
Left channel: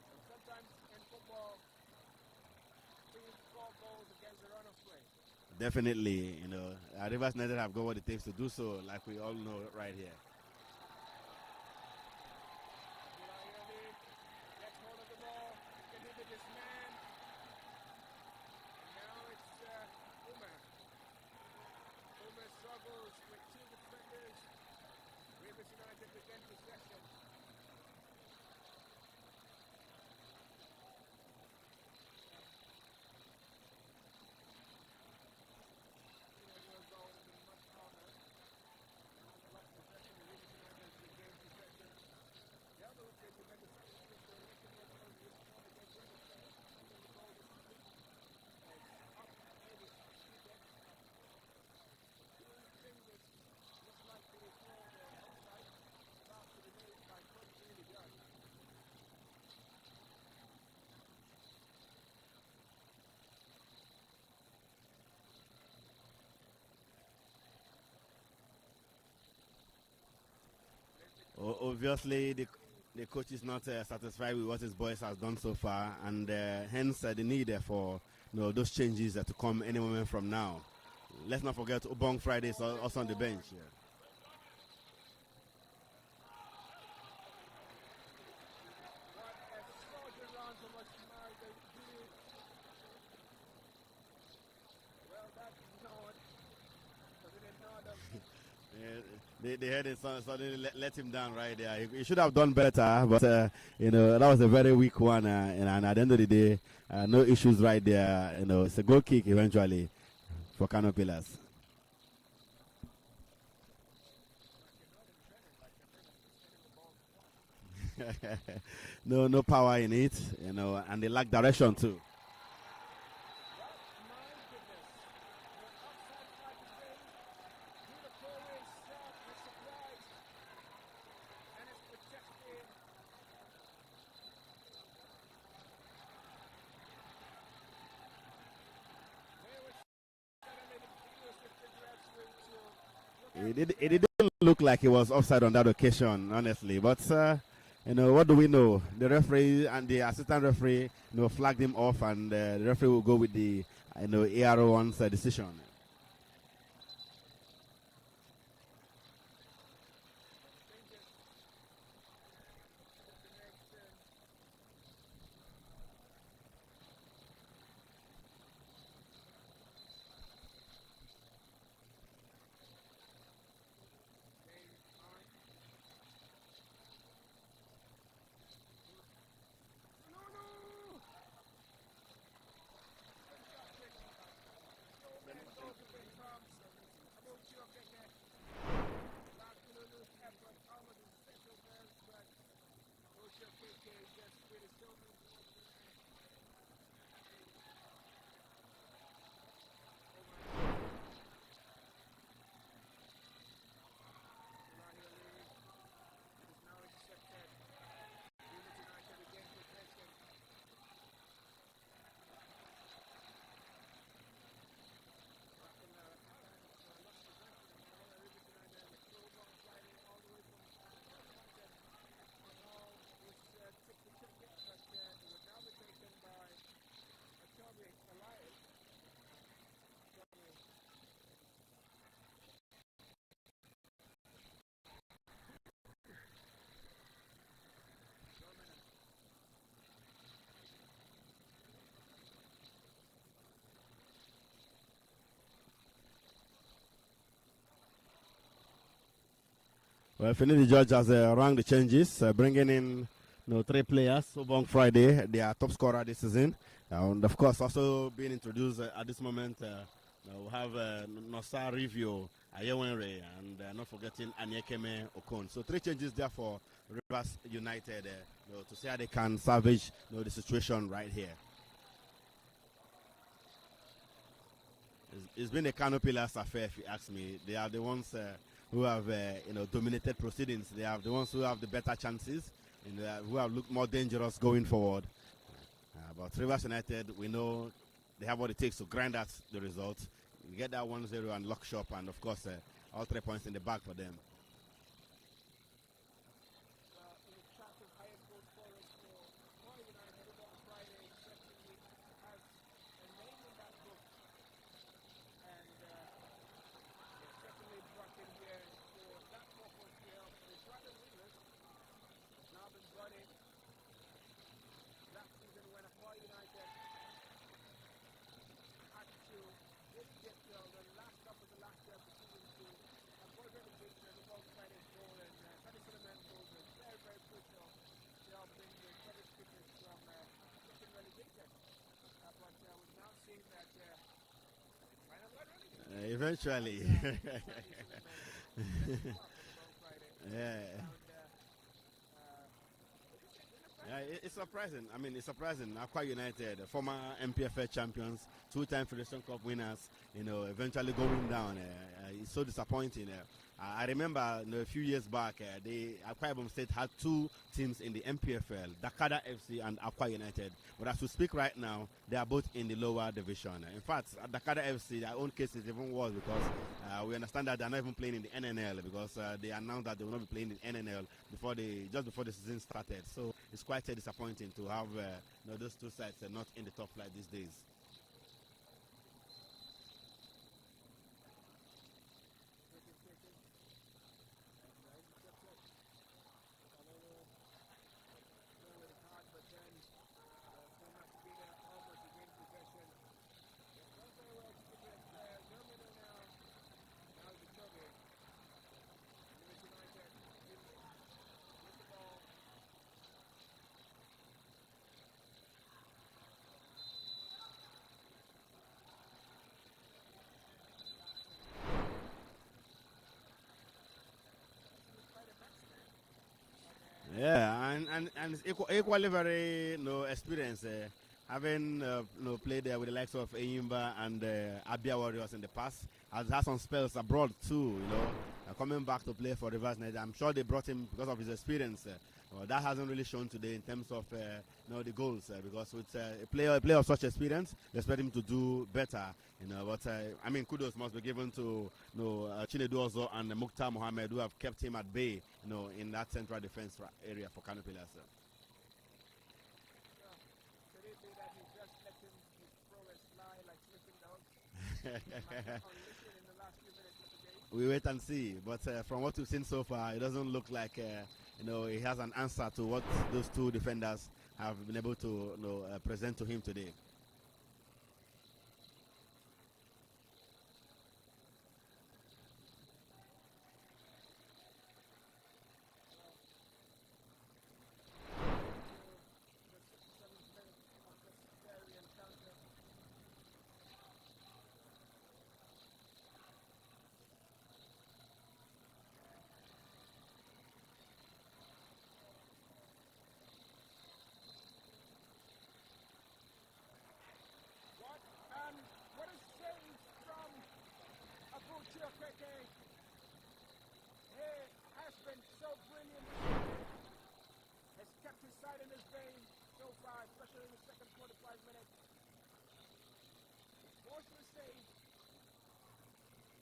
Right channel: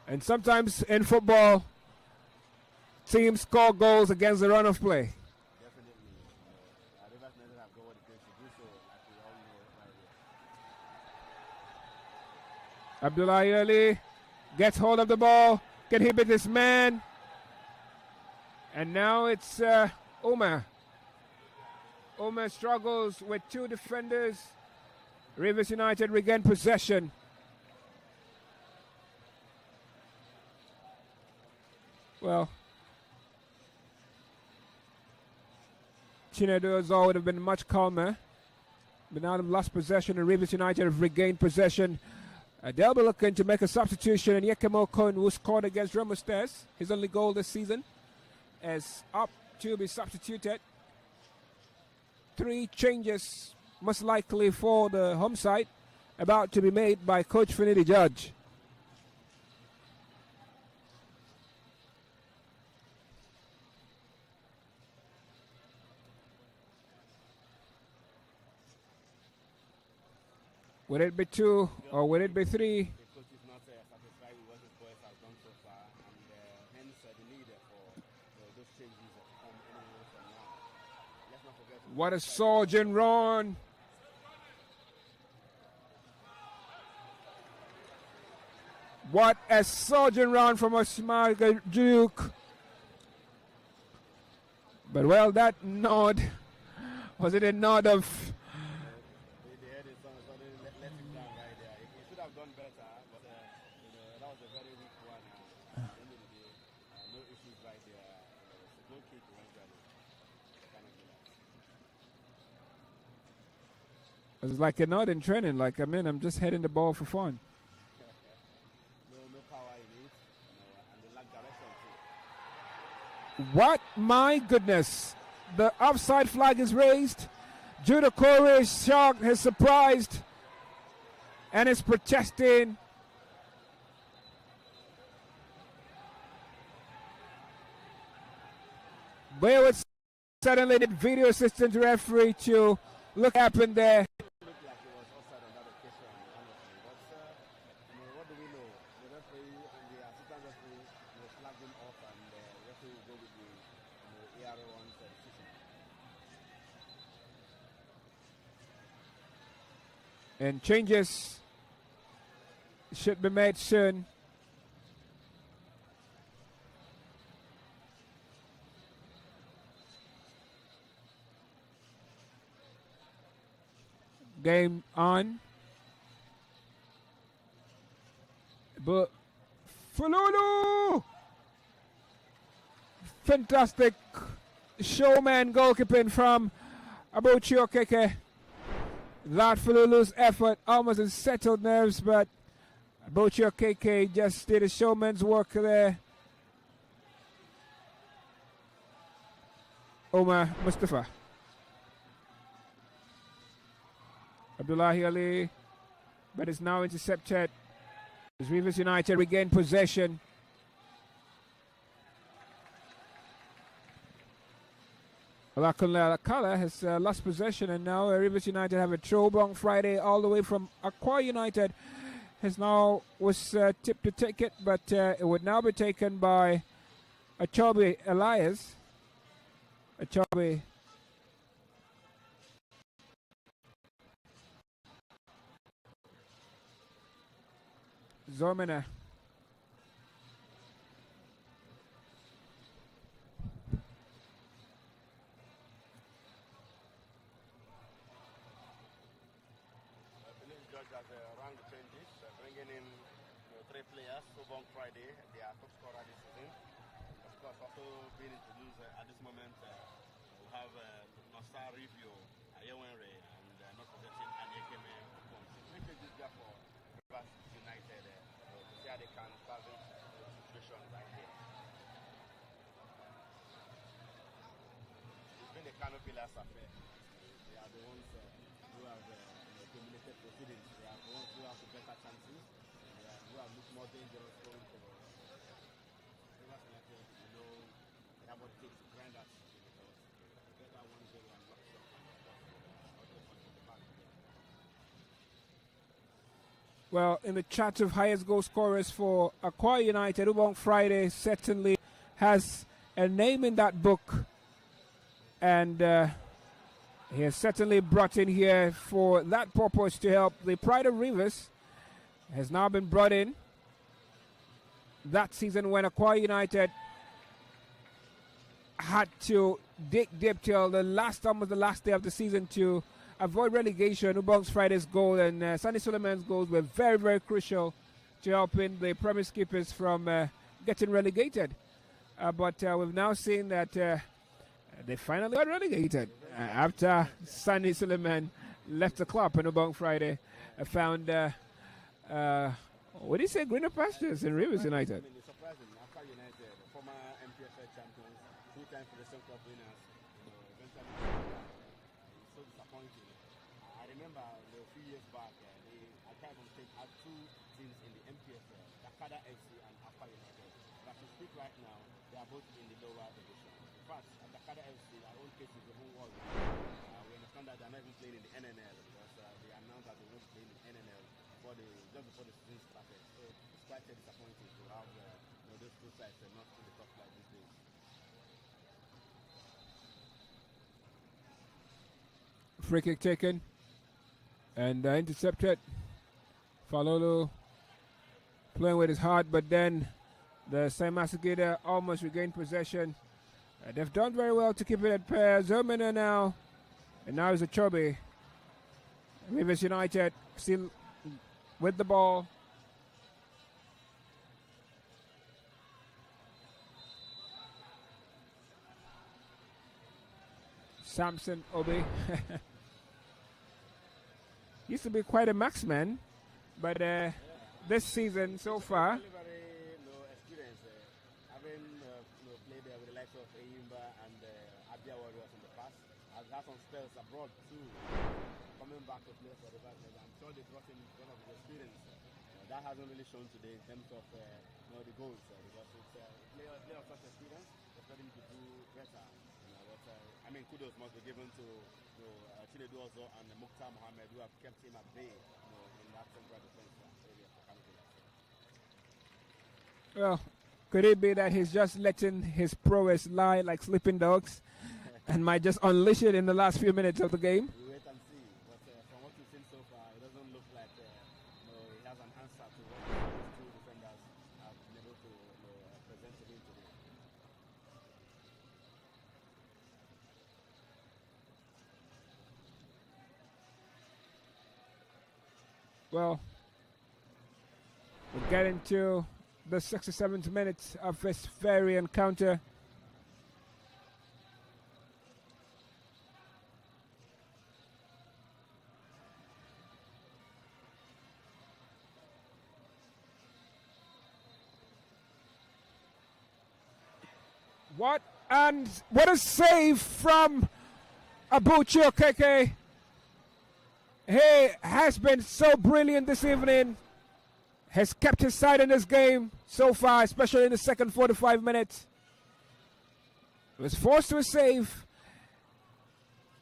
and sometimes in football, teams score goals against the run of play. Definitely, Rivers United have got what it takes to do so, like we all know right here. Abdullahi Ali gets hold of the ball. Can he beat this man? And now it's Omar. Omar struggles with two defenders. Rivers United regain possession. Well, Chinedu would have been much calmer. But now they've lost possession, and Rivers United have regained possession. They'll be looking to make a substitution, and Yekemo Kun, who scored against Remostes, his only goal this season, is up to be substituted. 3 changes, most likely for the home side, about to be made by Coach Finidi Judge. Would it be 2 or would it be 3? The coach is not satisfied with what his boys has done so far, and hence the need for those changes to come any moment from now. Let's not forget what a Friday surgeon run! What a surgeon run from Osman Duke! But well, that nod was it a nod of? They had it suddenly let him down right there. He should have done better, but that was a very weak one. And at the end of the day, no issues right there. It's a goal kick eventually for KANO Pillars. It was like a nod in training. Like I'm just heading the ball for fun. No power in it, and they lack direction too. What? My goodness! The offside flag is raised. Judah Corey is shocked, is surprised, and is protesting. But suddenly the video assistant referee to look what happened there. It didn't look like it was offside on that occasion, honestly. But what do we know? The referee and the assistant referee, flagged him off, and the referee will go with the ARO1's decision. And changes should be made soon. Game on. But Fululu! Fantastic showman goalkeeping from Abuchi Okeke. That Fululu's effort almost unsettled nerves, but Abuchi Okeke just did a showman's work there. Omar Mustafa. Abdullahi Ali, but it's now intercepted. As Rivers United regain possession. Alakala has lost possession, and now Rivers United have a throwback Friday all the way from Aqua United. Was tipped to take it, but it would now be taken by Achobe Elias. Achobe. Zomena. Well, Finidi Judge has rang the changes, bringing in 3 players. Obong Friday, their top scorer this season. And of course, also being introduced at this moment, we have Nosa Review, Ayewenre, and not forgetting Anyekeme Okon. So 3 changes there for Rivers United to see how they can salvage the situation right here. It's been a KANO Pillars affair, if you ask me. They are the ones who have dominated proceedings. They are the ones who have the better chances, who have looked more dangerous going forward. But Rivers United, we know they have what it takes to grind out the result, get that 1-0 and lock shop, and of course all 3 points in the bag for them. Well, in the chart of highest goal scorers for Aqua United, Ubong Friday certainly has a name in that book, and he has certainly brought in here for that purpose to help. The Pride of Rivers has now been brought in that season when Aqua United had to dig deep till almost the last day of the season to avoid relegation. Ubong's Friday's goal and Sandy Suleiman's goals were very, very crucial to helping the Promise Keepers from getting relegated. But we've now seen that the they finally got relegated. Eventually. After Sandy Suleiman left the club on Ubong Friday. I found, what do you say, greener pastures in Rivers United? I mean, it's surprising. Aqua United, former NPFL champions, two-time Federation Cup winners, eventually going down. It's so disappointing. I remember a few years back, Akwa Ibom State had two teams in the NPFL, Dakada FC and Akwa United. But as we speak right now, they are both in the lower division. In fact, at Dakada FC, their own case is even worse because we understand that they are not even playing in the NNL because they announced that they will not be playing in NNL just before the season started. So it's quite disappointing to have those two sides not in the top flight these days. Free kick taken and intercepted. Falolo playing with his heart, but then the Saimasagida almost regained possession. They've done very well to keep it at pair. Zermina now, and now is a Chobe. Rivers United still with the ball. Samson Obi. Used to be quite a marksman, but this season so far, equally very experienced. Having played there with the likes of Eyimba and Abia Warriors in the past, has had some spells abroad too. Coming back to play for Rivers United, I'm sure they brought him because of his experience. That hasn't really shown today in terms of the goals because with a player of such experience, they expect him to do better. But I mean, kudos must be given to Chinedu Ozo and Mukhtar Mohammed, who have kept him at bay, in that central defense area for KANO Pillars. Well, could it be that he's just letting his prowess lie like sleeping dogs, and might just unleash it in the last few minutes of the game? We wait and see. But from what we've seen so far, it doesn't look like he has an answer to what those two defenders have been able to present to him today. Well, we're getting to the 67th minute of this very encounter. What a save from Abuchi Okeke. He has been so brilliant this evening. Has kept his side in this game so far, especially in the second 45 minutes. Was forced to a save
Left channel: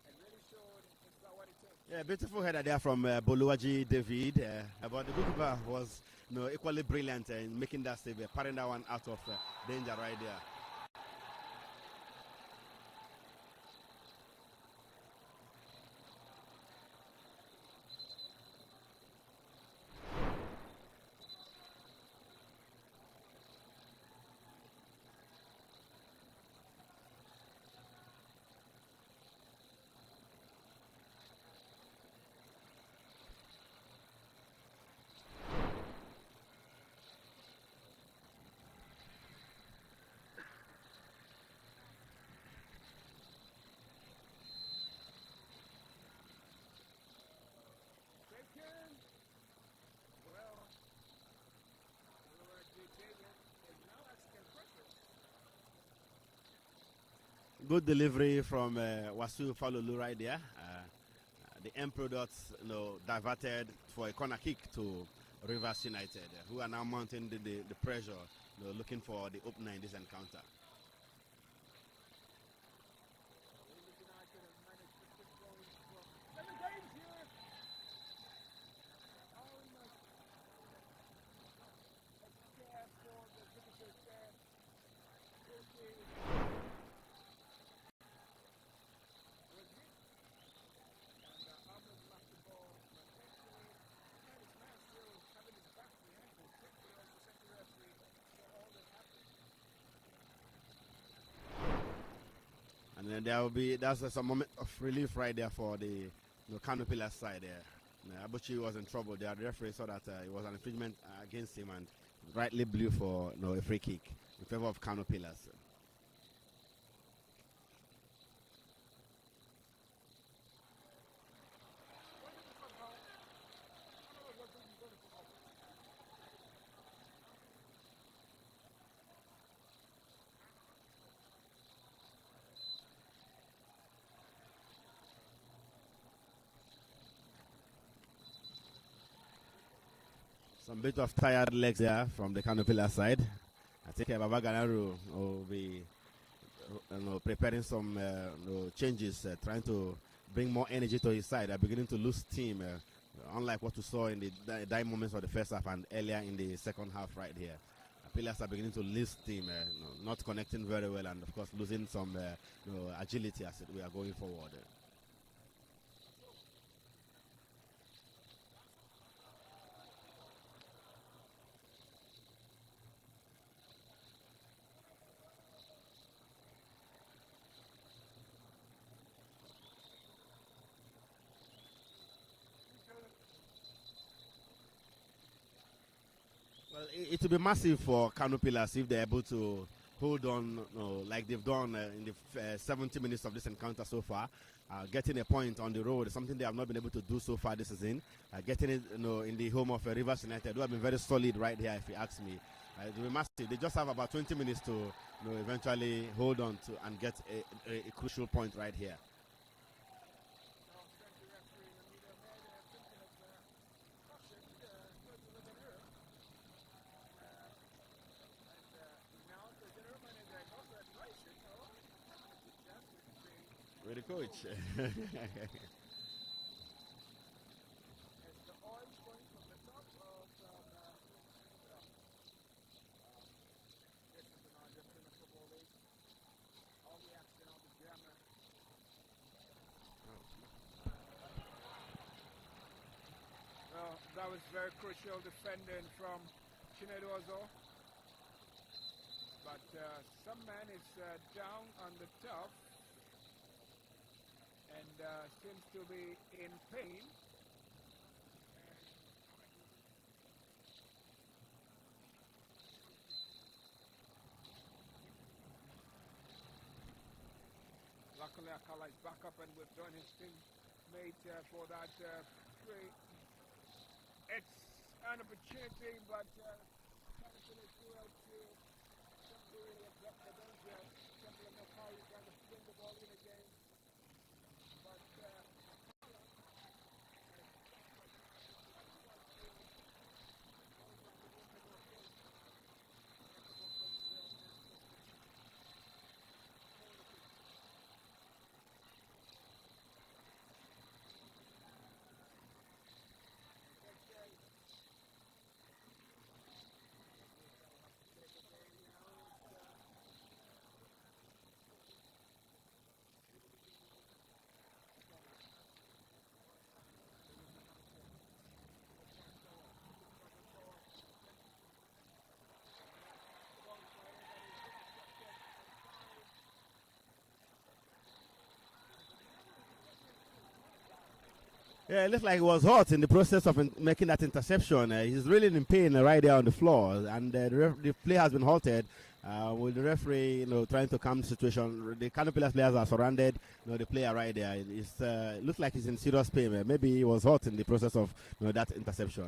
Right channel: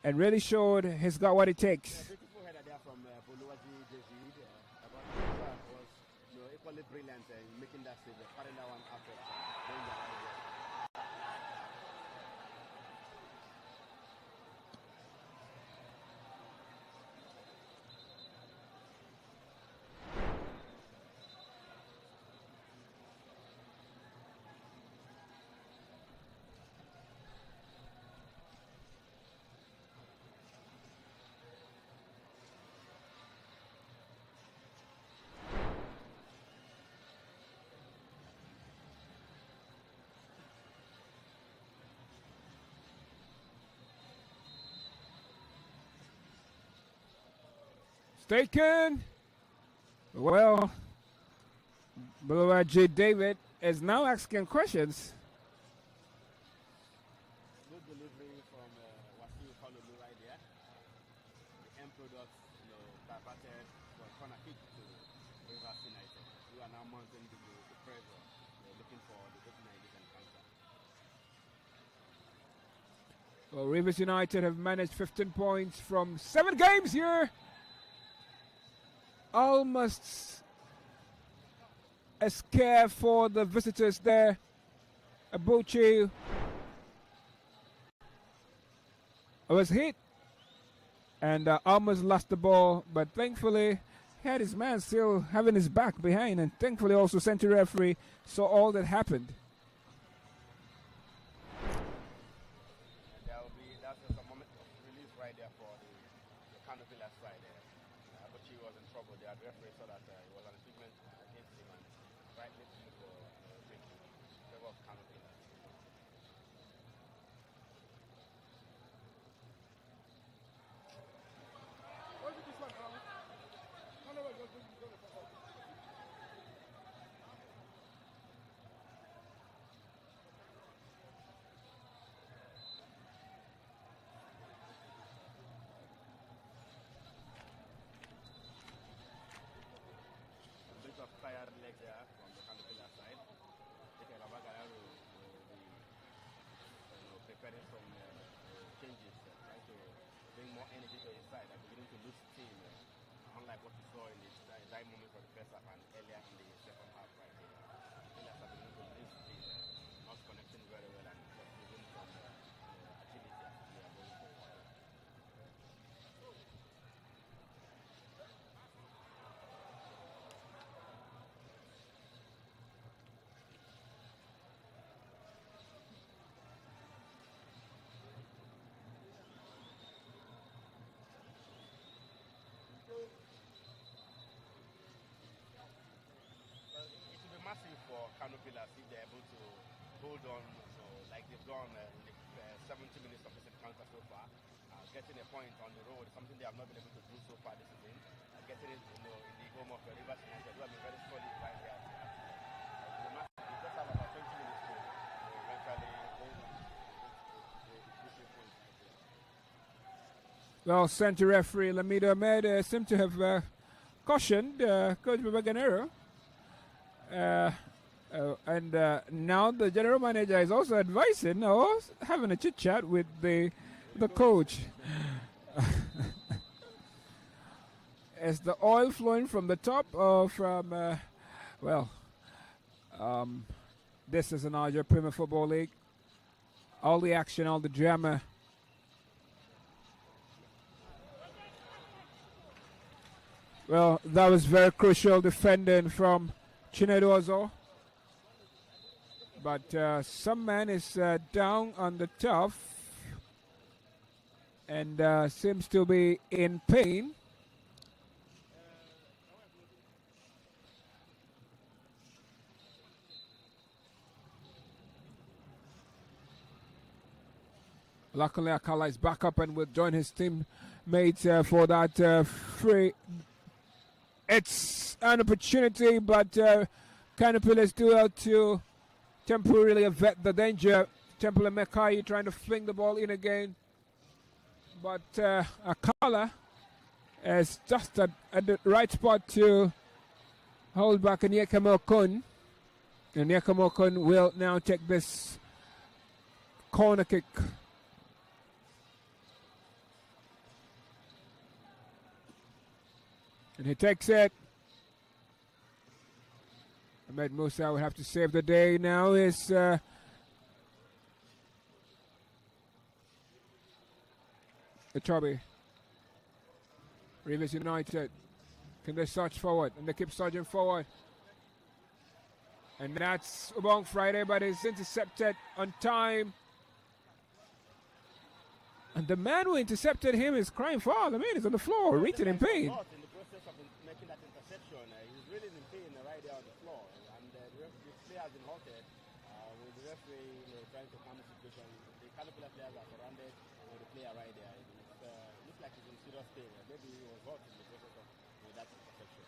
and really showed he's got what it takes. Yeah, beautiful header there from Boluwaji David. But the goalkeeper was equally brilliant in making that save, parrying that one out of danger right there. Taken. Well, Buluwaji David is now asking questions. Good delivery from Wasu Falulu right there. The end products, diverted for a corner kick to Rivers United, who are now mounting the pressure, looking for the opener in this encounter. Well, Rivers United have managed 15 points from 7 games here. Almost a scare for the visitors there. Abuchi was hit and almost lost the ball, but thankfully he had his man still having his back behind, and thankfully also center referee saw all that happened. And then that's a moment of relief right there for the KANO Pillars side there. Abuchi was in trouble. The referee saw that it was an infringement against him and rightly blew for a free kick in favor of KANO Pillars. A bit of tired legs there from the KANO Pillars side. I think Baba Ganaru will be preparing some changes, trying to bring more energy to his side. They're beginning to lose steam, unlike what we saw in the dying moments of the first half and earlier in the second half right here. Pillars are beginning to lose steam, not connecting very well, and of course losing some agility as we are going forward. It will be massive for KANO Pillars if they're able to hold on like they've done in the 70 minutes of this encounter so far. Getting a point on the road is something they have not been able to do so far this season. Getting it in the home of Rivers United, who have been very solid right here, if you ask me. It will be massive. They just have about 20 minutes to eventually hold on to and get a crucial point right here. Well, center referee Lamido Ahmed seemed to have cautioned Coach Babaganero. And now the general manager is also advising, having a chit chat with the coach. Is the oil flowing from the top or from, this is the Nigerian Premier Football League. All the action, all the drama. Well, that was very crucial defending from Chinedu Ozo. But some man is down on the turf and seems to be in pain. Luckily, Akala is back up and will join his teammates for that free. It's an opportunity, but KANO Pillars do have to temporarily avert the danger. Temple and Mekai trying to fling the ball in again. But Akala is just at the right spot to hold back Nyekamo Kun. And Nyekamo Kun will now take this corner kick. And he takes it. Ahmed Musa will have to save the day now. Is Etobi. Rivers United. Can they surge forward? And they keep surging forward. And that's Ubong Friday, but it's intercepted on time. And the man who intercepted him is crying foul. The man is on the floor. Yeah, it looks like he was hurt in the process of making that interception. He's really in pain right there on the floor. And the play has been halted with the referee trying to calm the situation. The KANO Pillars players are surrounded the player right there. It looks like he's in serious pain. Maybe he was hurt in the process of that interception.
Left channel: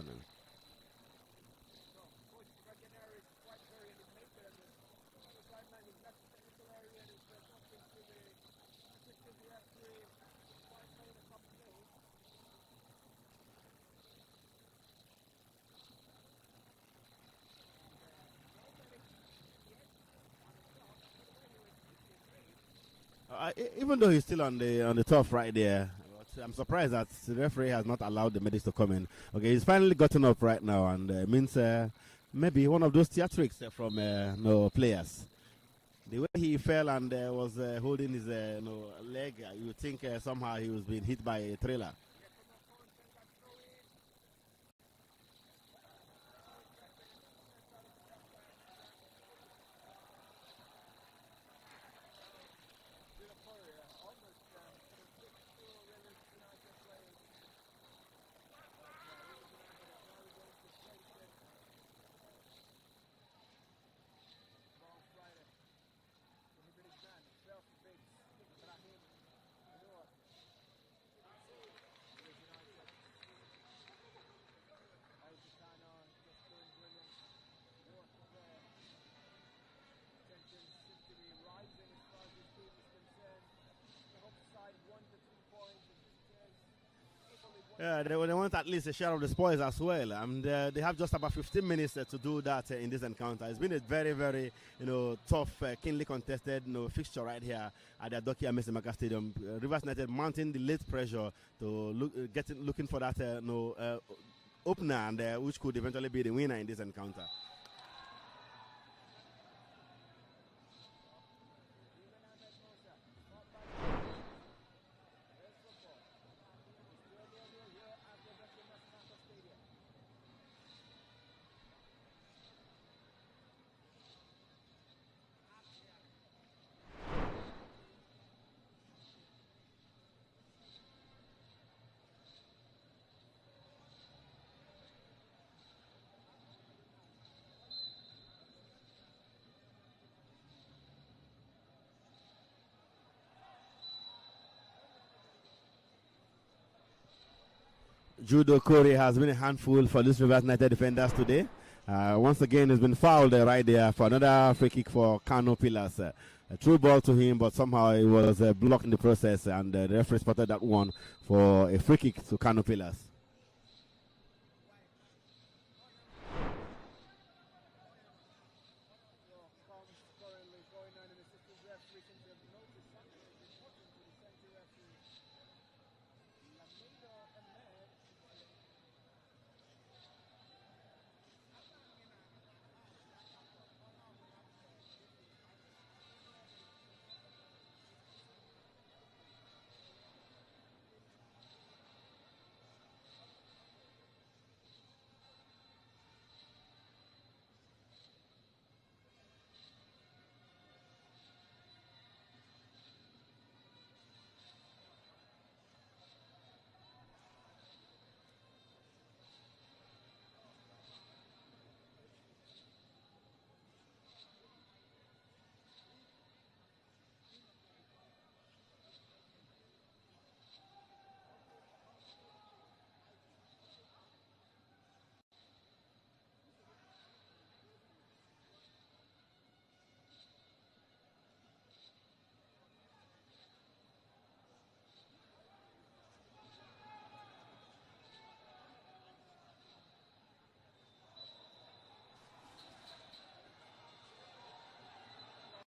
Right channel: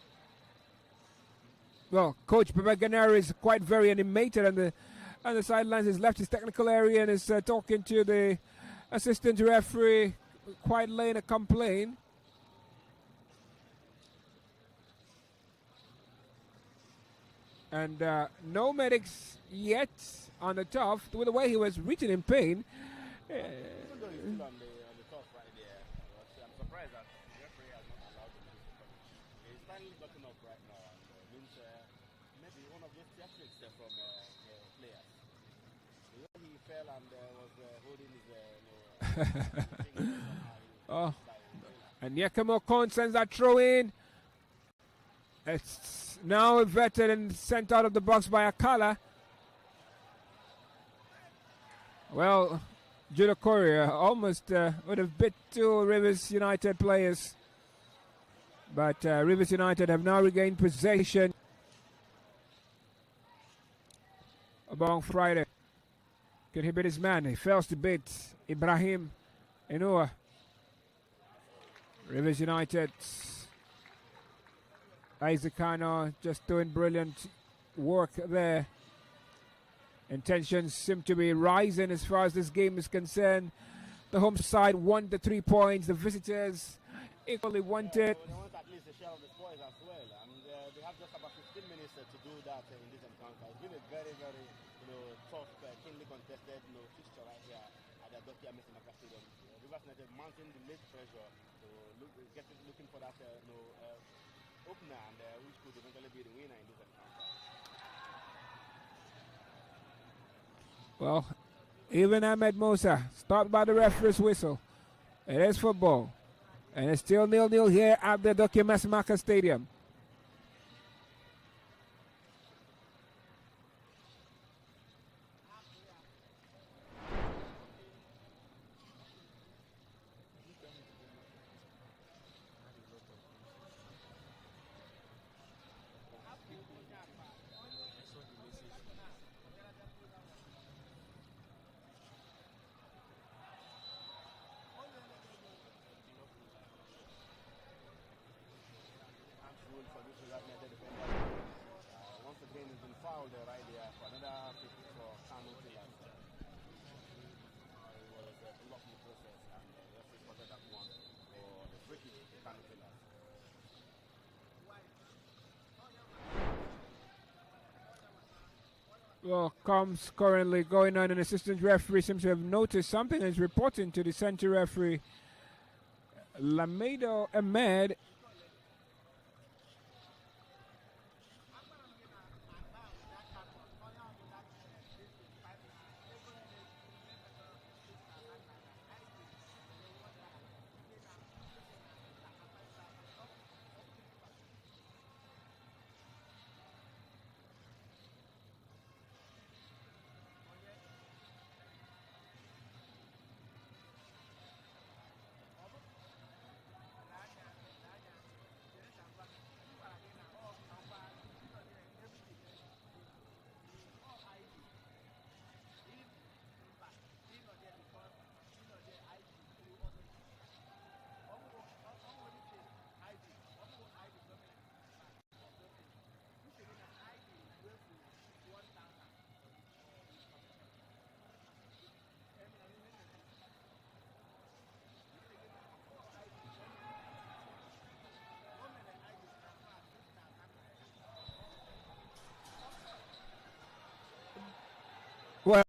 Well, Coach Babaganari is quite very animated on the sidelines. He's left his technical area and is talking to the assistant referee, quite laying a complaint. And no medics yet on the turf. With the way he was reaching in pain. Even though he's still on the turf right there, I'm surprised that the referee has not allowed the medics to come in. Okay, he's finally gotten up right now, and means maybe one of those theatrics from players. The way he fell and was holding his leg, you think somehow he was being hit by a trailer. And Yakamo Kon sends that throw in. It's now vetted and sent out of the box by Akala. Well, Judo Korea almost would have bit two Rivers United players. But Rivers United have now regained possession. About Friday. Can he beat his man? He fails to beat Ibrahim Enua. Rivers United. Isaac KANO just doing brilliant work there. Intentions seem to be rising as far as this game is concerned. The home side won the 3 points. The visitors equally wanted. They want at least a share of the spoils as well, and they have just about 15 minutes to do that in this encounter. It's been a very, very tough, keenly contested fixture right here at the Adokia Mesimaka Stadium. Rivers United mounting the late pressure to looking for that opener, and which could eventually be the winner in this encounter. Well, even Ahmed Musa stopped by the referee's whistle. It is football. And it's still 0-0 here at the Adokia Mesimaka Stadium. Judo Kori has been a handful for this Rivers United defenders today. Once again, he's been fouled right there for another free kick for KANO Pillars. A true ball to him, but somehow it was blocked in the process, and the referee spotted that one for a free kick to KANO Pillars. Well, comms currently going on, and assistant referee seems to have noticed something and is reporting to the center referee, Lamido Ahmed. Well,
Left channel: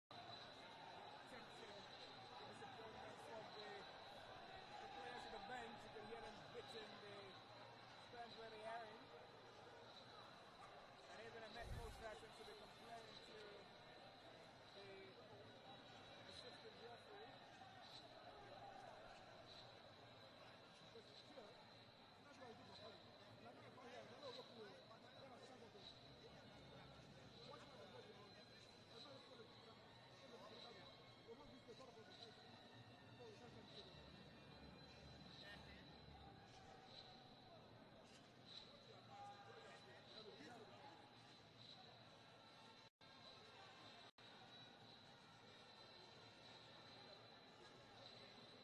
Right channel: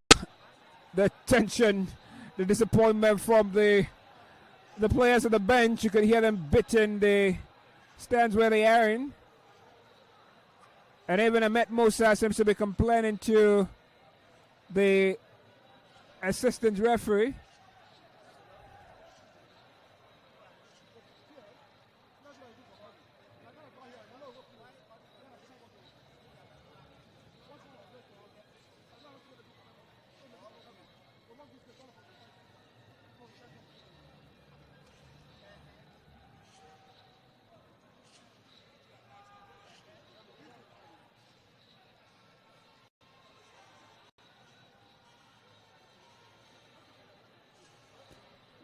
the tension, the disappointment from the players on the bench, you could hear them biting the stands where they are in. And even Ahmed Musa seems to be complaining to the assistant referee.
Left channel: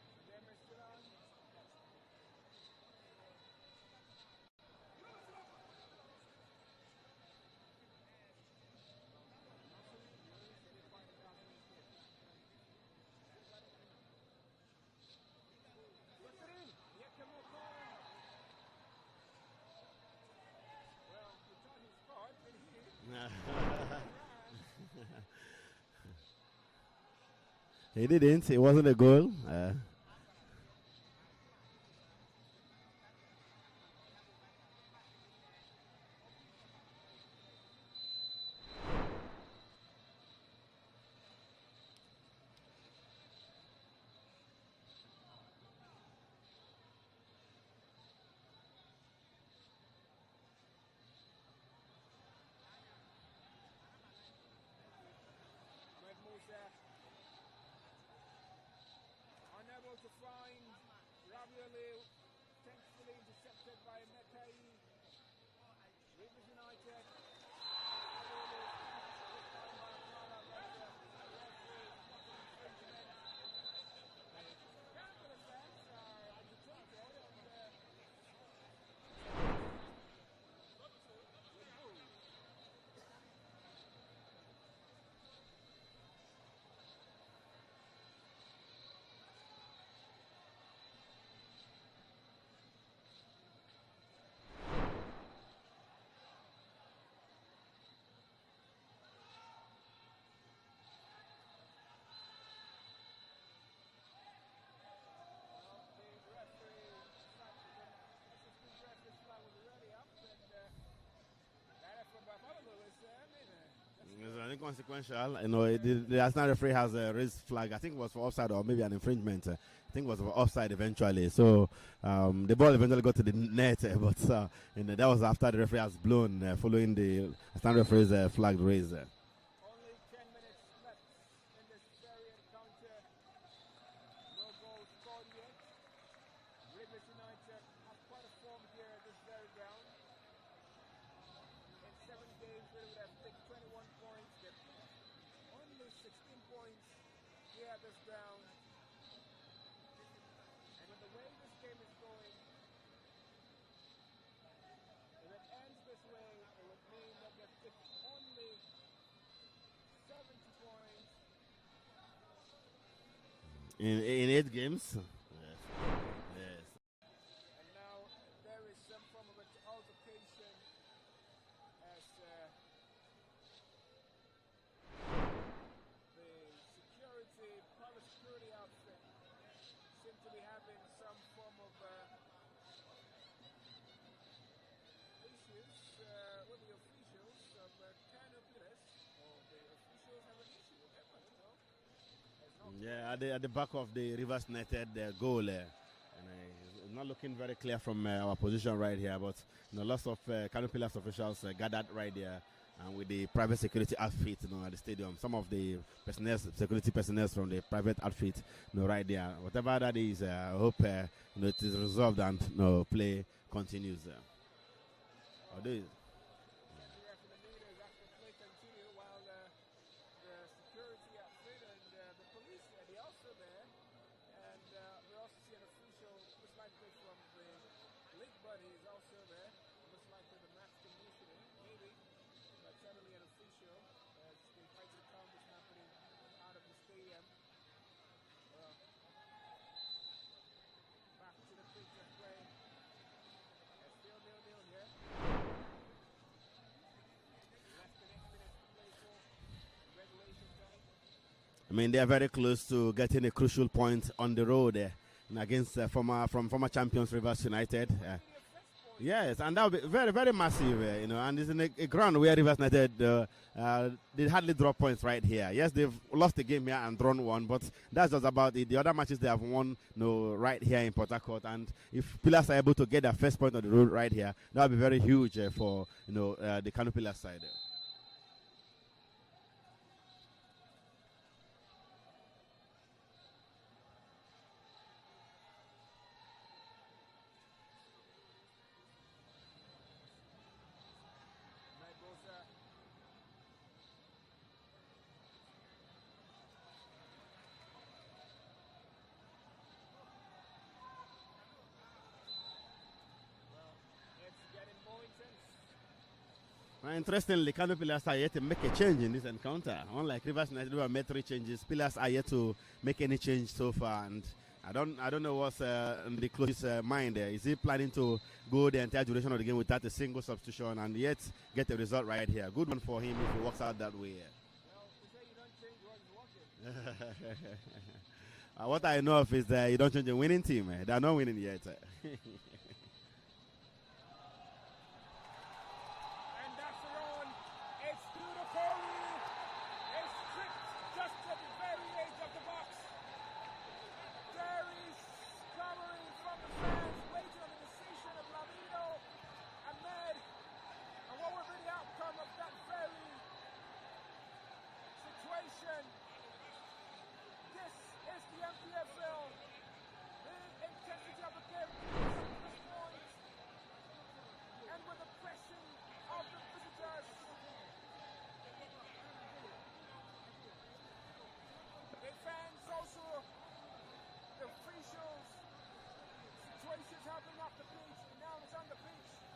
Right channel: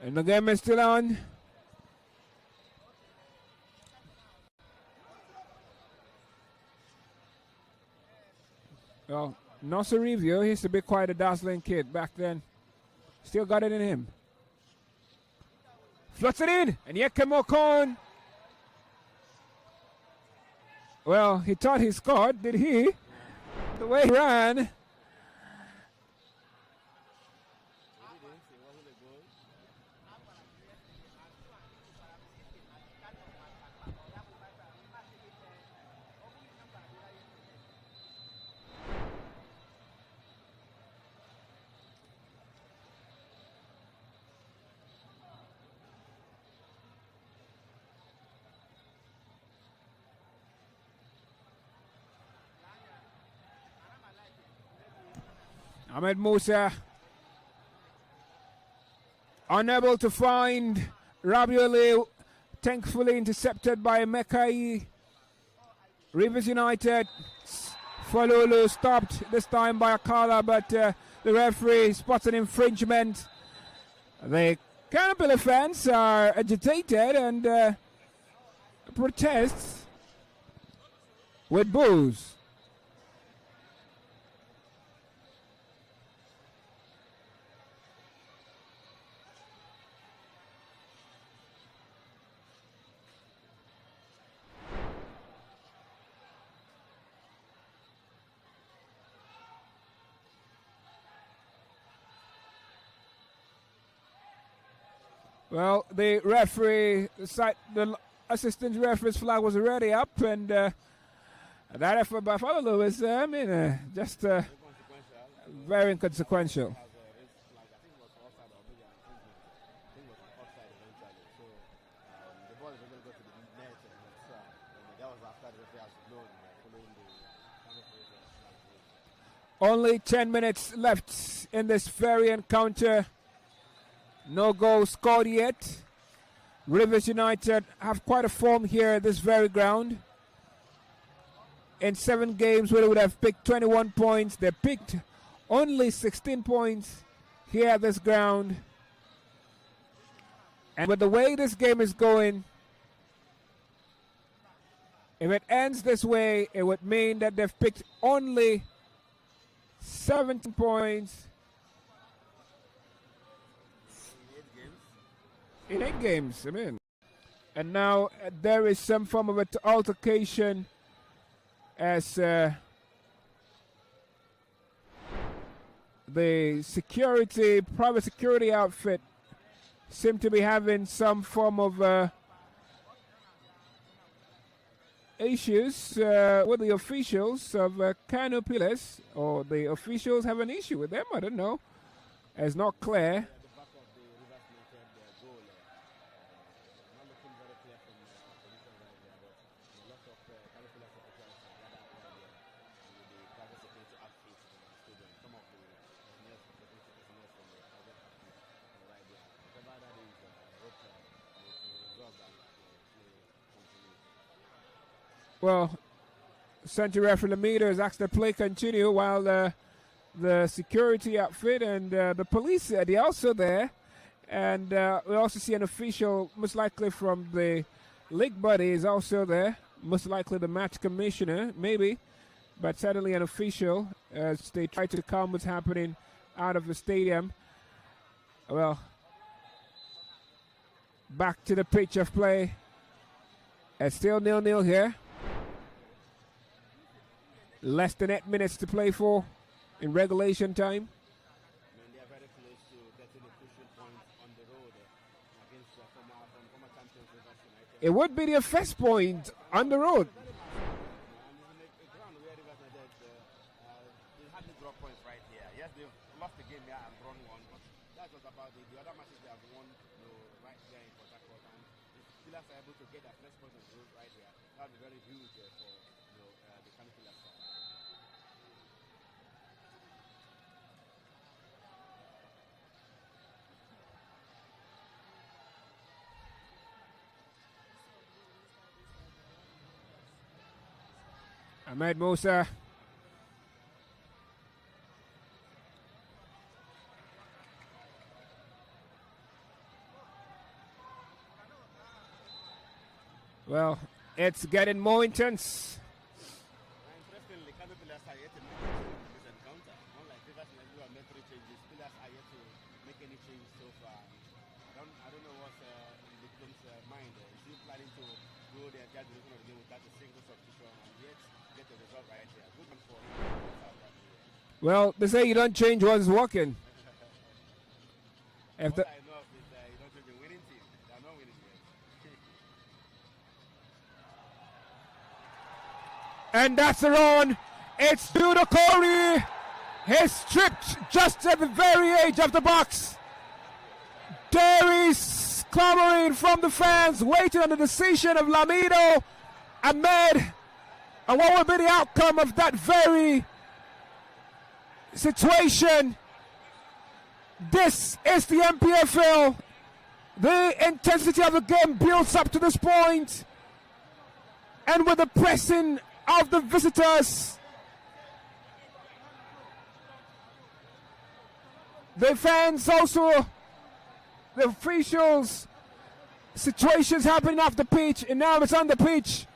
And the game is still on. Well, Nasser Review, he used to be quite a dazzling kid back then. Still got it in him. Floats it in, and yet Kemokon. Well, he thought he scored, did he? The way he ran. He didn't. It wasn't a goal. Ahmed Musa unable to find Rabioli, thankfully intercepted by Mekai. Rivers United, Falulu stopped this time by Akala, but the referee spots an infringement. The Canopilla fans are agitated and protests with boos. Well, the referee, the assistant referee's flag was already up, and that effort by Father Lewis, just inconsequential. You know, very the inconsequential. referee has a raised flag. I think it was for offside or maybe an infringement. I think it was for offside eventually. So the ball eventually got to the net, but that was after the referee has blown, following the stand referee's flag raised. Only 10 minutes left in this very encounter. No goal scored yet. Rivers United have quite a form here at this very ground. In 7 games where they would have picked 21 points, they picked only 16 points here at this ground. And with the way this game is going, if it ends this way, it would mean that they've picked only 17 points in 8 games. In 8 games, I mean. And now there is some form of an altercation as the private security outfit seem to be having some form of issues with the officials of KANO Pillars, or the officials have an issue with them, I don't know. It's not clear. At the back of the Rivers United goal, not looking very clear from our position right here, but lots of KANO Pillars officials gathered right there, and with the private security outfit at the stadium. Some of the security personnel from the private outfit right there. Whatever that is, I hope it is resolved and play continues. Well, Central Referee Lamida has asked the play continue while the security outfit and the police, they're also there. And we also see an official, most likely from the league body, is also there. Most likely the match commissioner, maybe. But certainly an official as they try to calm what's happening out of the stadium. Well, back to the pitch of play. It's still 0-0 here. Less than 8 minutes to play for in regulation time. I mean, they are very close to getting a crucial point on the road against former champions Rivers United. It would be their first point, yes, and on the road. Very, very massive, and it's in a ground where Rivers United they hardly draw points right here. Yes, they've lost the game here and drawn one, but that's just about it. The other matches they have won, right here in Port Harcourt, and if Pillars are able to get their first point on the road right here, that would be very huge for the KANO Pillars side. Ahmed Musa. Well, it's getting more intense. Interestingly, KANO Pillars are yet to make a change in this encounter. Unlike Rivers United, who have made 3 changes, Pillars are yet to make any change so far. And I don't know what's in the coach's mind there. Is he planning to go the entire duration of the game without a single substitution and yet get a result right here? Good one for him if he works out that way. Well, they say you don't change what's working. What I know of is that you don't change a winning team. They're not winning yet. And that's the run. It's to the Corey. He's stripped just at the very edge of the box. There is clamoring from the fans, waiting on the decision of Lamido Ahmed. And what will be the outcome of that very situation? This is the NPFL. The intensity of the game builds up to this point. And with the pressing of the visitors, the fans also, the officials, situations happening off the pitch, and now it's on the pitch.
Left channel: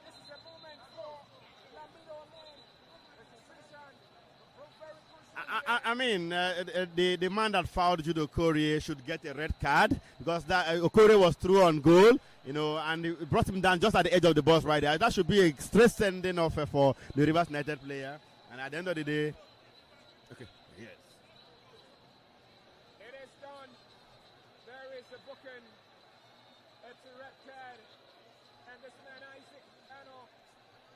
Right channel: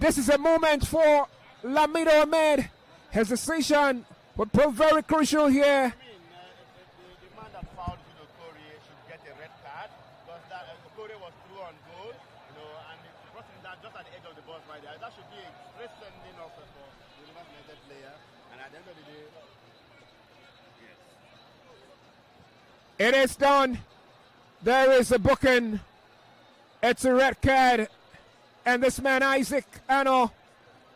This is a moment for Lamido Ahmed. His decision would prove very crucial here. I mean, the man that fouled Judo Okorie should get a red card because that Okorie was through on goal, and it brought him down just at the edge of the box right there. That should be a straight sending off for the Rivers United player. And at the end of the day, okay, yes. It is done. There is a booking. It's a red card. And this man, Isaac KANO,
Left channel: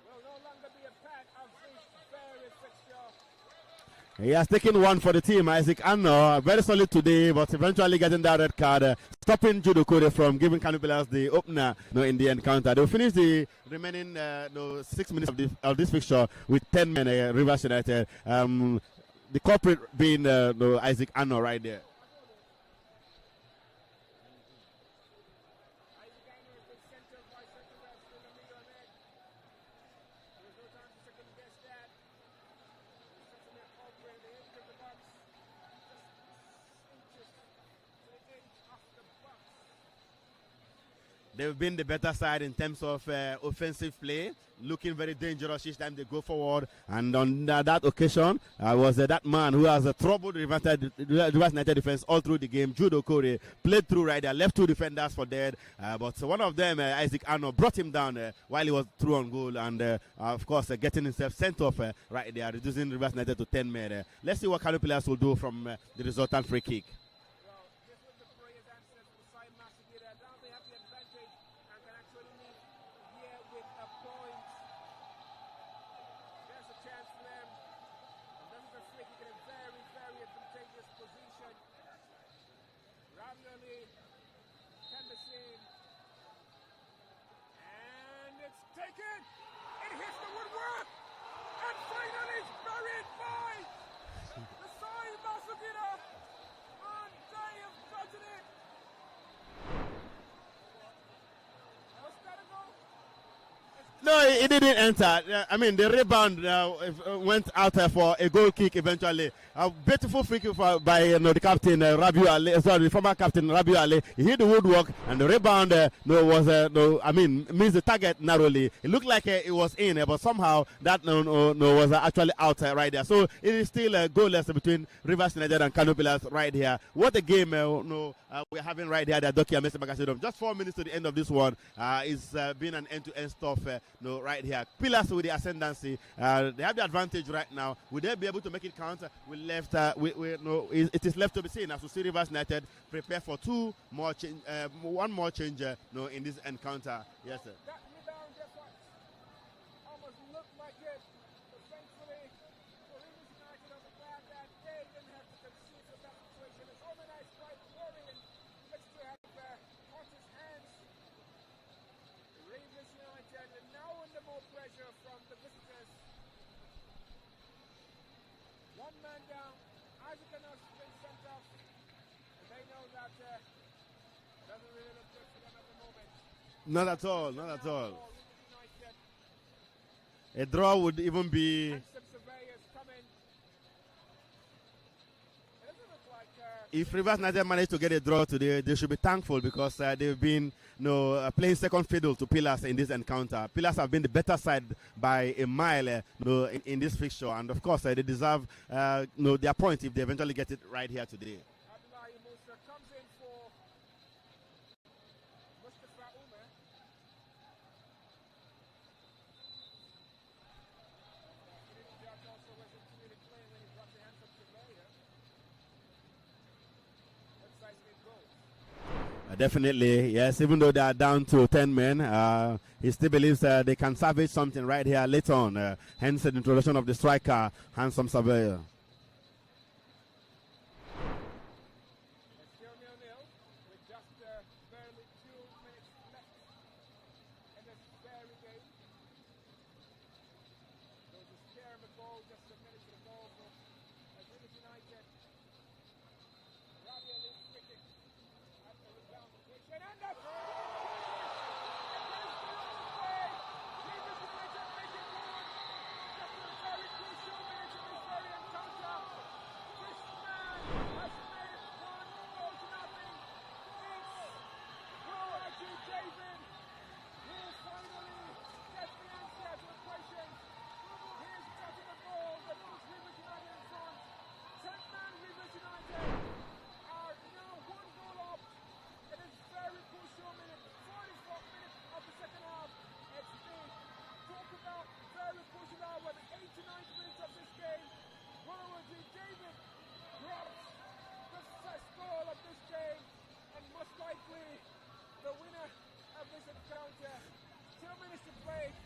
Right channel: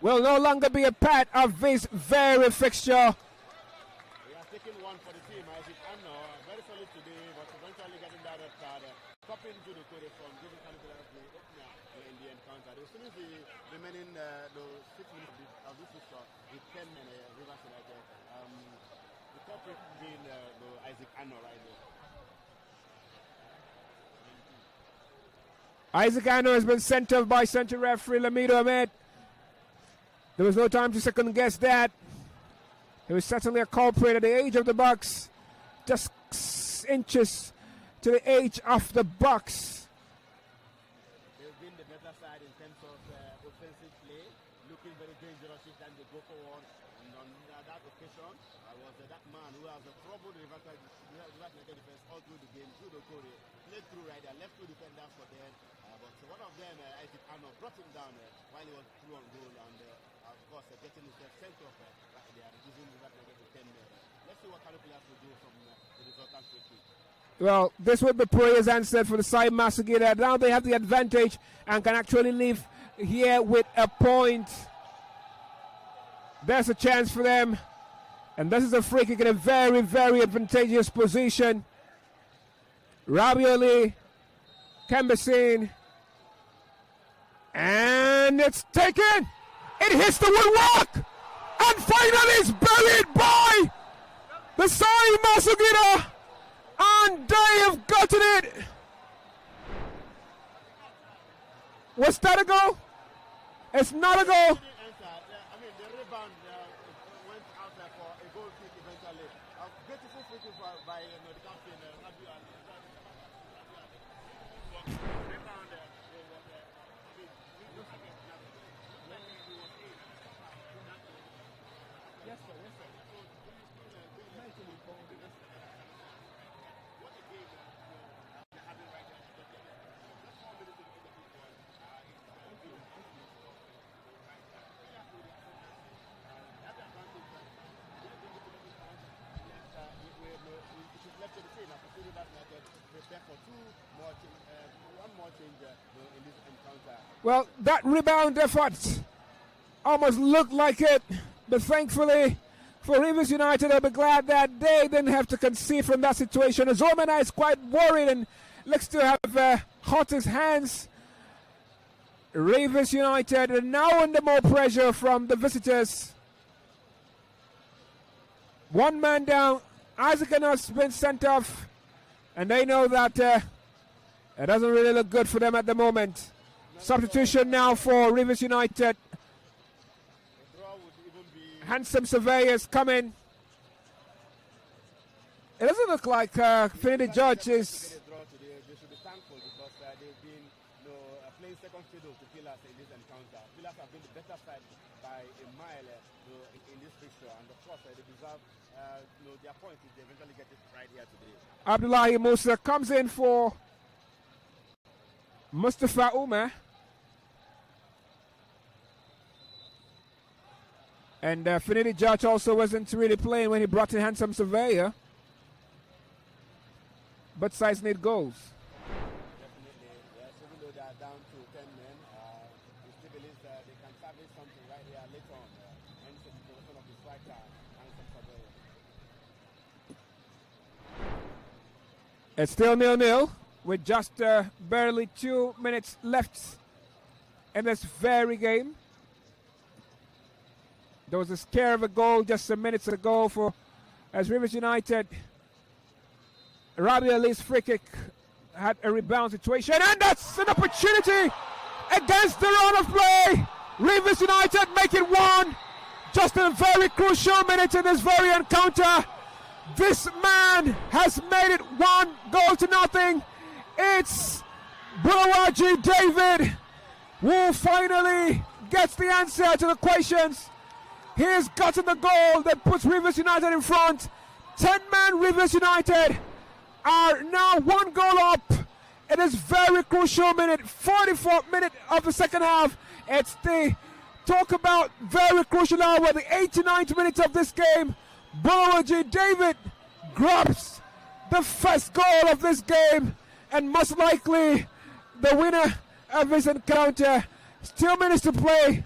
will no longer be a part of this very fixture. He has taken one for the team, Isaac KANO. Very solid today, but eventually getting that red card, stopping Judo Kore from giving KANO Pillars the opener in the encounter. They'll finish the remaining 6 minutes of this fixture with 10 men, Rivers United. The culprit being Isaac KANO right there. Isaac KANO has been sent off by central referee Lamido Ahmed. There was no time to second guess that. He was certainly a culprit at the edge of the box, just 6 inches to the edge of the box. They've been the better side in terms of offensive play, looking very dangerous each time they go forward. And on that occasion, was that man who has troubled the Rivers United defense all through the game. Judo Kore played through right there, left 2 defenders for dead. But one of them, Isaac KANO, brought him down while he was through on goal. And of course, getting himself sent off right there, reducing Rivers United to 10 men. Let's see what KANO players will do from the resultant free kick. Well, this would be prayers answered for the side Masagida. Now they have the advantage and can actually leave here with a point. There's a chance for them. And this is a free kick in a very, very advantageous position. Rabioli can be seen. And it's taken. It hits the woodwork. And finally it's buried by the side Masagida. And they have gotten it. Was that a goal? It's not a goal. It didn't enter. I mean, the rebound went out for a goal kick eventually. A beautiful free kick by the captain, Rabiu Ali, sorry, the former captain, Rabiu Ali. He hit the woodwork and the rebound missed the target narrowly. It looked like it was in, but somehow that was actually out right there. So it is still goalless between Rivers United and KANO Pillars right here. What a game we're having right here at Dokia Messi Stadium. Just 4 minutes to the end of this one. It's been an end-to-end stuff right here. Pillars with the ascendancy. They have the advantage right now. Will they be able to make it count? It is left to be seen as we see Rivers United prepare for one more change in this encounter. Well, that rebound effort almost looked like it, but thankfully for Rivers United, I'll be glad that they didn't have to concede from that situation. As Romana is quite worried and looks to have hot his hands. Rivers United are now under more pressure from the visitors. One man down. Isaac KANO has been sent off. And they know that it doesn't really look good for them at the moment. Substitution now for Rivers United. A draw would even be... Handsome surveyors coming. It doesn't look like if Rivers United managed to get a draw today, they should be thankful because they've been playing second fiddle to Pillars in this encounter. Pillars have been the better side by a mile in this fixture, and of course they deserve their point if they eventually get it right here today. Abdullahi Musa comes in for Mustafa Umar. And Finidi Judge also wasn't really playing when he brought in Handsome Surveyor. Both sides need goals. Definitely, yes. Even though they are down to 10 men, he still believes they can salvage something right here later on. Hence the introduction of the striker, Handsome Surveyor. It's still 0-0 with just barely 2 minutes left in this very game. There was a scare of a goal just some minutes ago for as Rivers United. Rabi Ali's free kick had a rebound situation, and that's an opportunity against the run of play. Rivers United make it 1 just in a very crucial minute in this very encounter. This man has made it 1-0. It's Bulawaji David who finally gets the answer to the questions. He's gotten the goal that puts Rivers United in front. 10-man Rivers United are now 1 goal up. It is very crucial minute, 44th minute of the second half. It's the talk about very crucial hour, the 89th minute of this game. Bulawaji David grabs the first goal of this game and most likely the winner of this encounter. Still minutes to play,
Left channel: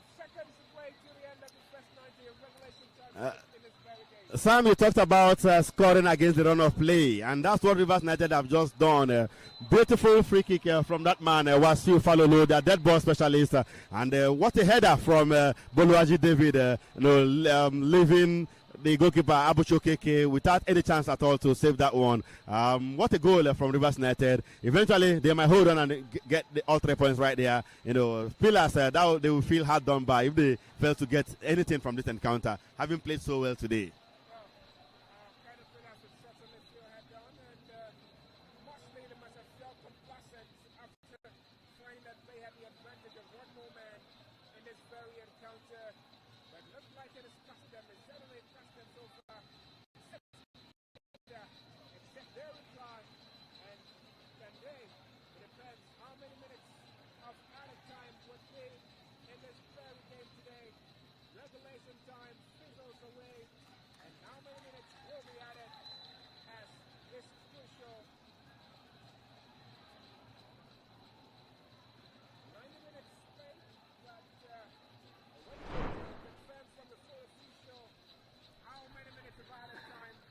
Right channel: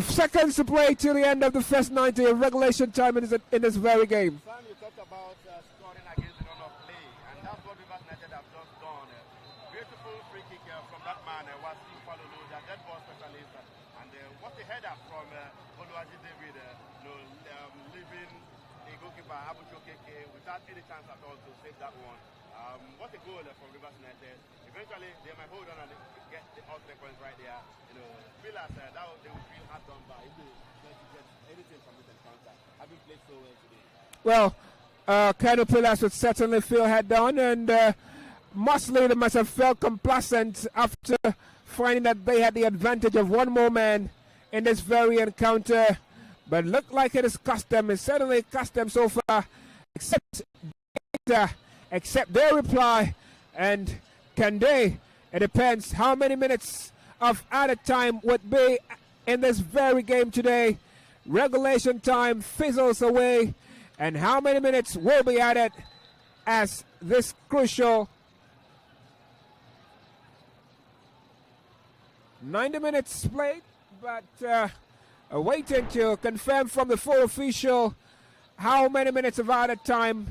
seconds to play till the end of the first 90 of regulation time in this very game. Sam, you talked about scoring against the run of play, and that's what Rivers United have just done. Beautiful free kick from that man, Wasiu Falolo, the dead ball specialist, and what a header from Boluaji David, leaving the goalkeeper Abucho Keke without any chance at all to save that one. What a goal from Rivers United. Eventually, they might hold on and get all 3 points right there. Pillars, that they will feel hard done by if they fail to get anything from this encounter, having played so well today. Well, KANO Pillars would certainly feel hard done, and mostly they must have felt complacent after finding that they had the advantage of one more man in this very encounter. But look like it has cost them. It certainly cost them so far, except their reply. And can they? It depends how many minutes of added time would be in this very game today. Regulation time fizzles away, and how many minutes will be added as this crucial 90 minutes played, but waiting to confirm from the full official how many minutes of added time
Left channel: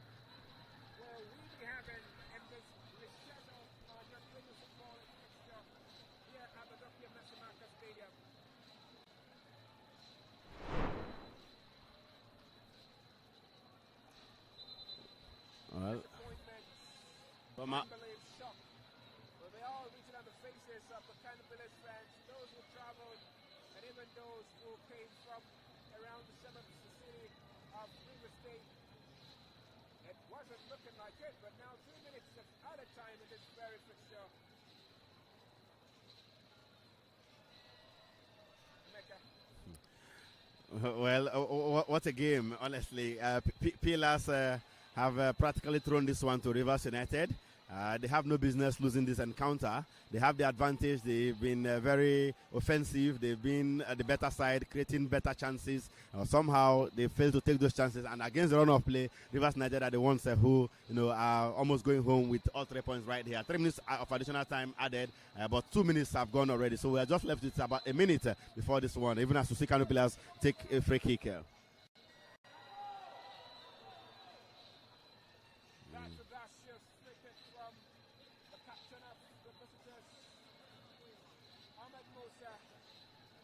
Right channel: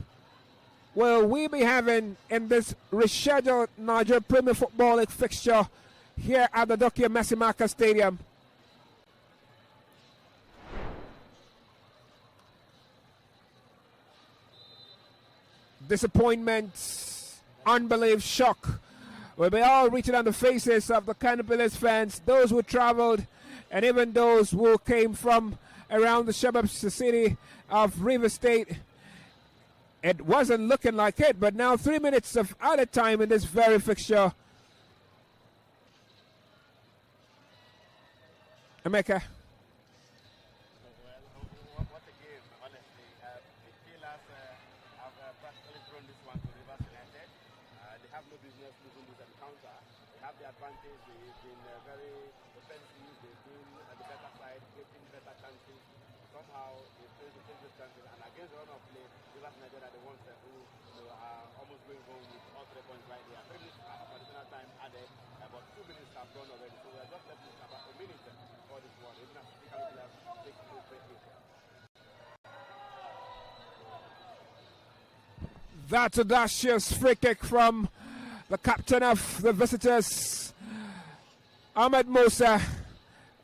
will we be having in this rescheduled Nigerian Premier Football League fixture here at the Dr. Messimaka Stadium. Disappointment, unbelief, shock will be all written on the faces of the KANO Pillars fans, those who traveled and even those who came from around the suburbs, the city of River State. It wasn't looking like it, but now 3 minutes of added time in this very fixture. Emeka. Well, what a game, honestly. Pillars have practically thrown this one to Rivers United. They have no business losing this encounter. They have the advantage. They've been very offensive. They've been at the better side, creating better chances. Somehow they fail to take those chances. And against the run of play, Rivers United are the ones who are almost going home with all 3 points right here. 3 minutes of additional time added, but 2 minutes have gone already. So we are just left with about a minute before this one, even as we see KANO Pillars take a free kick. That's a audacious free kick from the captain of the visitors, Ahmed Musa.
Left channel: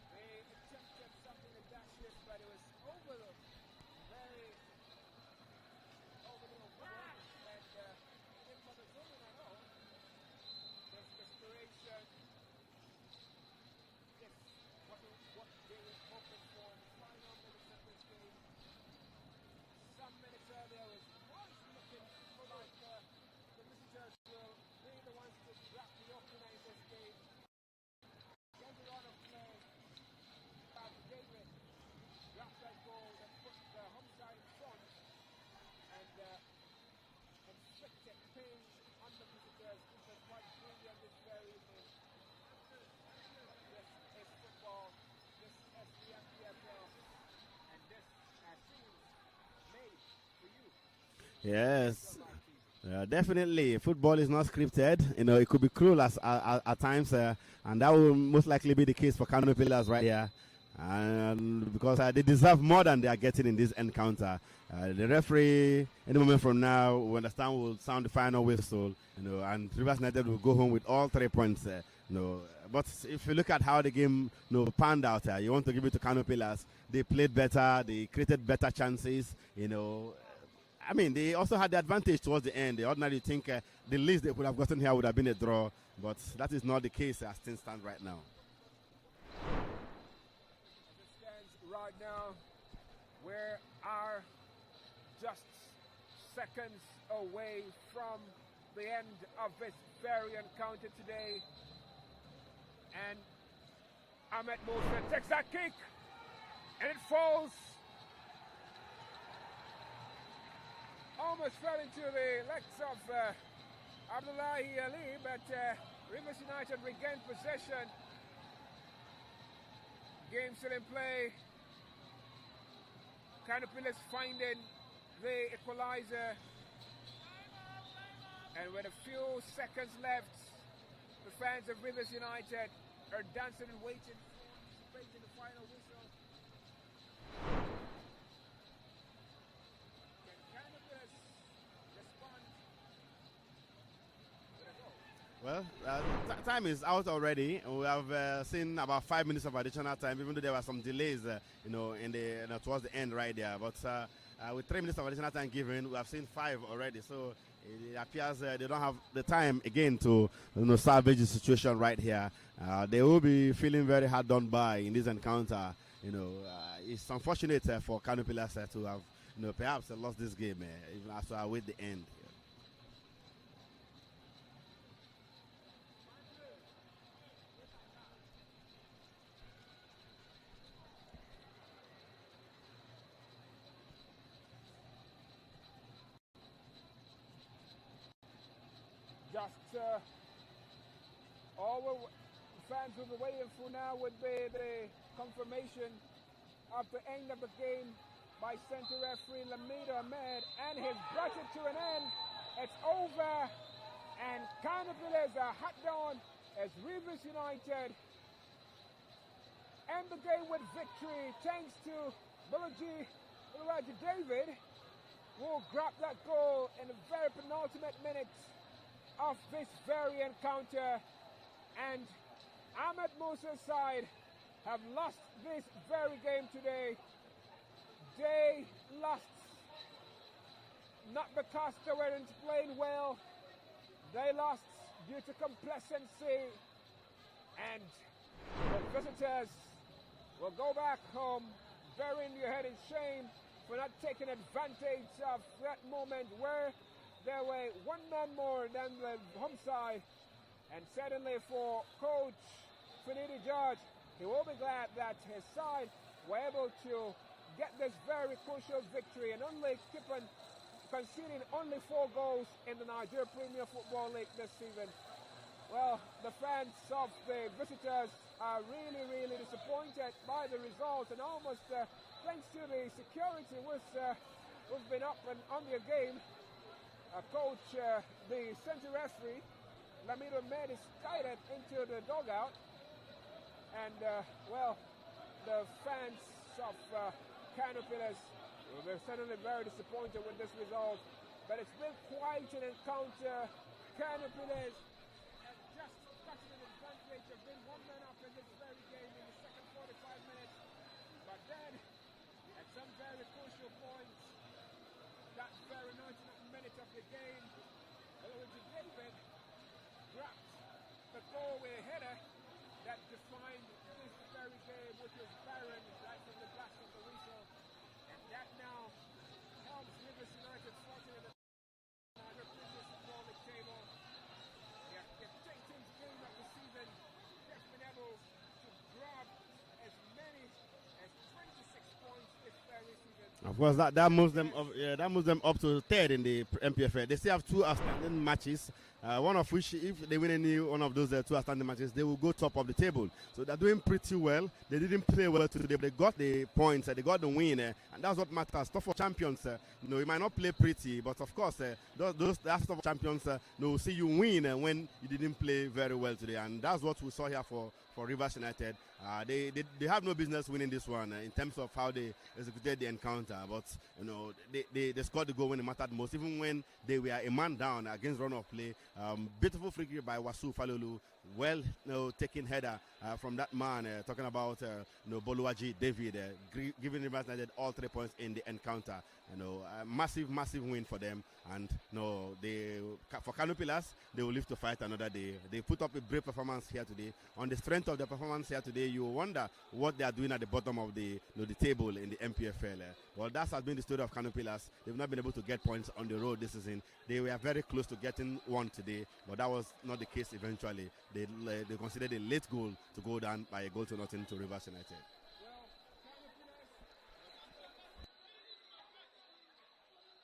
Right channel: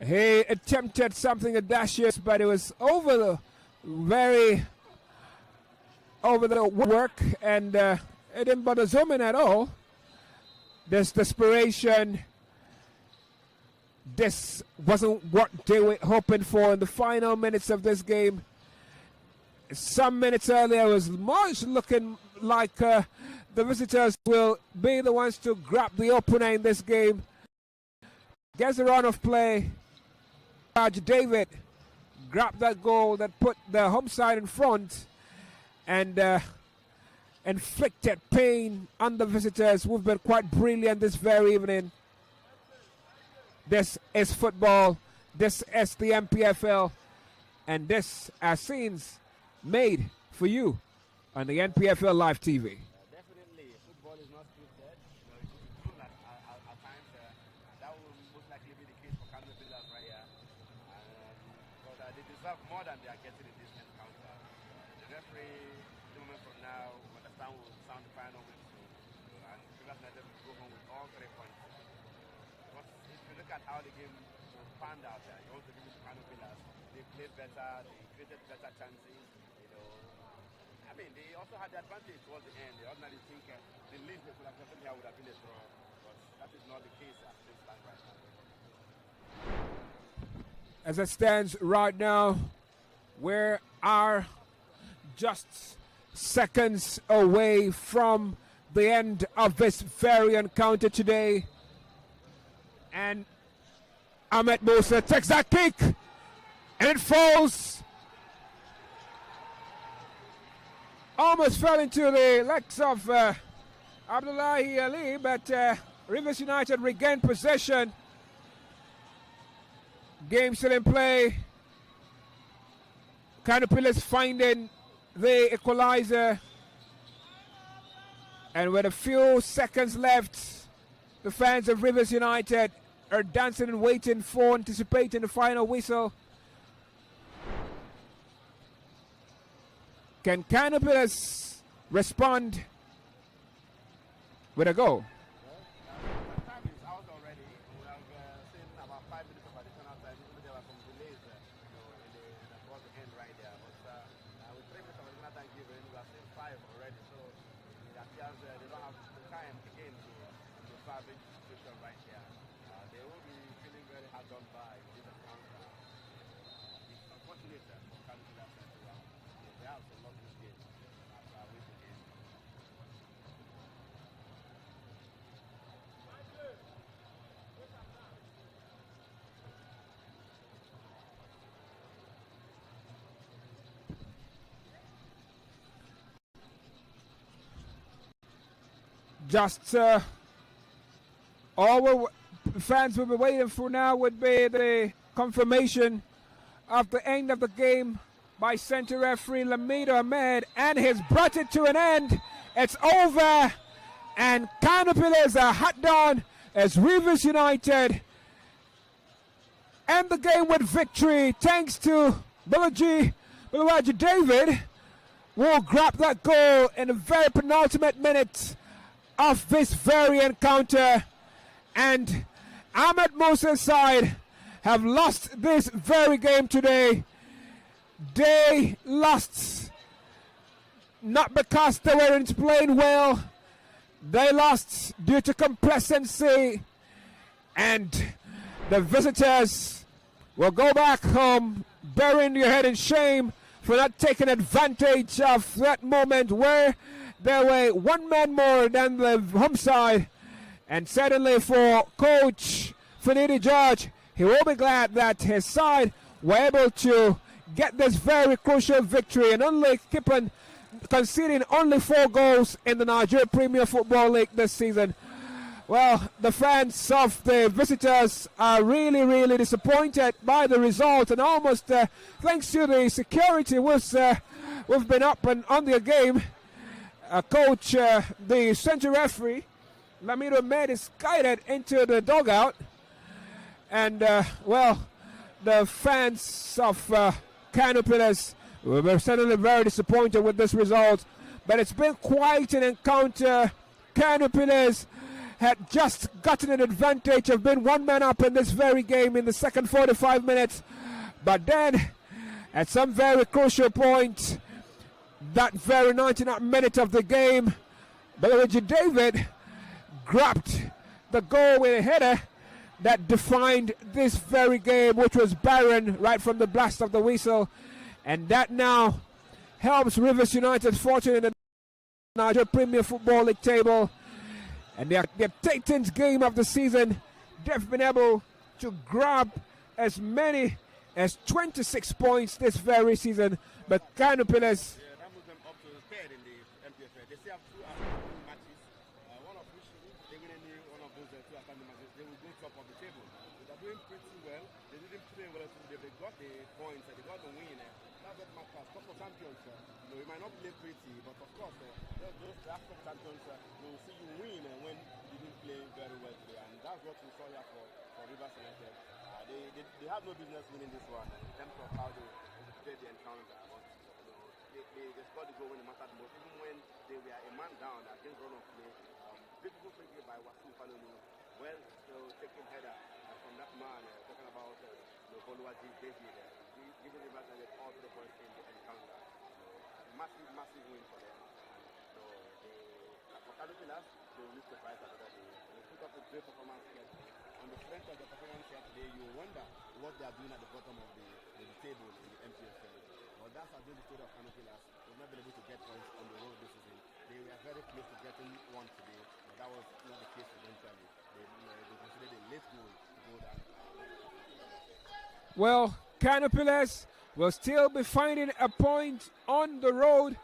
He attempted something audacious, but it was over the work, and it didn't bother zoom in at all. This desperation, this wasn't what they were hoping for in the final minutes of this game. Some minutes earlier was much looking like the visitors will be the ones to grab the opener in this game. Gets the run of play. David grabbed that goal that put the home side in front and inflicted pain on the visitors, who've been quite brilliant this very evening. This is football. This is the NPFL. And this are scenes made for you on the NPFL Live TV. Definitely, football is not scripted. It could be cruel at times, and that will most likely be the case for KANO Pillars right here, and because they deserve more than they are getting in this encounter. The referee, any moment from now, we understand, will sound the final whistle, and Rivers United will go home with all 3 points. But if you look at how the game panned out, you want to give it to KANO Pillars. They played better. They created better chances. I mean, they also had the advantage towards the end. They ordinarily think the least they could have gotten here would have been a draw, but that is not the case as things stand right now. As it stands right now, we are just seconds away from the end of this very encounter today. And Ahmed Musa takes that kick, and it falls. Almost fell into the legs of Abdullahi Ali, but Rivers United regained possession. Game still in play. KANO Pillars finding the equalizer. And with a few seconds left, the fans of Rivers United are dancing and waiting for, anticipating the final whistle. Can KANO respond with a goal? Well, time is out already. We have seen about 5 minutes of additional time, even though there were some delays, in the towards the end right there. But with 3 minutes of additional time given, we have seen 5 already. So it appears they don't have the time again to salvage the situation right here. They will be feeling very hard done by in this encounter. It's unfortunate for KANO Pillars to have perhaps lost this game even after I wait the end. Just all fans will be waiting for now would be the confirmation of the end of the game by center referee Lamido Ahmed, and he's brought it to an end. It's over, and KANO Pillars are hot down as Rivers United end the game with victory thanks to Bulaji David, who grabbed that goal in the very penultimate minute of this very encounter. And Ahmed Musa's side have lost this very game today. They lost not because they weren't playing well. They lost due to complacency, and the visitors will go back home burying your head in shame for not taking advantage of that moment where they were one man more than the home side. And certainly for Coach Finidi George, he will be glad that his side were able to get this very crucial victory and only keep on conceding only 4 goals in the Nigerian Premier Football League this season. Well, the fans of the visitors are really, really disappointed by the result, and almost thanks to the security we've been up and on the game. Coach, the center referee, Lamido Ahmed, is guided into the dugout. And, the fans of KANO Pillars were certainly very disappointed with this result. But it's been quite an encounter. KANO Pillars had just gotten an advantage of being one man up in this very game in the second 45 minutes. But then, at some very crucial point, that very 99th minute of the game, Bulaji David grabbed the goal with a header that defined this very game, which was barren right from the blast of the whistle. And that now helps Rivers United fortune in the Nigerian Premier Football League table. And their Titans game of the season, they've been able to grab as many as 26 points this very season. But that moves them up to 3rd in the NPFL. They still have 2 outstanding matches, one of which, if they win any one of those 2 outstanding matches, they will go top of the table. So they're doing pretty well. They didn't play well today, but they got the points, they got the win, and that's what matters. Stuff for champions, you might not play pretty, but of course, those stuff for champions, will see you win when you didn't play very well today, and that's what we saw here for Rivers United. They have no business winning this one in terms of how they executed the encounter, but they scored the goal when it mattered most, even when they were a man down against run of play. Beautiful free kick by Wasu Falolu, well taken header from that man, talking about Boluwaji David, giving Rivers United all 3 points in the encounter. Massive win for them, and for KANO Pillars, they will live to fight another day. They put up a great performance here today. On the strength of the performance here today, you wonder what they are doing at the bottom of the table in the NPFL. Well, that has been the story of KANO Pillars. They've not been able to get points on the road this season. They were very close to getting one today, but that was not the case eventually. They considered a late goal to go down by a goal to nothing to Rivers United. Well, KANO Pillars will still be finding a point on the road.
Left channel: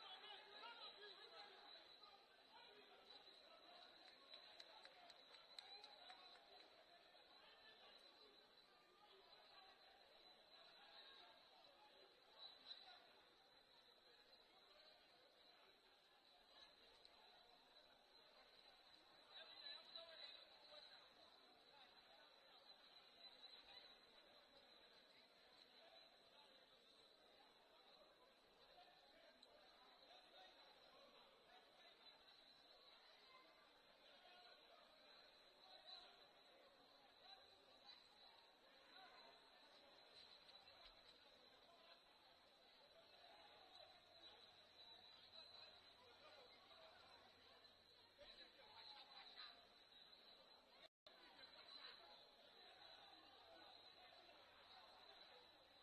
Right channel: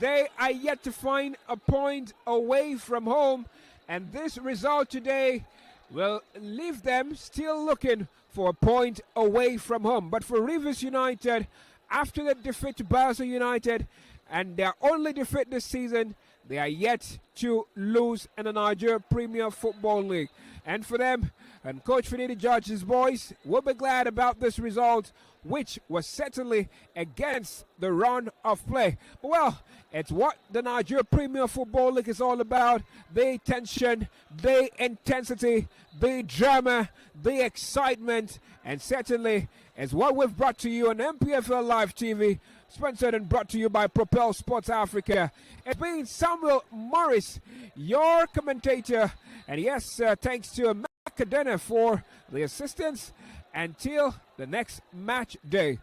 They are yet to find a point away from home, and this result today will leave them still looking for a point away from home. But for Rivers United, after the defeat to Basel United, and their only defeat this season, they are yet to lose in the Nigerian Premier Football League. And for them, and Coach Finidi George's boys will be glad about this result, which was certainly against the run of play. But well, it's what the Nigerian Premier Football League is all about. The tension, the intensity, the drama, the excitement, and certainly is what we've brought to you on NPFL Live TV, sponsored and brought to you by Propel Sports Africa. It's been Samuel Morris, your commentator, and yes, thanks to Macadena for the assistance. Until the next match day,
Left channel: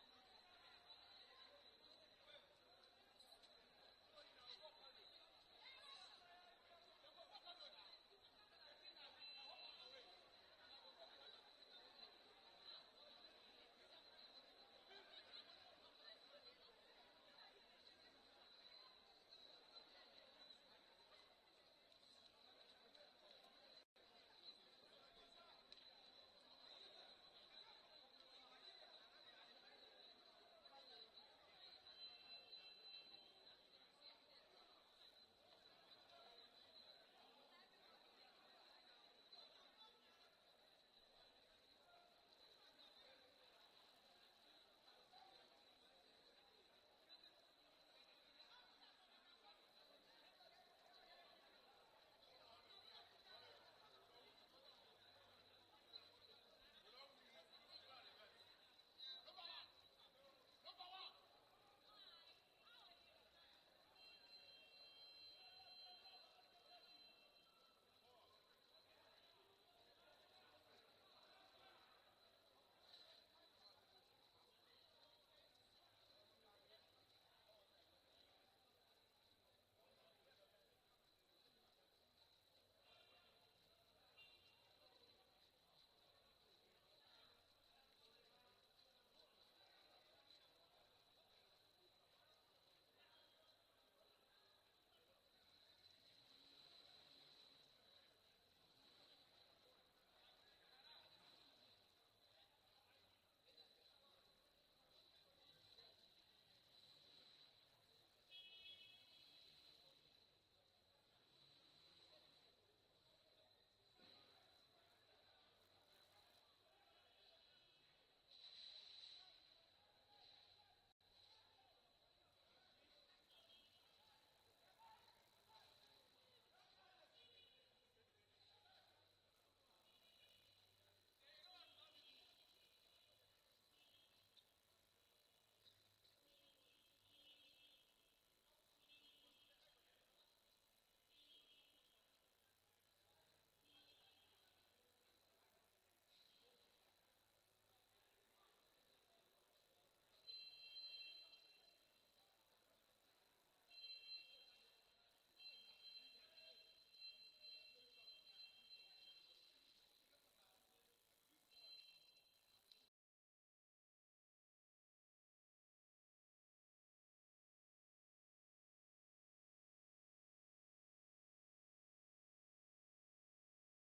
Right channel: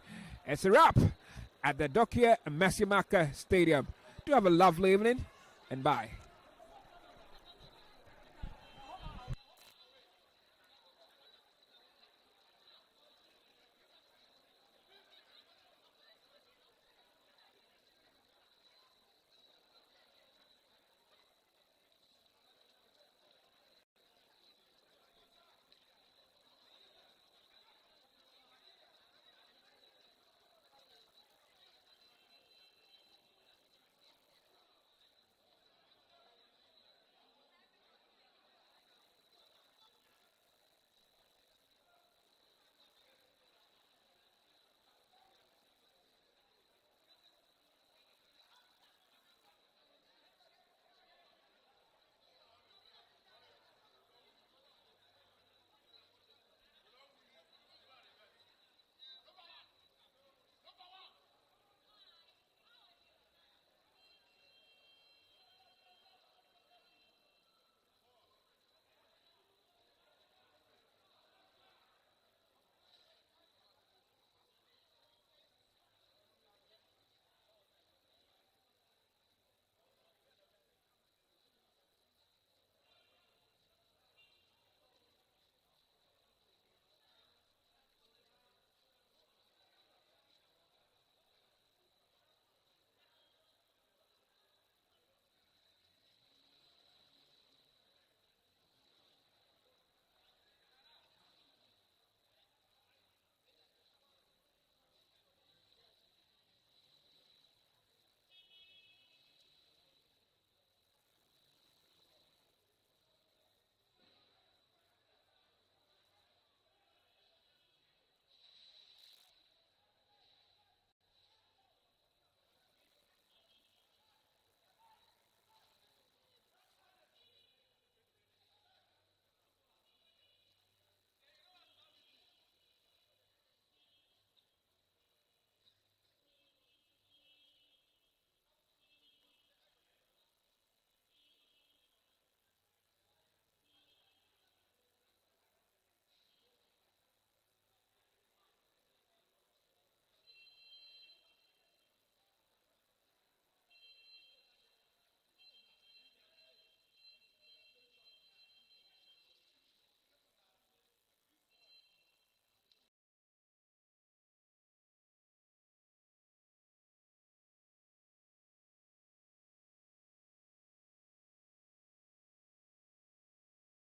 it's a wrap at the Dokia Masimaka Stadium. Do have a lovely evening, and bye.